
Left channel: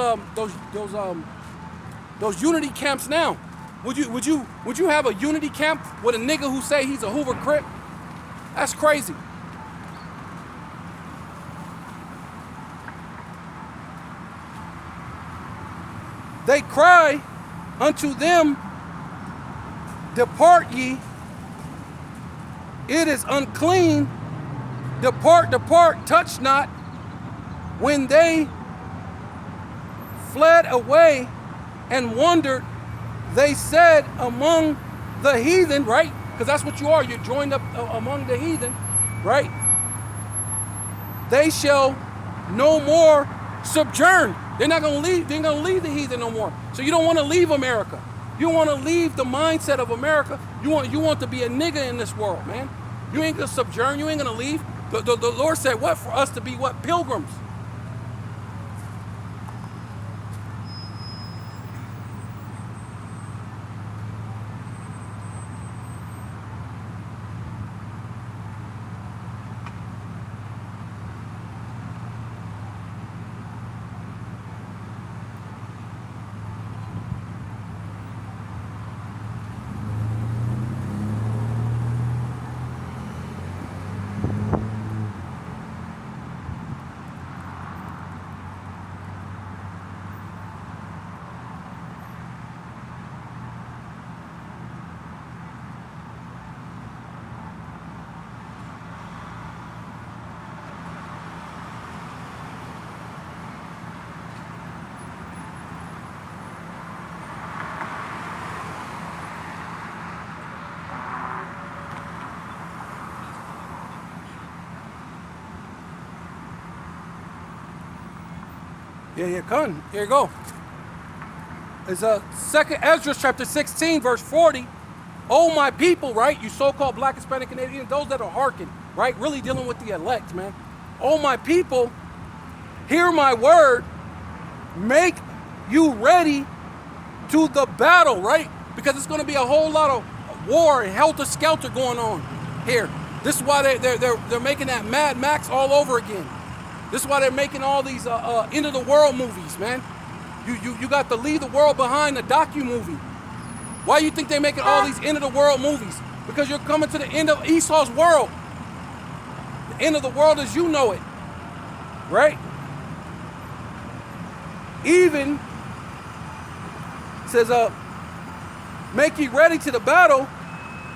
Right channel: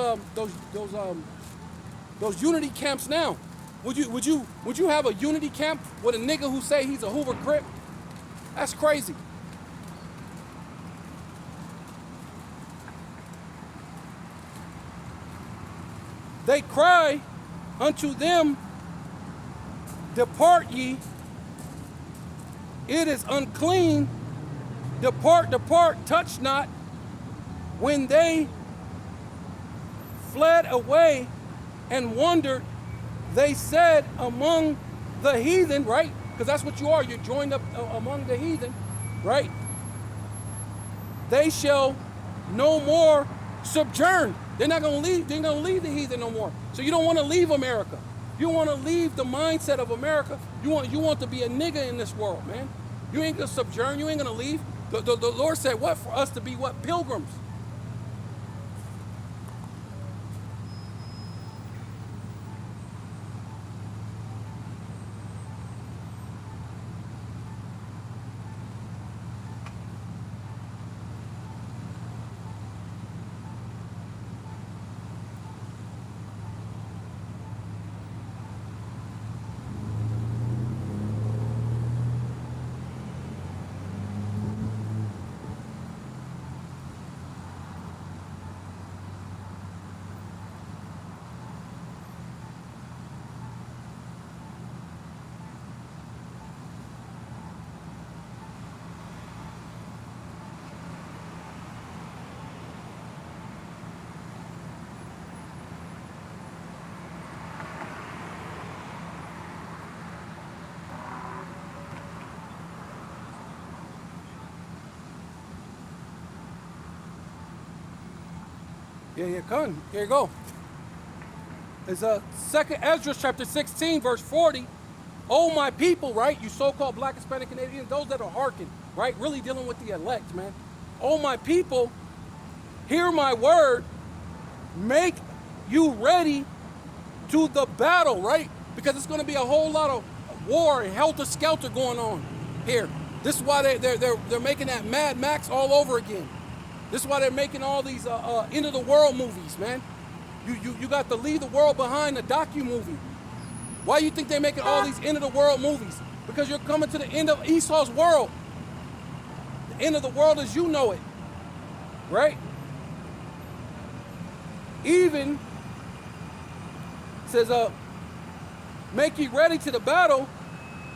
unity camps now? Would you have a unity camp with a nigga who say he's a Hoover Crip? That's crazy. They cry unto them, depart ye, it is unclean, depart, depart, touch not. When they fled away and wandered, they said among the heathen, right? Because that's what you are, you're joined up among the heathen, right? They shall no more sojourn. They're not gonna leave, they're gonna leave the heathen no more. So you don't want to leave America. You want to leave the mindset of America. You want to be a nigga in this world, man. You ain't gonna sojourn, you ain't gonna leave. The Lord said what? For us to be what? Pilgrims. Yeah, come. Here you go. It's Second Ezra chapter 16, verse 40. Oh, my people, right? You so-called Black, Hispanic, Canadian, those that are hearken, right? Really dealing with the elect, man. Oh, my people, hear my word. Make you ready to the battle, right? Because it's going to be a whole lot of war and helter-skelter going on here. This is why they're making that Mad Max all over again. This is why they're making all these end of the world movies, man. You got to leave the world behind, the docu-movie. Why do you think they're making all these end of the world movies? Because you're coming to the end of Esau's world. The end of the world as you know it, right? Even says, make ye ready to the battle,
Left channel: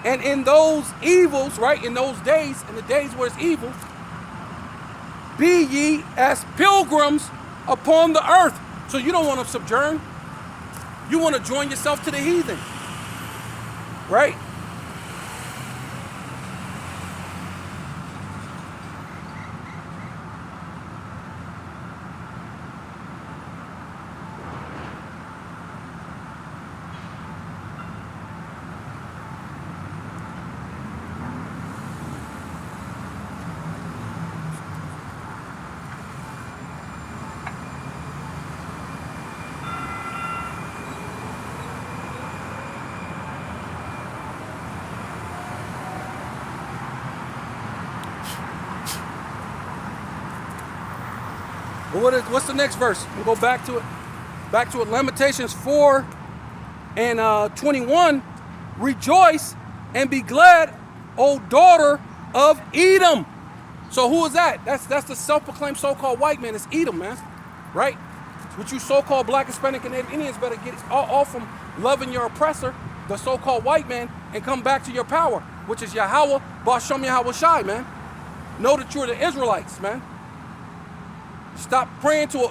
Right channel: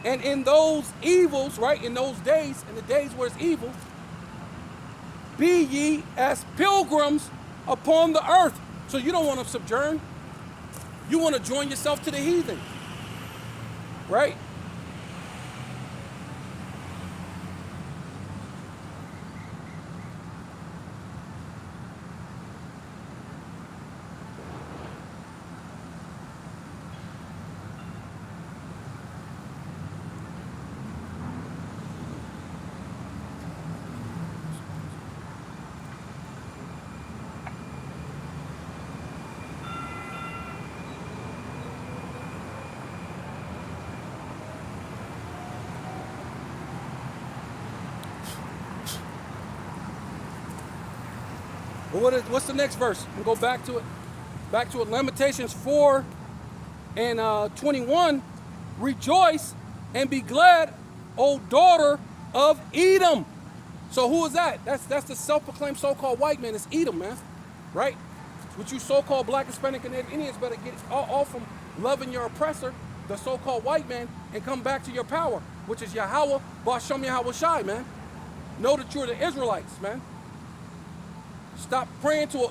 and in those evils, right? In those days, in the days where it's evil, be ye as pilgrims upon the earth. So you don't want to sojourn. You want to join yourself to the heathen, right? what's the next verse? We'll go back to it. Back to it. Lamentations 4 and 21. Rejoice and be glad, O daughter of Edom. So who is that? That's the self-proclaimed so-called white man. It's Edom, man. Right? What you so-called black, Hispanic, and Native Indians better get off from loving your oppressor, the so-called white man, and come back to your power, which is Yahweh, Bashem Yahweh Shai, man. Know that you're the Israelites, man. Stop praying to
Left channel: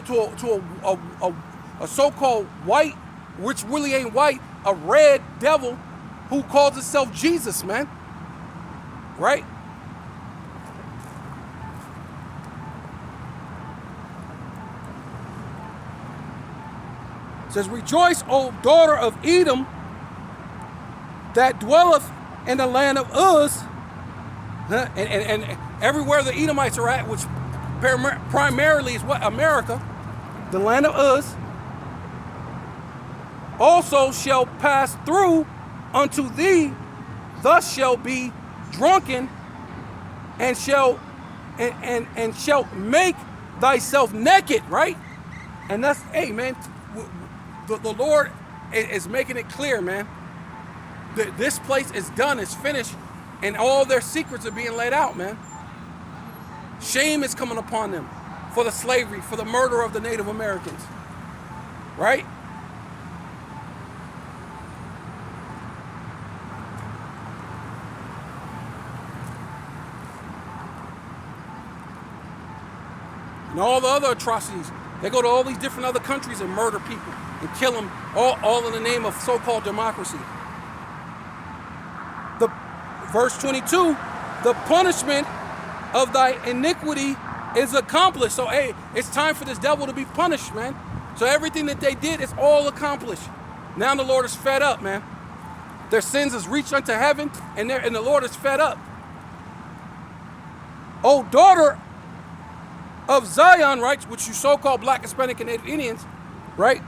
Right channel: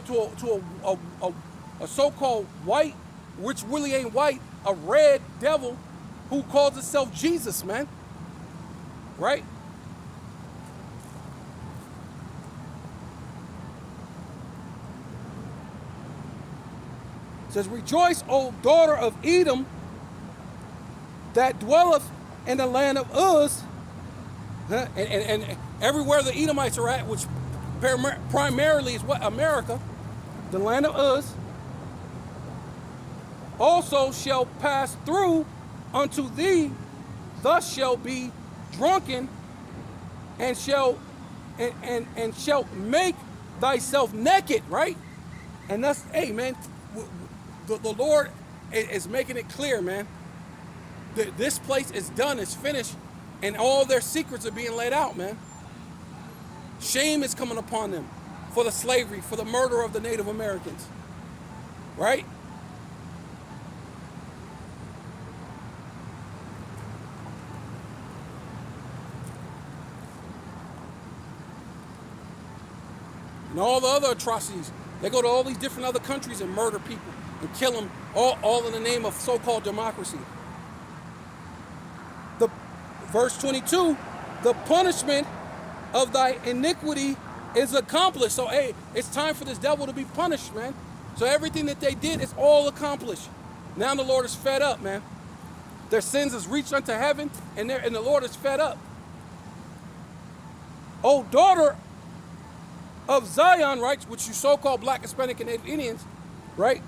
a so-called white, which really ain't white, a red devil who calls himself Jesus, man. Right? It says, rejoice, O daughter of Edom, that dwelleth in the land of Uz, and everywhere the Edomites are at, which primarily is what? America, the land of Uz, also shall pass through unto thee, thus shall be drunken, and shall make thyself naked, right? And that's, hey man, the Lord is making it clear, man. This place is done, it's finished, and all their secrets are being let out, man. Shame is coming upon them for the slavery, for the murder of the Native Americans, right? And all the other atrocities. They go to all these different other countries and murder people and kill them, all in the name of so-called democracy. Verse 22, the punishment of thy iniquity is accomplished. So, hey, it's time for this devil to be punished, man. So everything that they did is all accomplished. Now the Lord is fed up, man. Their sins has reached unto heaven, and the Lord is fed up. O daughter of Zion, right, which you so-called black, Hispanic, and Native Indians, right,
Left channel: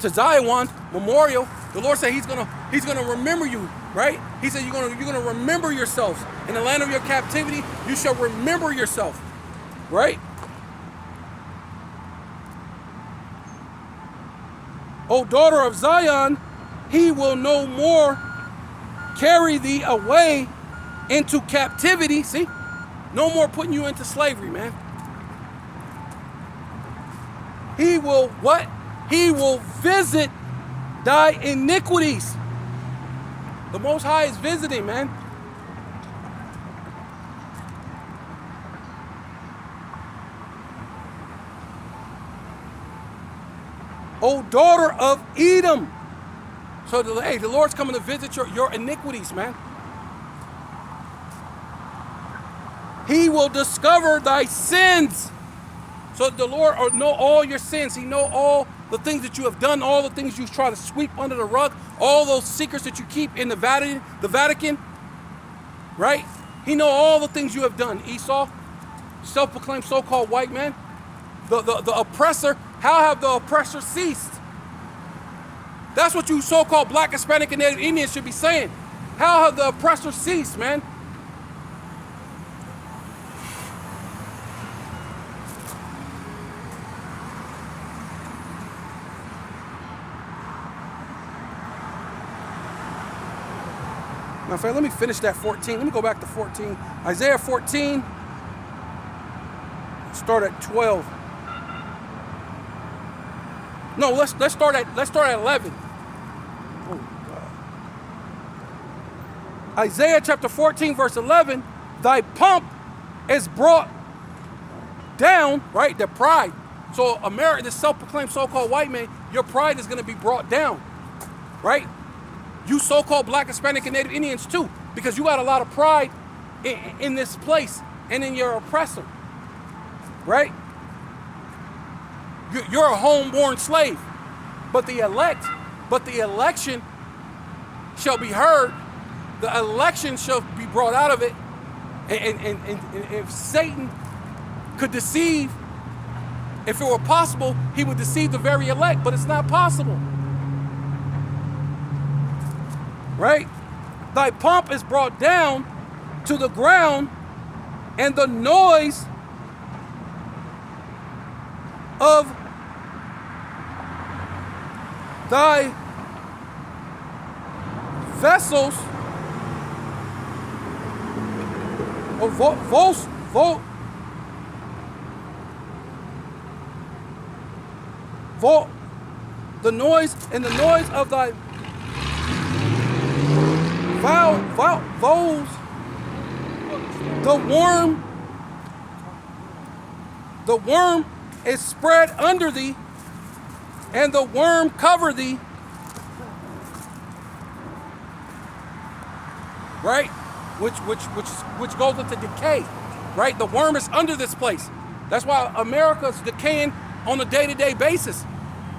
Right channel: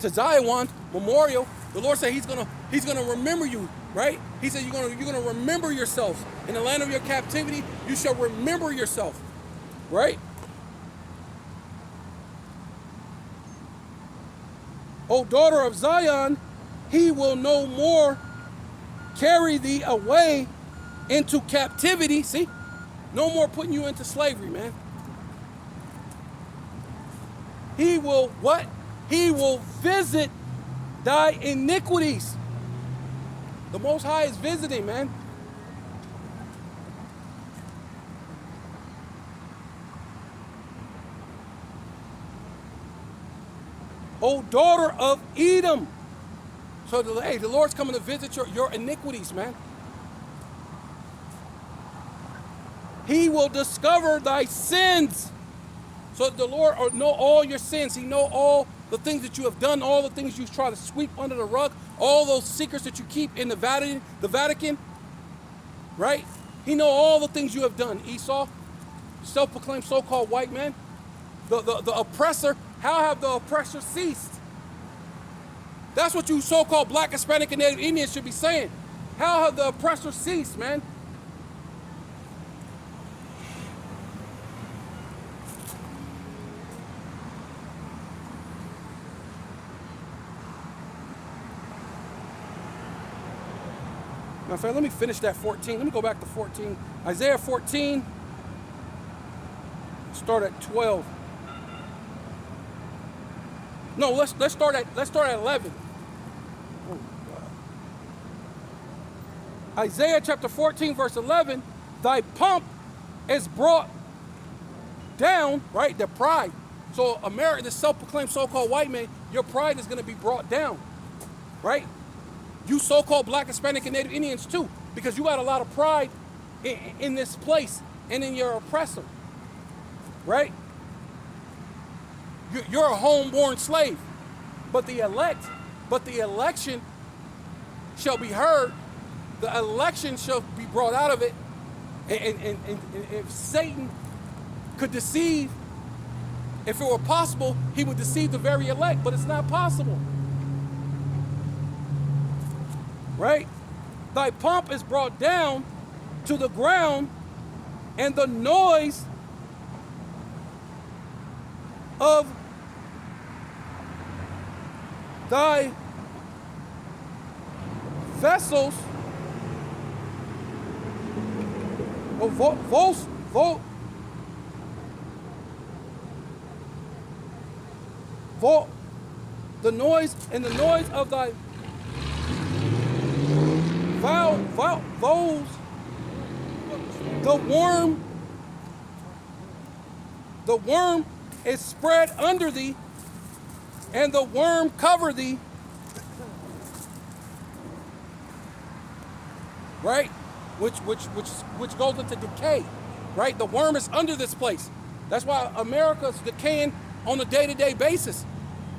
to Zion memorial, the Lord said He's gonna remember you, right? He said you're gonna remember yourselves in the land of your captivity. You shall remember yourself, right? O daughter of Zion, He will no more carry thee away into captivity. See, no more putting you into slavery, man. He will what? He will visit thy iniquities. The Most High is visiting, man. O daughter of Edom. So, hey, the Lord's coming to visit your iniquities, man. He will discover thy sins. So the Lord know all your sins. He know all the things that you have done, all the things you try to sweep under the rug, all those secrets that you keep in the Vatican, right? He know all the things you have done. Esau, self-proclaimed so-called white man, the oppressor. How have the oppressor ceased? That's what you so-called black, Hispanic, and Native Indians should be saying. How have the oppressor ceased, man? In fact, let me finish that 14. Let me go back to 14. Isaiah 14. Start at 12. No, let's start at 11. Isaiah chapter 14, verse 11. Thy pomp is brought down, right? The pride. So America, this self-proclaimed so-called white man, your pride is going to be brought down, right? You so-called black, Hispanic, and Native Indians too, because you got a lot of pride in this place and in your oppressor, right? You're a homeborn slave, but the election shall be heard. The election shall be brought out of it, and if Satan could deceive, if it were possible, he would deceive the very elect, but it's not possible. Right? Thy pomp is brought down to the ground, and the noise of thy vessels, the noise of thy vows, the worm is spread under thee, and the worm cover thee. Right? Which goes into decay. Right? The worm is under this place. That's why America's decaying on a day-to-day basis.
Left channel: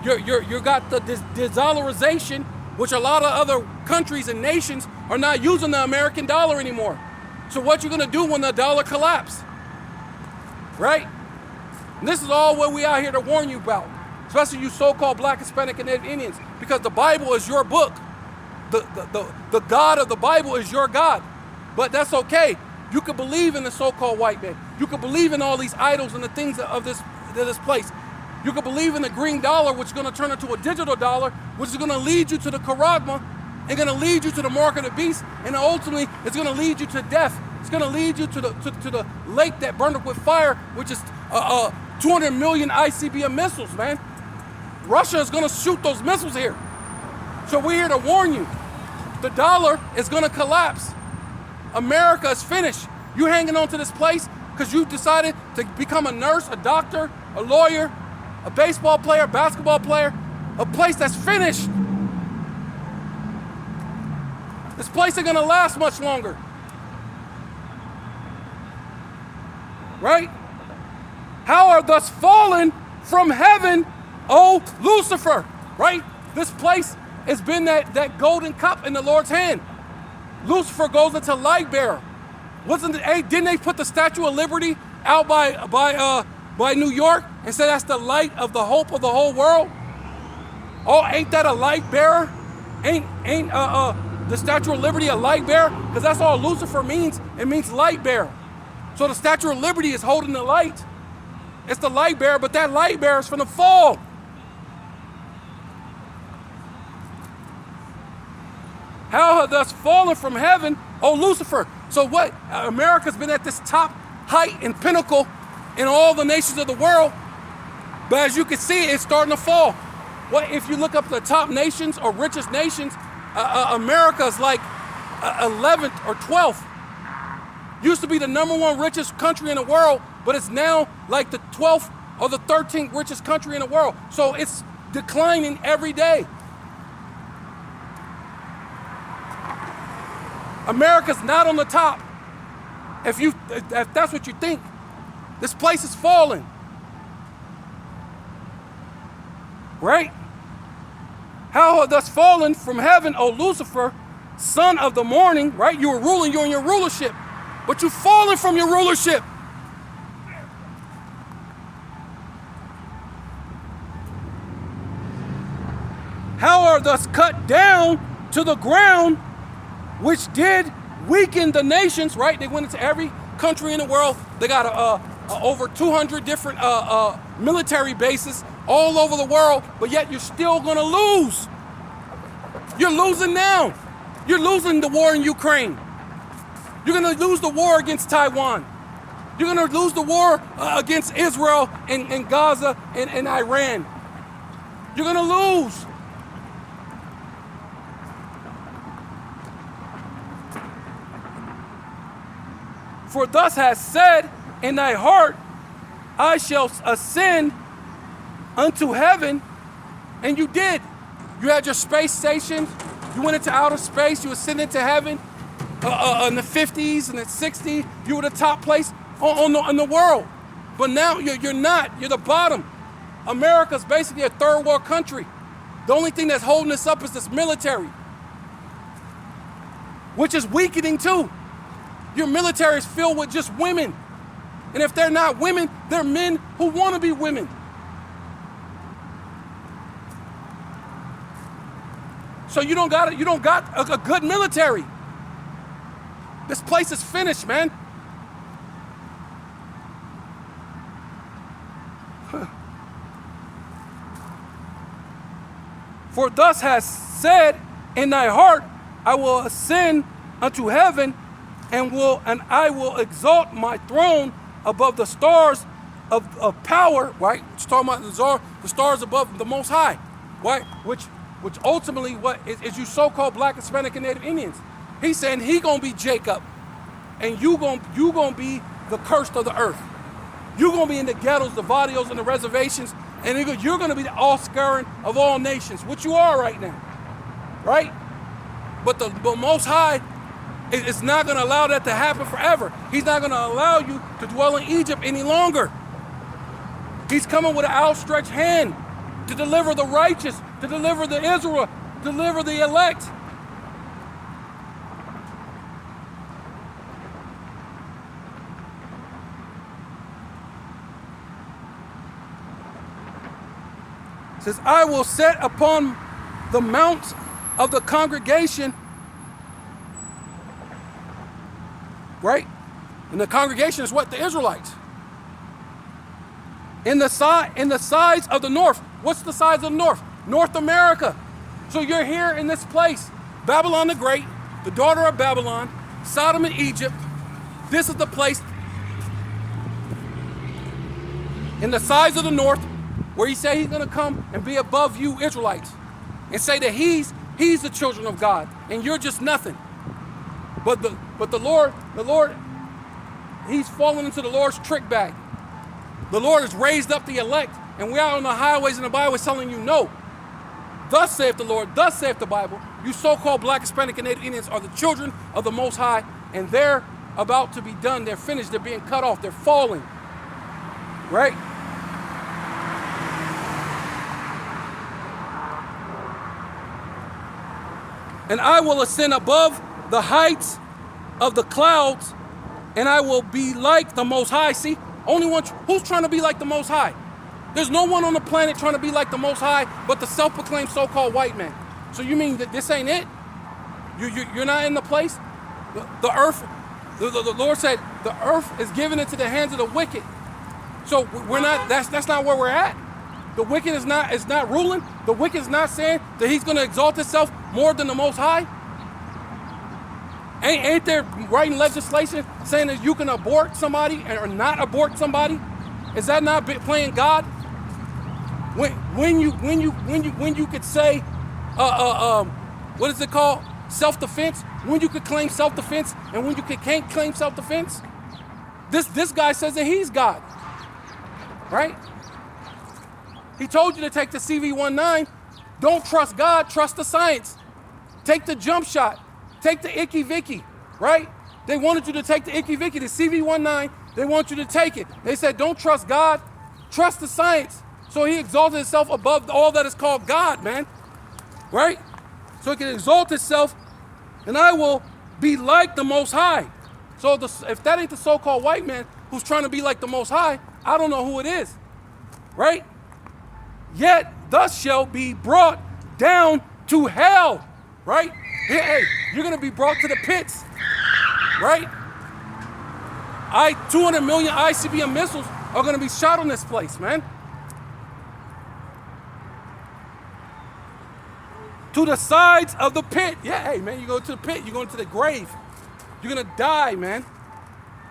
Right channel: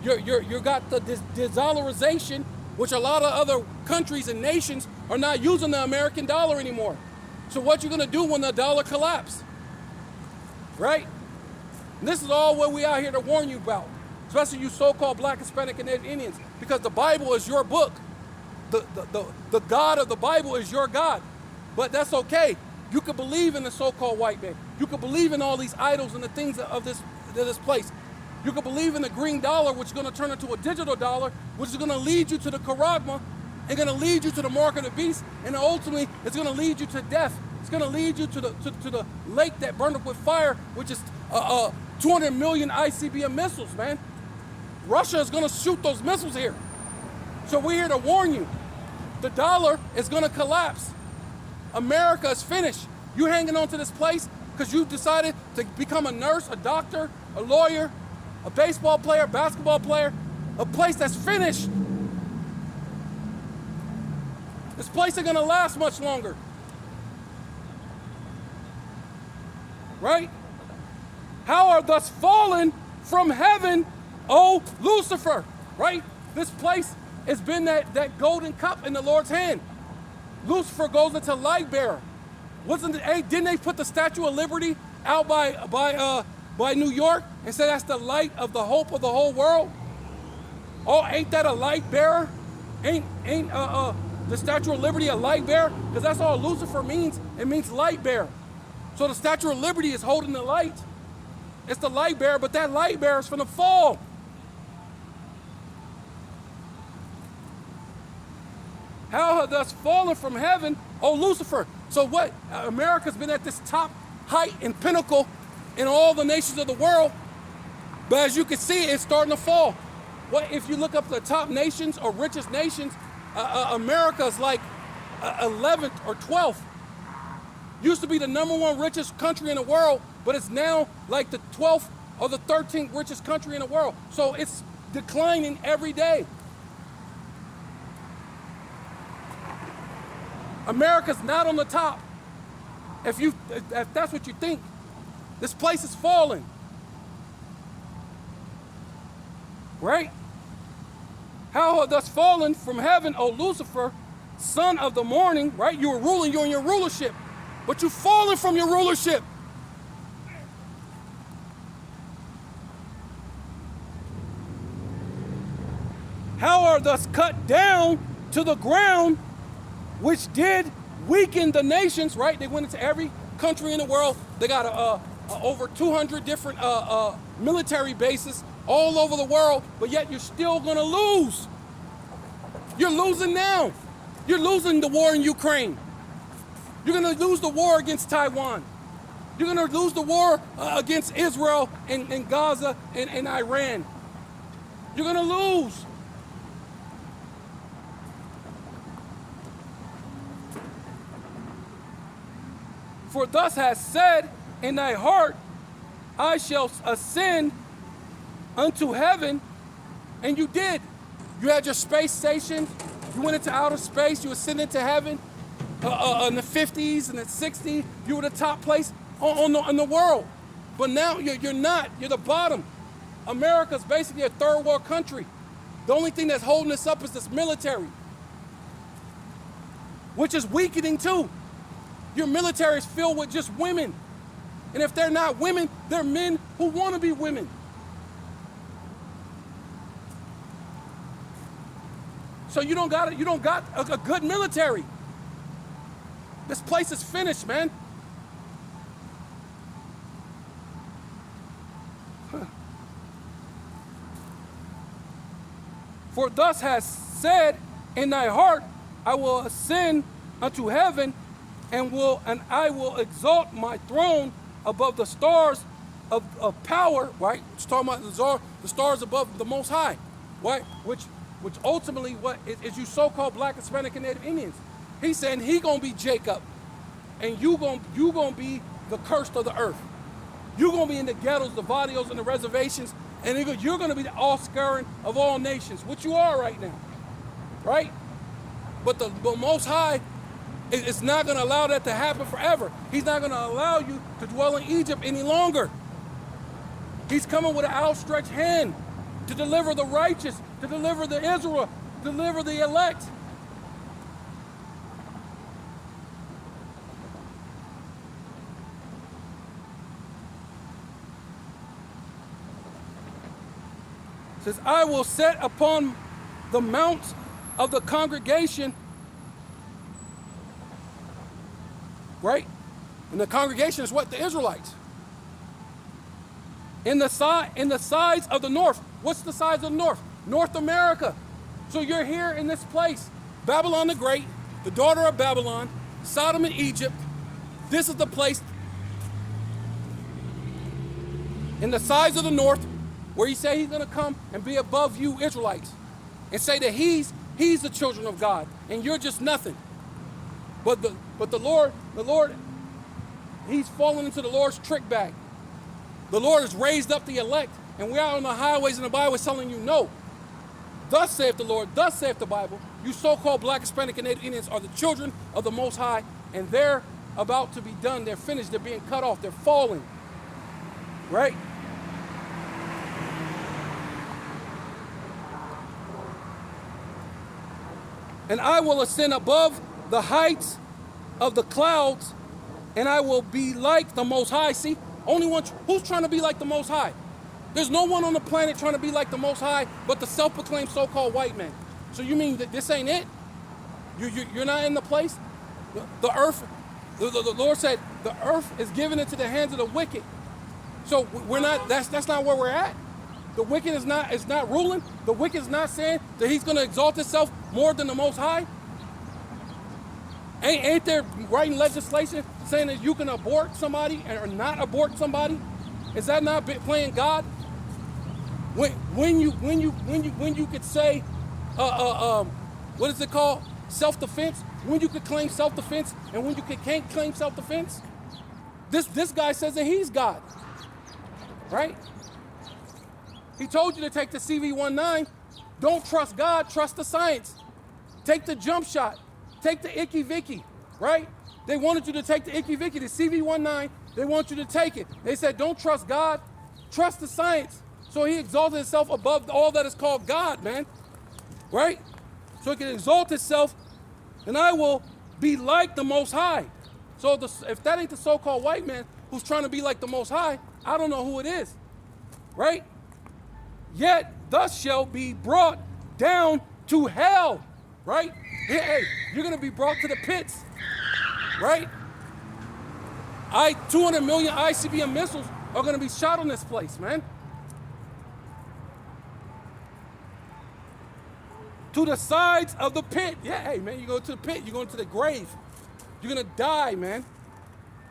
You got the de-dollarization, which a lot of other countries and nations are not using the American dollar anymore. So what you're gonna do when the dollar collapses? Right? And this is all what we out here to warn you about, especially you so-called Black, Hispanic, and Native Indians, because the Bible is your book. The God of the Bible is your God. But that's okay. You could believe in the so-called white man. You could believe in all these idols and the things of this place. You could believe in the green dollar, which is going to turn into a digital dollar, which is going to lead you to the charagma and going to lead you to the mark of the beast, and ultimately it's going to lead you to death. It's going to lead you to the lake that burned up with fire, which is 200 million ICBM missiles, man. Russia is going to shoot those missiles here. So we're here to warn you. The dollar is going to collapse. America is finished. You hanging on to this place because you decided to become a nurse, a doctor, a lawyer, a baseball player, basketball player, a place that's finished. This place ain't going to last much longer. Right? How are thus fallen from heaven, O Lucifer? Right? This place has been that golden cup in the Lord's hand. Lucifer goes into light bearer. Didn't they put the Statue of Liberty out by New York and say that's the light of the hope of the whole world? Oh, ain't that a light bearer? Ain't the Statue of Liberty a light bearer? Because that's all Lucifer means. It means light bearer. So the Statue of Liberty is holding the light. It's the light bearer, but that light bearer is from the fall. How have thus fallen from heaven, O Lucifer? So what? America's been at this top height and pinnacle in all the nations of the world, but as you can see, it's starting to fall. What if you look up the top nations or richest nations? America's like 11th or 12th. Used to be the #1 richest country in the world, but it's now like the 12th or the 13th richest country in the world. So it's declining every day. America's not on the top. If that's what you think, this place is falling. Right? How have thus fallen from heaven, O Lucifer, son of the morning, right? You were ruling, you're in your rulership, but you've fallen from your rulership. How are thus cut down to the ground, which did weaken the nations, right? They went into every country in the world. They got over 200 different military bases all over the world, but yet you're still gonna lose. You're losing now. You're losing the war in Ukraine. You're gonna lose the war against Taiwan. You're gonna lose the war against Israel and Gaza and Iran. You're gonna lose. For thus hast said in thy heart, I shall ascend unto heaven, and you did. You had your space station, you went into outer space, you ascended to heaven in the 50s and the 60s, you were the top place on the world. But now you're not, you're the bottom. America's basically a third world country. The only thing that's holding us up is this military, which is weakening too. Your military is filled with just women. And if they're not women, they're men who want to be women. So you don't got a good military. This place is finished, man. For thus hast said in thy heart, I will ascend unto heaven, and I will exalt my throne above the stars of power, right? It's talking about the stars above the Most High, right? Which ultimately what is you so-called Black, Hispanic, and Native Indians. He's saying he gonna be Jacob, and you gonna be the cursed of the earth. You're gonna be in the ghettos, the barrios, and the reservations, and you're gonna be the offscouring of all nations, which you are right now, right? But the Most High is not gonna allow that to happen forever. He's not gonna allow you to dwell in Egypt any longer. He's coming with an outstretched hand to deliver the righteous, to deliver the Israel, deliver the elect. It says, I will set upon the mount of the congregation, right? And the congregation is what? The Israelites. In the sides of the north. What's the sides of the north? North America. So you're here in this place. Babylon the Great, the daughter of Babylon, Sodom and Egypt. This is the place in the sides of the north where he said he's going to come and be above you Israelites and say that he's the children of God and you're just nothing. But the Lord, he's fallen into the Lord's trick bag. The Lord has raised up the elect, and we are on the highways and the byways telling you no. Thus saith the Lord, thus saith the Bible, you so-called Black, Hispanic, and Native Indians are the children of the Most High, and they're about to be done. They're finished. They're being cut off. They're falling. Right? And I will ascend above the heights of the clouds, and I will be like the Most High. See? Only one, who's trying to be like the Most High? There's no one on the planet trying to be like the Most High but the self-proclaimed so-called white man. So you mean that this ain't it? You're not in the place? The earth, the Lord said, the earth is given into the hands of the wicked. So we're not, that's not where we're at. The wicked is not ruling. The wicked is not saying that he's going to exalt himself more than the Most High. Ain't there writing legislation saying that you can abort somebody or not abort somebody? Is that not playing God? When you could say, what is it called? Self-defense. When you could claim self-defense and when you can't claim self-defense. This guy says that he's God, right? He told you to take the CV-19. Don't trust God, trust the science. Take the jump shot. Take the Icky Vicky, right? They wanted you to take the Icky Vicky, the CV-19. They want you to take it. They said, don't trust God, trust the science. So he exalted himself above all that is called God, man, right? So he can exalt himself, and I will be like the Most High. So if that ain't the so-called white man who's trying to be like the Most High, I don't know who it is, right? Yet thus shall be brought down to hell, right? Hey, you're gonna be brought to the pits, right? 200 million ICBM missiles are gonna be shot on this place, man. To the sides of the pit. Yeah, hey, man, you go to the pit, you're going to the grave. You're gonna die, man.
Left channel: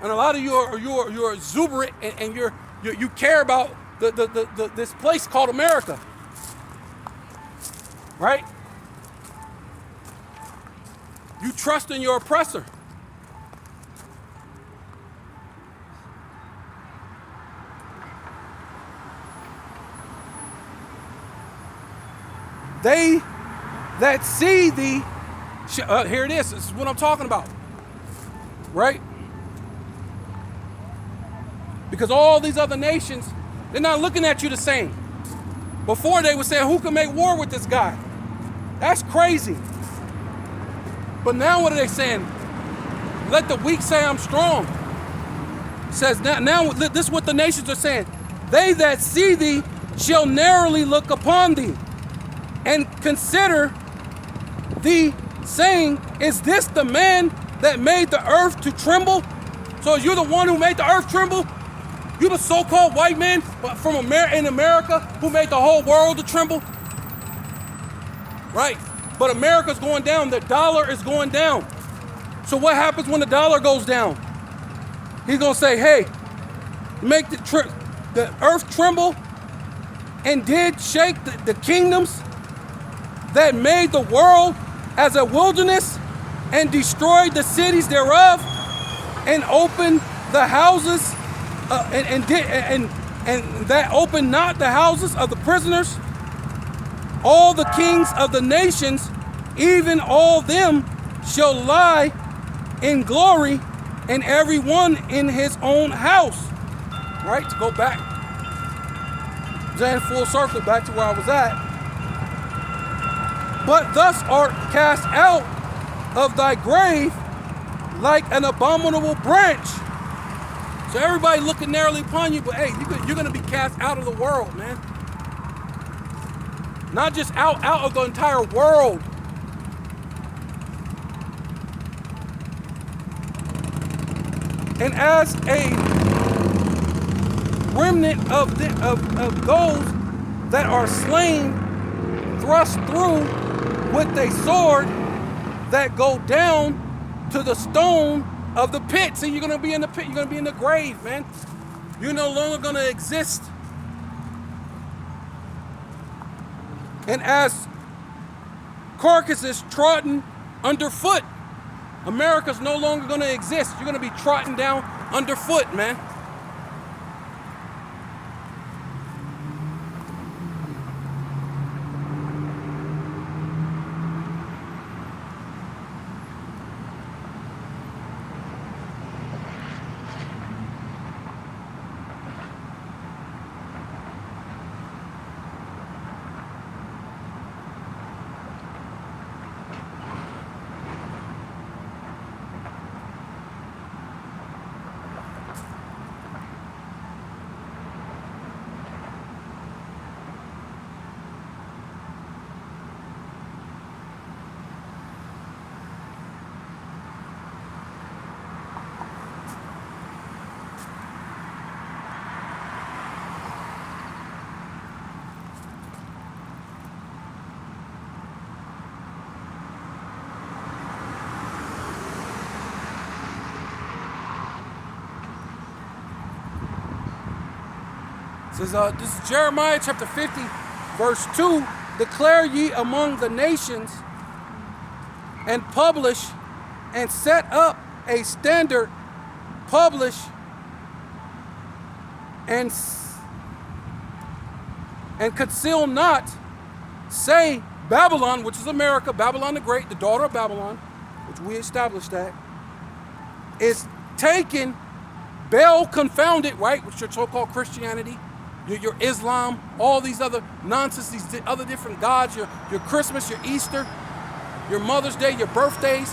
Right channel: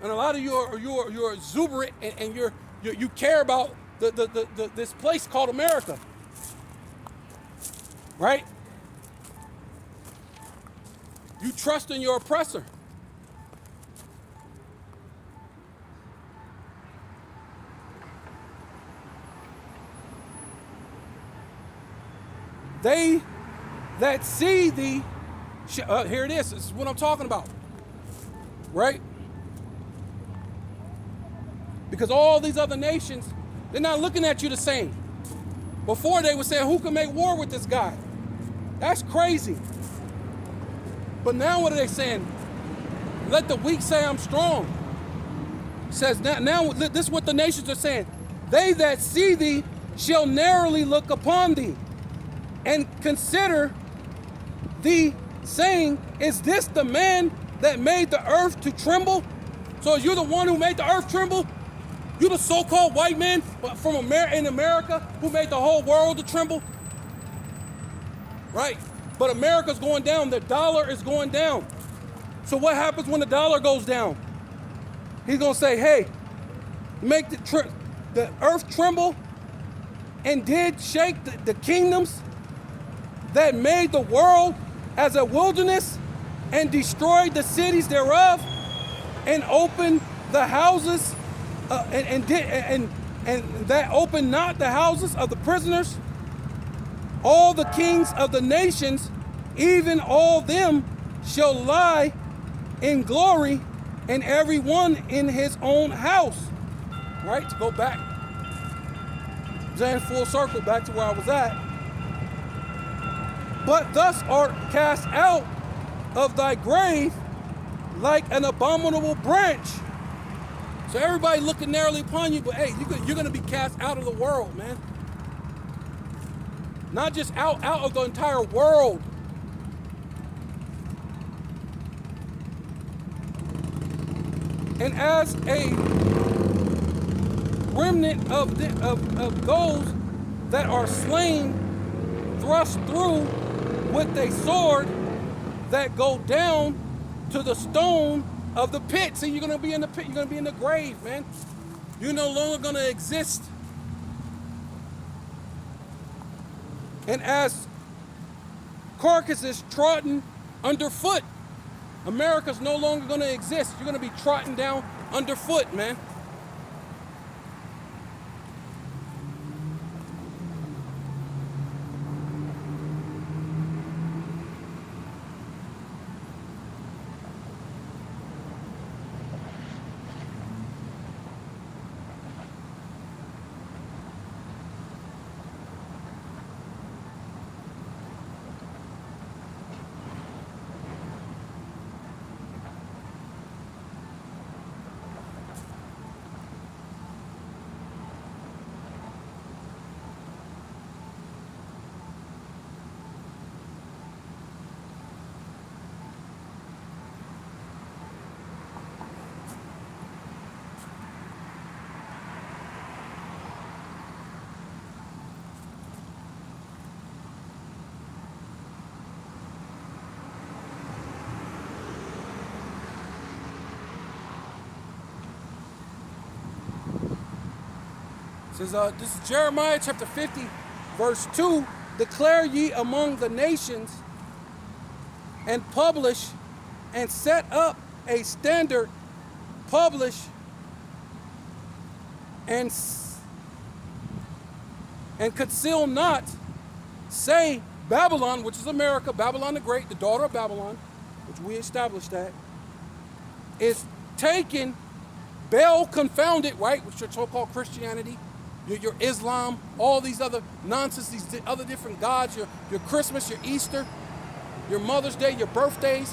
And a lot of you are exuberant and you care about this place called America, right? You trust in your oppressor. They that see thee, here it is. This is what I'm talking about, right? Because all these other nations, they're not looking at you the same. Before they were saying, who can make war with this guy? That's crazy. But now what are they saying? Let the weak say I'm strong. It says now this is what the nations are saying. They that see thee shall narrowly look upon thee and consider thee, saying, is this the man that made the earth to tremble? So you're the one who made the earth tremble? You're the so-called white man from in America who made the whole world to tremble? right? But America's going down. The dollar is going down. So what happens when the dollar goes down? He's gonna say, hey, make the earth tremble, and did shake the kingdoms that made the world as a wilderness, and destroyed the cities thereof, and opened the houses, and that opened not the houses of the prisoners. All the kings of the nations, even all them, shall lie in glory, and every one in his own house. Right? To go back, saying full circle back to where I was at. But thus art cast out of thy grave like an abominable branch. So everybody looking narrowly upon you, but hey, you're going to be cast out of the world, man. Not just out of the entire world. And as a remnant of those that are slain, thrust through with a sword, that go down to the stone of the pit. See, you're going to be in the pit. You're going to be in the grave, man. You're no longer going to exist. And as carcasses trodden underfoot, America's no longer going to exist. You're going to be trodden down underfoot, man. Says, this is Jeremiah chapter 50, verse 2. Declare ye among the nations, and publish, and set up a standard, publish, and conceal not. Say, Babylon, which is America, Babylon the Great, the daughter of Babylon, which we established that, is taken, Baal confounded, right, which is your so-called Christianity, your Islam, all these other nonsense, these other different gods, your Christmas, your Easter, your Mother's Day, your birthdays.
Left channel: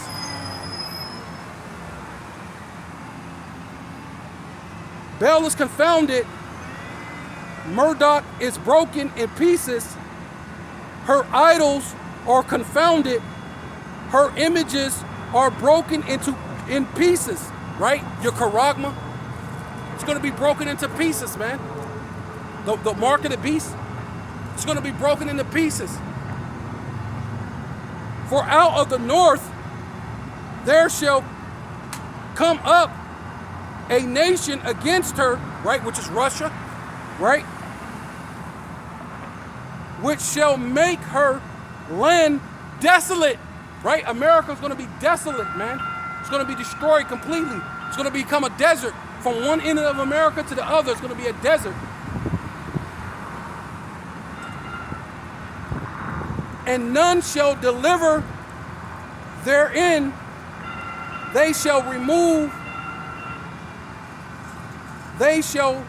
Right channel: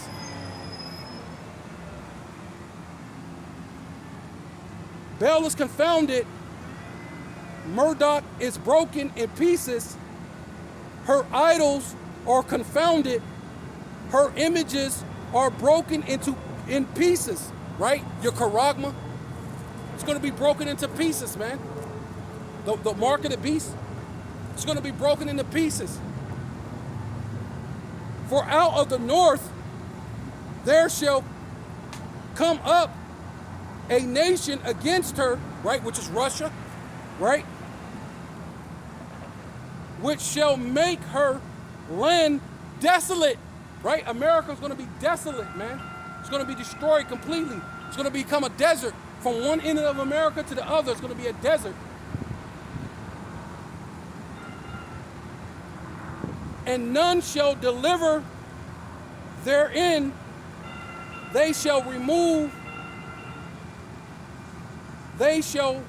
Baal is confounded. Marduk is broken in pieces. Her idols are confounded. Her images are broken in pieces, right? Your charagma, it's going to be broken into pieces, man. The mark of the beast, it's going to be broken into pieces. For out of the north there shall come up a nation against her, right, which is Russia, right, which shall make her land desolate, right? America's going to be desolate, man. It's going to be destroyed completely. It's going to become a desert. From one end of America to the other, it's going to be a desert. And none shall deliver therein. They shall remove, they shall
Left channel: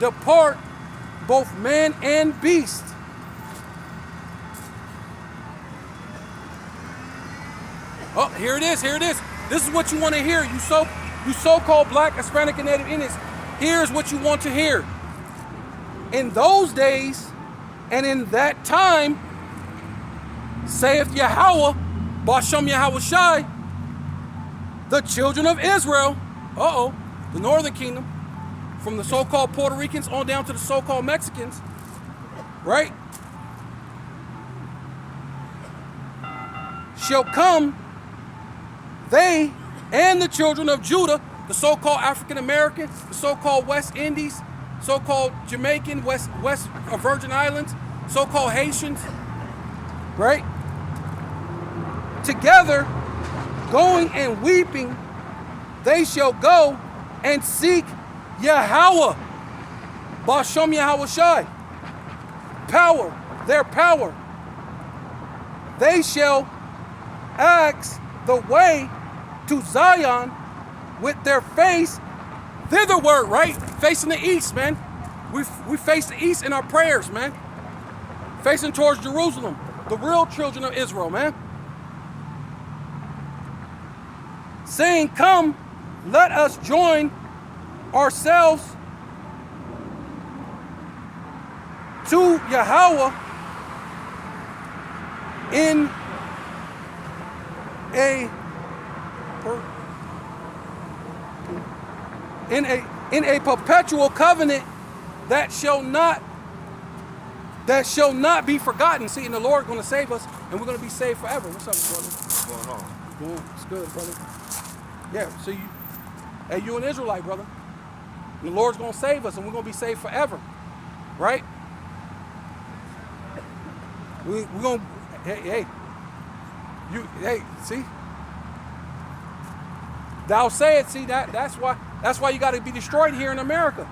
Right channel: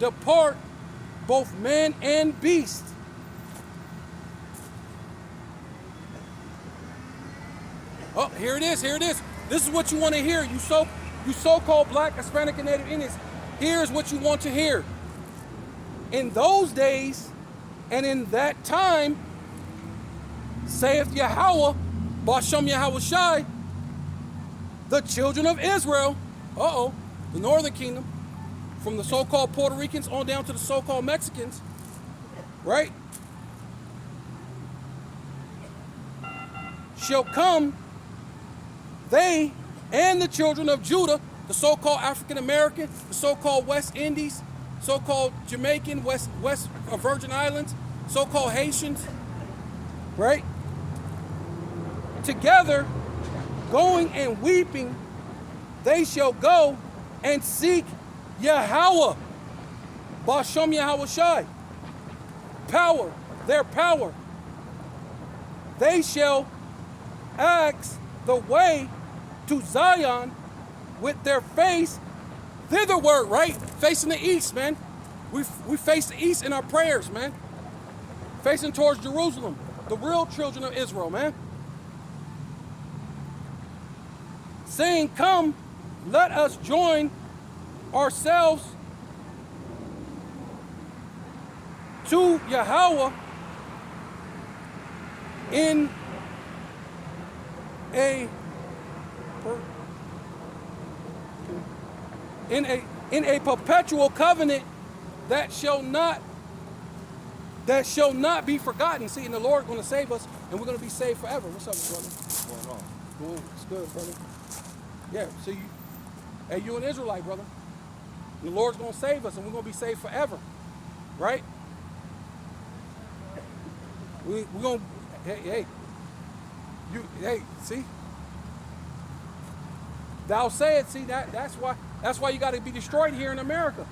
depart, both man and beast. Oh, here it is. This is what you want to hear. You so-called black, Hispanic, and Native Indians. Here's what you want to hear. In those days, and in that time, saith Yahweh, Bashem Yahweh Shai, the children of Israel, the northern kingdom, from the so-called Puerto Ricans on down to the so-called Mexicans, right? shall come, they and the children of Judah, the so-called African American, the so-called West Indies, so-called Jamaican, West Virgin Islands, so-called Haitians, right? Together, going and weeping, they shall go and seek Yahweh, Bashem Yahweh Shai, power, their power. They shall ask the way to Zion with their face thitherward, right? Facing the east, man. We face the east in our prayers, man. Facing towards Jerusalem, the real children of Israel, man. Saying, come, let us join ourselves to Yahweh in a perpetual covenant that shall not be forgotten. See, and the Lord's going to save us, and we're going to be saved forever. What's up, brother? What's going on? Good. It's good, brother. Yeah. So you an Israelite, brother. And the Lord's going to save us, and we're going to be saved forever, right? We're going to. Hey. See. Thou say it. See that? That's why you got to be destroyed here in America.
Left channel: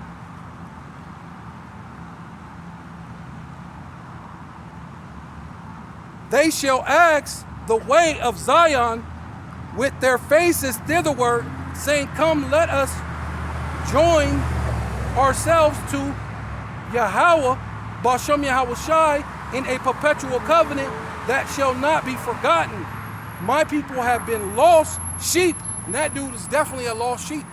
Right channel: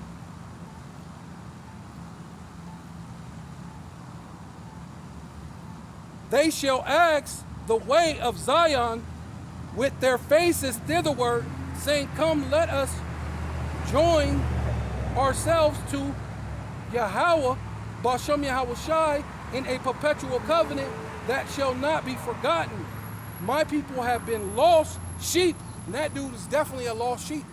They shall ask the way of Zion with their faces thitherward, saying, come, let us join ourselves to Yahweh, Bashem Yahweh Shai, in a perpetual covenant that shall not be forgotten. My people have been lost sheep. And that dude is definitely a lost sheep.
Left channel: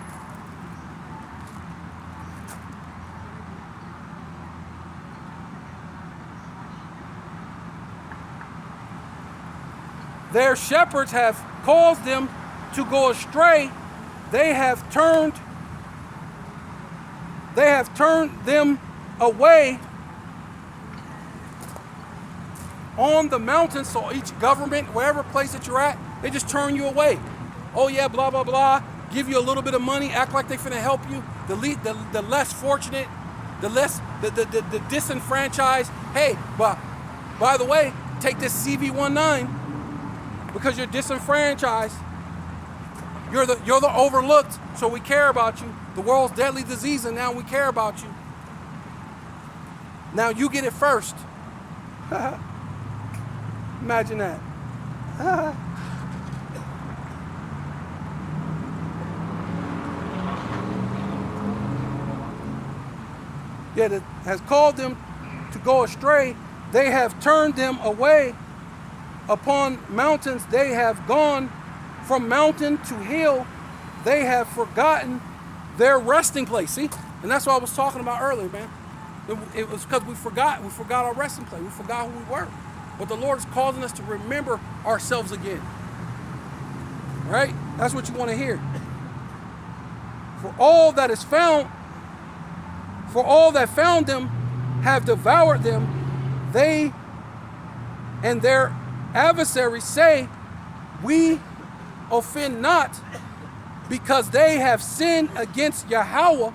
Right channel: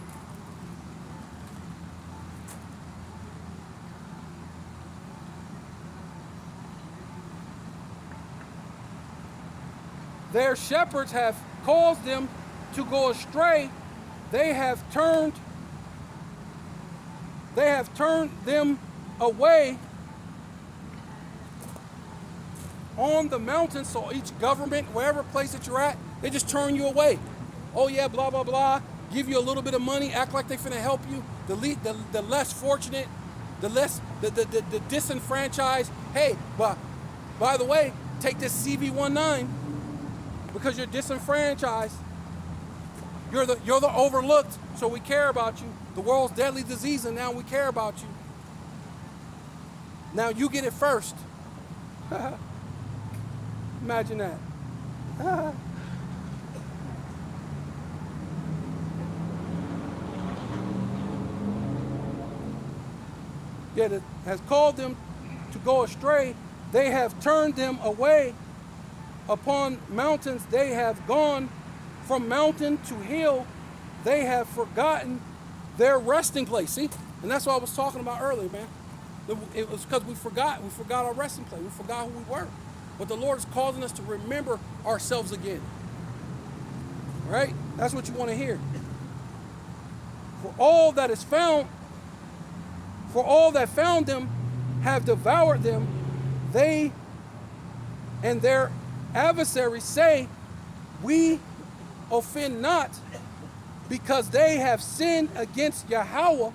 Their shepherds have caused them to go astray. They have turned them away on the mountains. So each government, wherever place that you're at, they just turn you away. Oh yeah, blah, blah, blah. Give you a little bit of money, act like they're finna help you. The less fortunate, the disenfranchised. Hey, but by the way, take this CV-19 because you're disenfranchised. You're the overlooked, so we care about you. The world's deadly disease, and now we care about you. Now you get it first. Imagine that. Yet it has called them to go astray. They have turned them away upon mountains. They have gone from mountain to hill. They have forgotten their resting place. See? And that's what I was talking about earlier, man. It was because we forgot our resting place. We forgot who we were. But the Lord is causing us to remember ourselves again. Right? That's what you want to hear. For all that found them have devoured them. They and their adversaries say, we offend not, because they have sinned against Yahweh,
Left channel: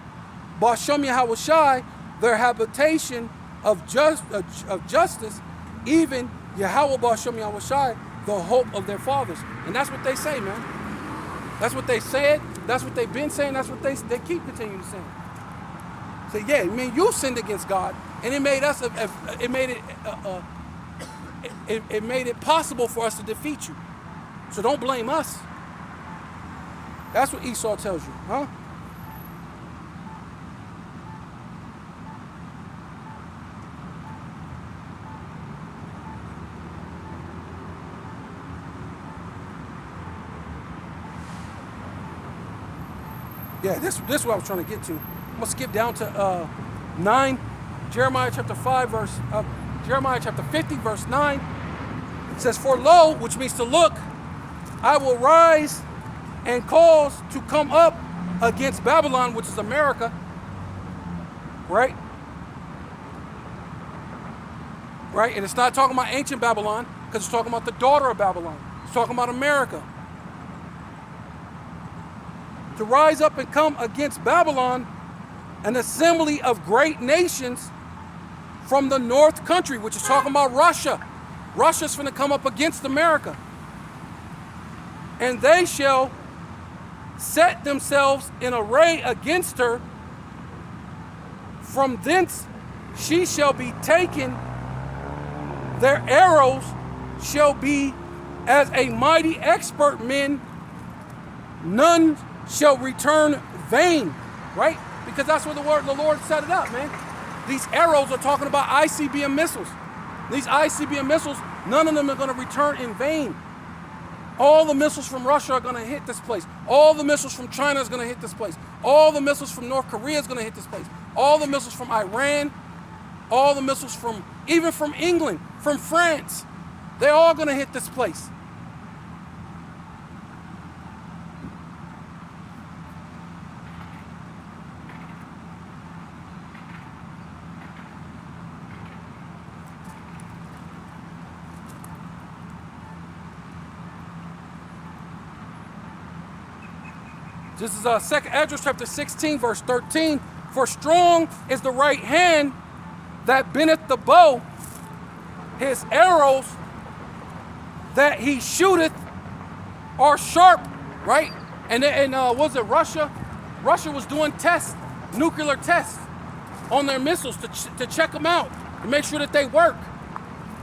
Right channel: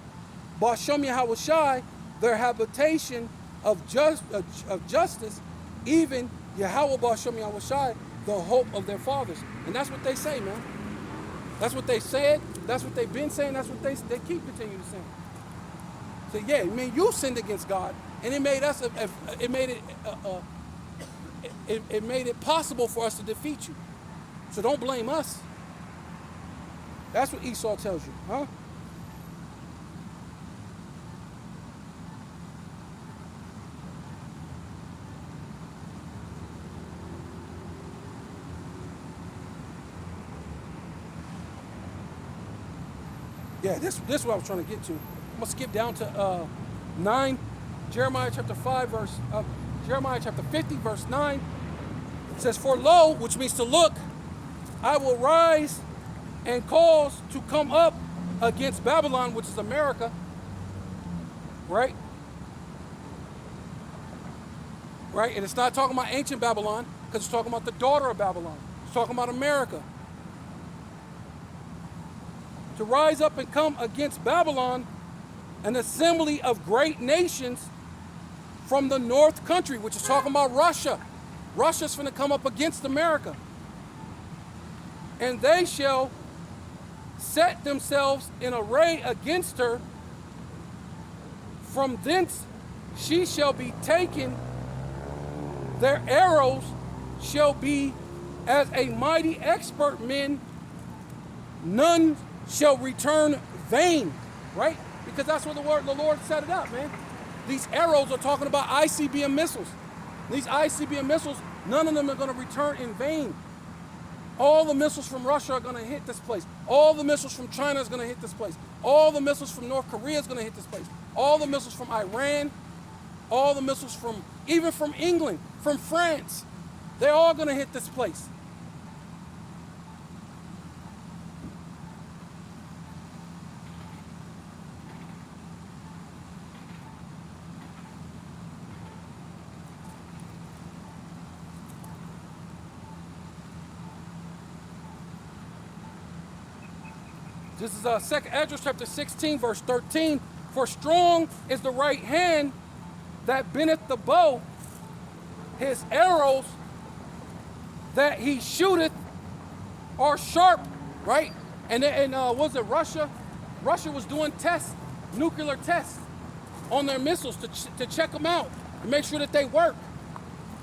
Bashem Yahweh Shai, their habitation of justice, even Yahweh Bashem Yahweh Shai, the hope of their fathers. And that's what they say, man. That's what they said. That's what they've been saying. That's what they keep continuing to say. So yeah, I mean, you sinned against God, and it made us. It made it possible for us to defeat you. So don't blame us. That's what Esau tells you, huh? Yeah, this is what I was trying to get to. I'm gonna skip down to 9, Jeremiah chapter 50, verse 9. It says, for lo, which means to look, I will rise and cause to come up against Babylon, which is America, right? Right, and it's not talking about ancient Babylon, because it's talking about the daughter of Babylon. It's talking about America. To rise up and come against Babylon, an assembly of great nations from the north country, which is talking about Russia. Russia's finna come up against America. And they shall set themselves in array against her. From thence she shall be taken. Their arrows shall be as a mighty expert men. None shall return vain, right? Because that's where the Lord set it up, man. These arrows are talking about ICBM missiles. These ICBM missiles, none of them are going to return in vain. All the missiles from Russia are going to hit this place. All the missiles from China is going to hit this place. All the missiles from North Korea is going to hit this place. All the missiles from Iran, all the missiles from, even from England, from France, they're all going to hit this place. This is 2nd Esdras chapter 16, verse 13. For strong is the right hand that bendeth the bow. His arrows that he shooteth are sharp, right? And was it Russia? Russia was doing tests, nuclear tests on their missiles to check them out, to make sure that they work.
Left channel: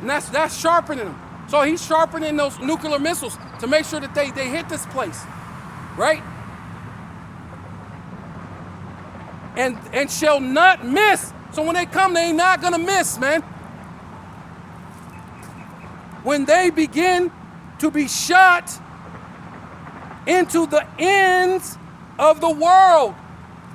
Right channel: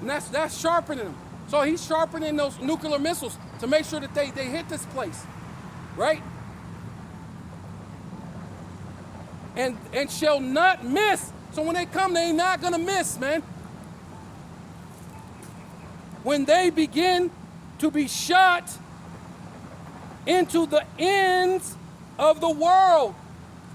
And that's sharpening them. So he's sharpening those nuclear missiles to make sure that they hit this place, right? And shall not miss. So when they come, they ain't not gonna miss, man. When they begin to be shot into the ends of the world.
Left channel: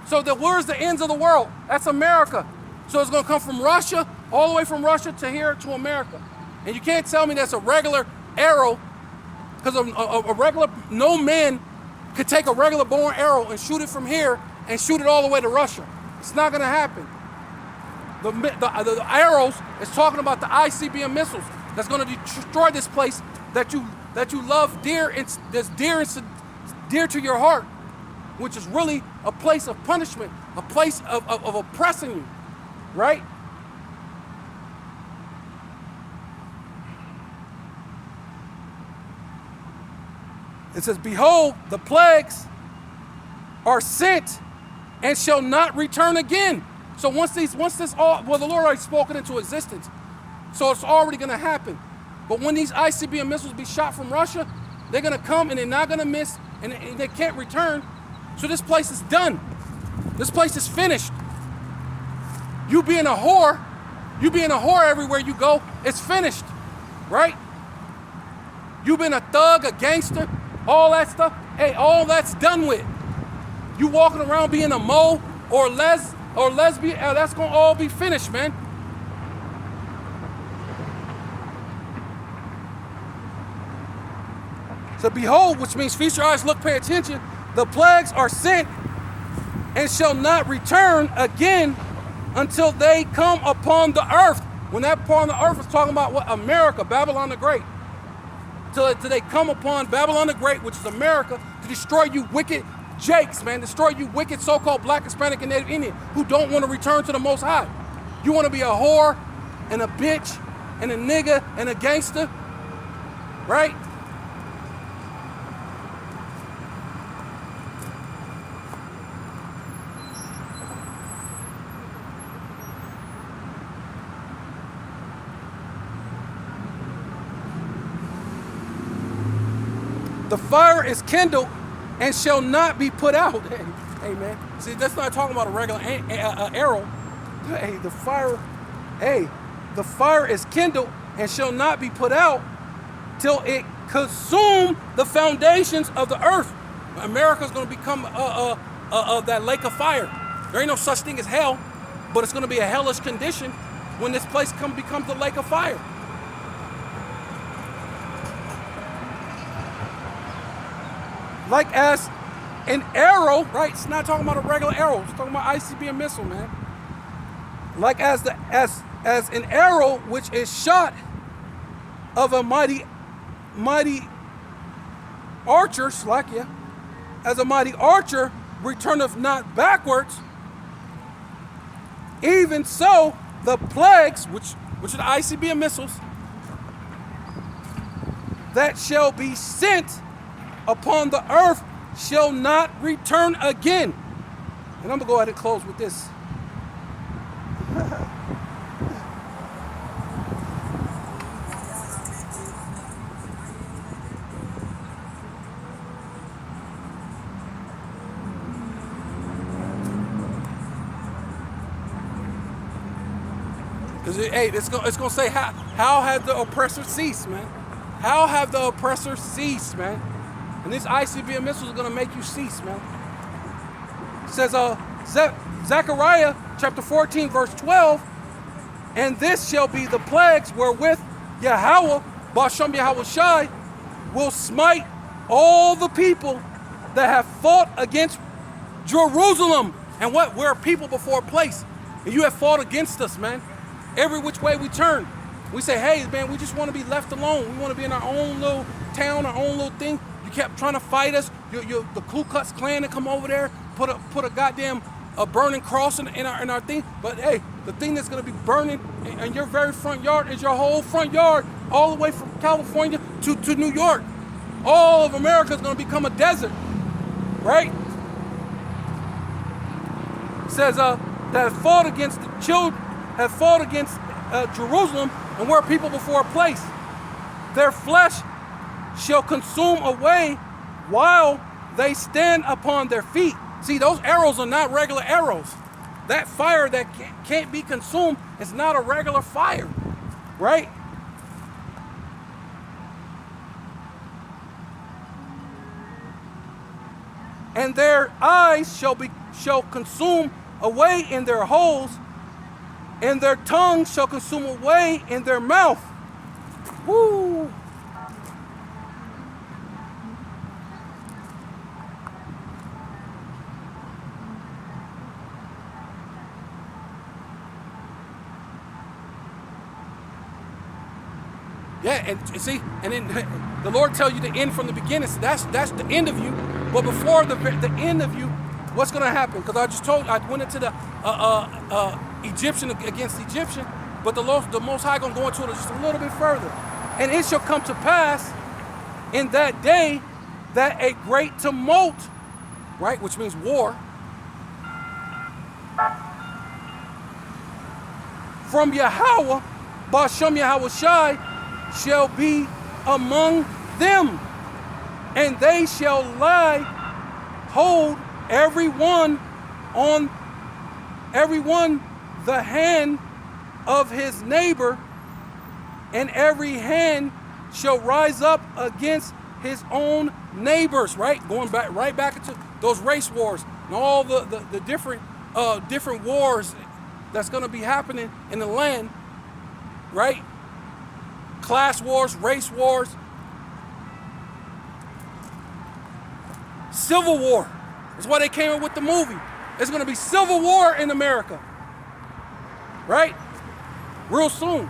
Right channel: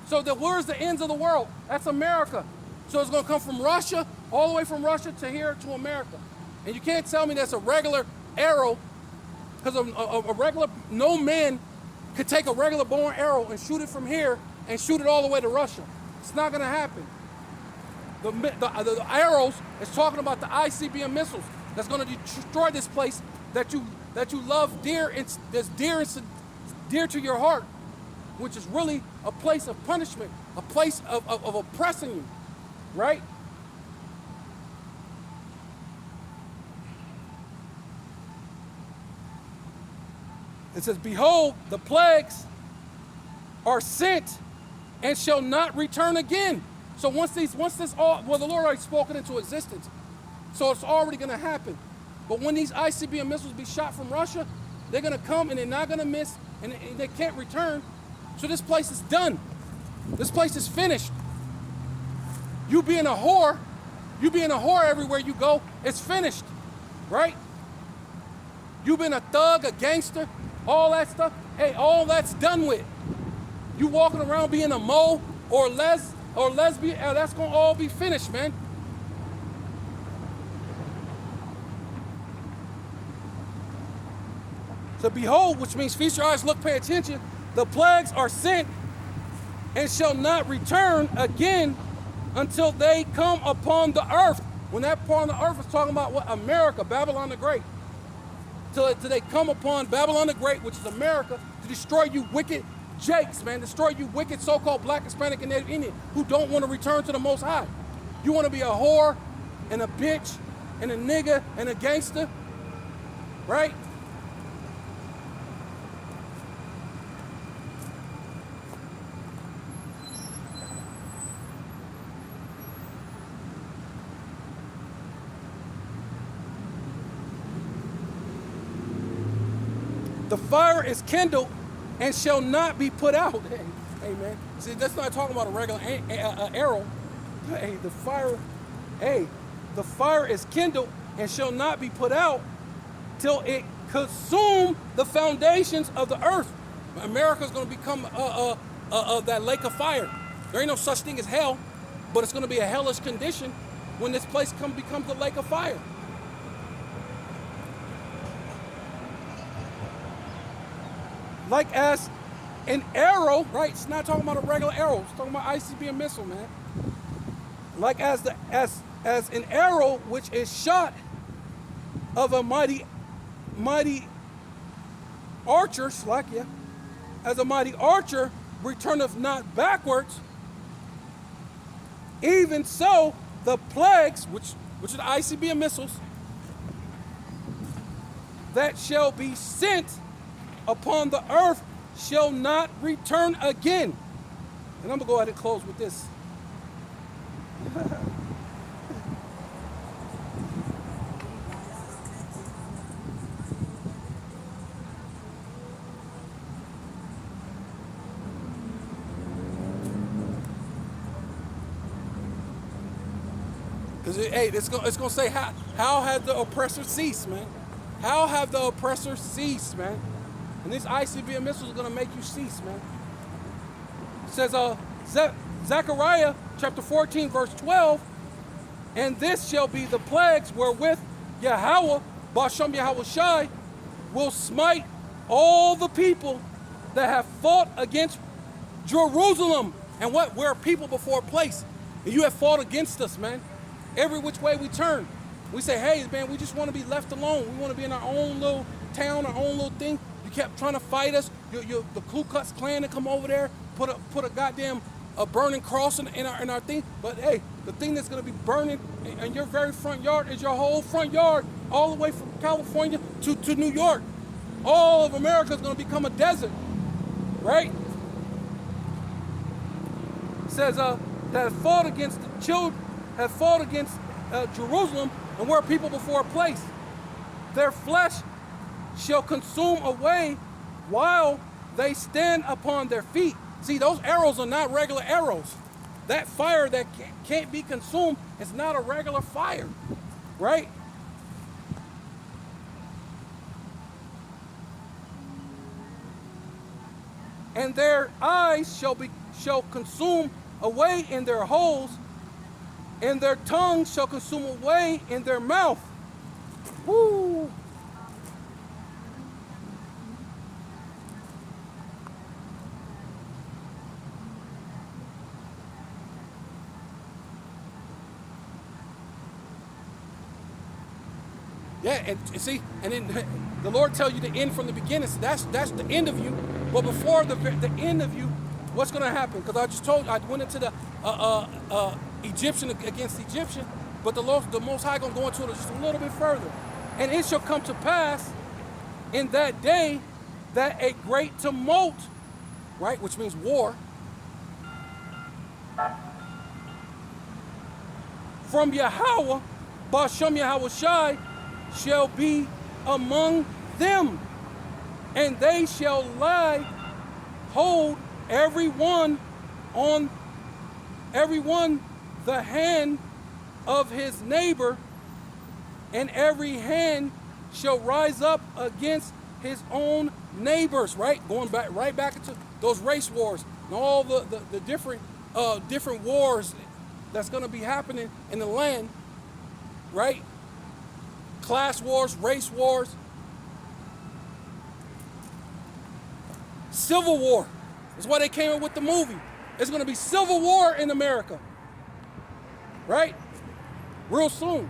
So where's the ends of the world? That's America. So it's gonna come from Russia, all the way from Russia to here to America. And you can't tell me that's a regular arrow, because a regular, no man could take a regular bow and arrow and shoot it from here and shoot it all the way to Russia. It's not gonna happen. The arrows is talking about the ICBM missiles that's gonna destroy this place that you love dear, and that's dear to your heart, which is really a place of punishment, a place of oppressing you, right? It says, behold, the plagues are sent and shall not return again. So once this all, well, the Lord already spoken into existence, so it's already gonna happen. But when these ICBM missiles be shot from Russia, they're gonna come and they're not gonna miss, and they can't return. So this place is done. This place is finished. You being a whore everywhere you go, it's finished, right? You been a thug, a gangster, all that stuff, hey, all that's done with. You walking around being a mo or lesbian, that's gonna all be finished, man. So behold, which means feast your eyes, look, pay attention. The plagues are sent and shall not return again until they come upon the earth. When that part of the earth is talking about what? America, Babylon the Great. Till they come upon Babylon the Great, which is America, to destroy you wicked Jakes, man. Destroy you wicked so-called Black, Hispanic, and Native Indian who don't want to return to the Most High. You want to be a whore and a bitch and a nigga and a gangster, right? The fire is kindled and shall not be put out. Hey, man. See, that's not talking about a regular arrow. Hey, the fire is kindled and shall not be put out till it consume the foundations of the earth. America's going to become that lake of fire. There ain't no such thing as hell, but it's going to be a hellish condition when this place becomes the lake of fire. Like as an arrow, right? It's not talking about a regular arrow. It's talking about ICBM missile, man. Like as an arrow which is shot of a mighty archer, as a mighty archer returneth not backwards, even so the plagues, which are the ICBM missiles, that shall be sent upon the earth shall not return again. And I'm going to go ahead and close with this. Because, hey, it's going to say, how has the oppressor ceased, man? How have the oppressor ceased, man? And these ICBM missiles are going to make you cease, man. It says, Zechariah chapter 14, verse 12, and this shall be the plagues wherewith Yahweh, Bashem Yahweh Shai, will smite all the people that have fought against Jerusalem. And what? We're a people before a place. And you have fought against us, man. Every which way we turn. We say, hey, man, we just want to be left alone. We want to be in our own little town, our own little thing. You kept trying to fight us. The Ku Klux Klan to come over there, put a goddamn burning cross in our thing. But hey, the thing that's going to be burning in your very front yard is your whole front yard, all the way from California to New York. All of America is going to become a desert, right? It says that have fought against the children, have fought against Jerusalem, and we're people before a place. Their flesh shall consume away while they stand upon their feet. See, those arrows are not regular arrows. That fire that can't be consumed is not a regular fire, right? And their eyes shall consume away in their holes, and their tongue shall consume away in their mouth. Woo! Yeah, and see, and then the Lord tell you the end from the beginning. So that's the end of you. But before the end of you, what's going to happen? Because I just told you, I went into the Egyptian against Egyptian, but the Most High going to go into it just a little bit further. And it shall come to pass in that day that a great tumult, right, which means war, from Yahweh, Bashem Yahweh Shai, shall be among them, and they shall hold everyone the hand of his neighbor, and every hand shall rise up against his own neighbors, right? Going back into those race wars and all the different wars that's going to be happening in the land, right? Class wars, race wars, civil war. That's why they came up with the movie. There's going to be civil war in America, right? Real soon.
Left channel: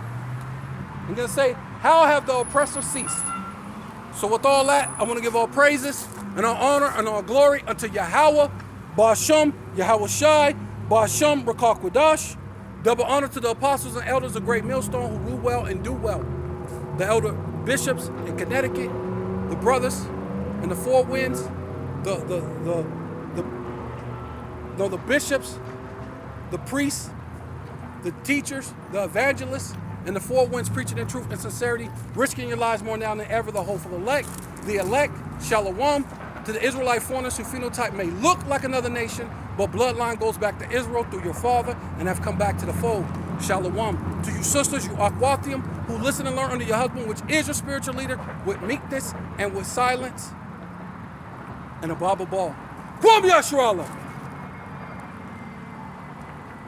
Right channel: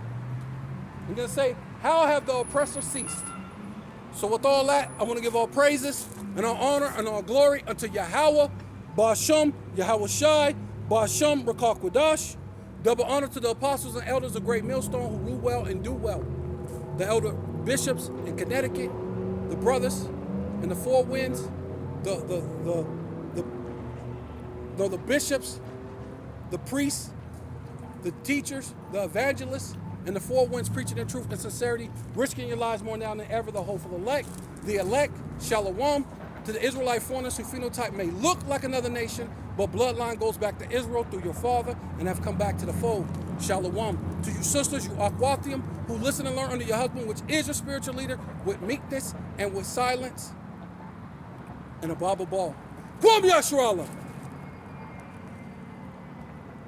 I'm going to say, how have the oppressor ceased? So with all that, I want to give all praises and all honor and all glory unto Yahweh, Bashem, Yahweh Shai, Bashem, Rakah Quadash. Double honor to the apostles and elders of Great Millstone who rule well and do well. The elder bishops in Connecticut, the brothers in the Four Winds, the bishops, the priests, the teachers, the evangelists, and the Four Winds preaching in truth and sincerity, risking your lives more now than ever, the hopeful elect, Shalom, to the Israelite foreigners whose phenotype may look like another nation, but bloodline goes back to Israel through your father and have come back to the fold. Shalom. To you sisters, you Akwathium, who listen and learn under your husband, which is your spiritual leader, with meekness and with silence, and above all. Kwam Yashua Allah.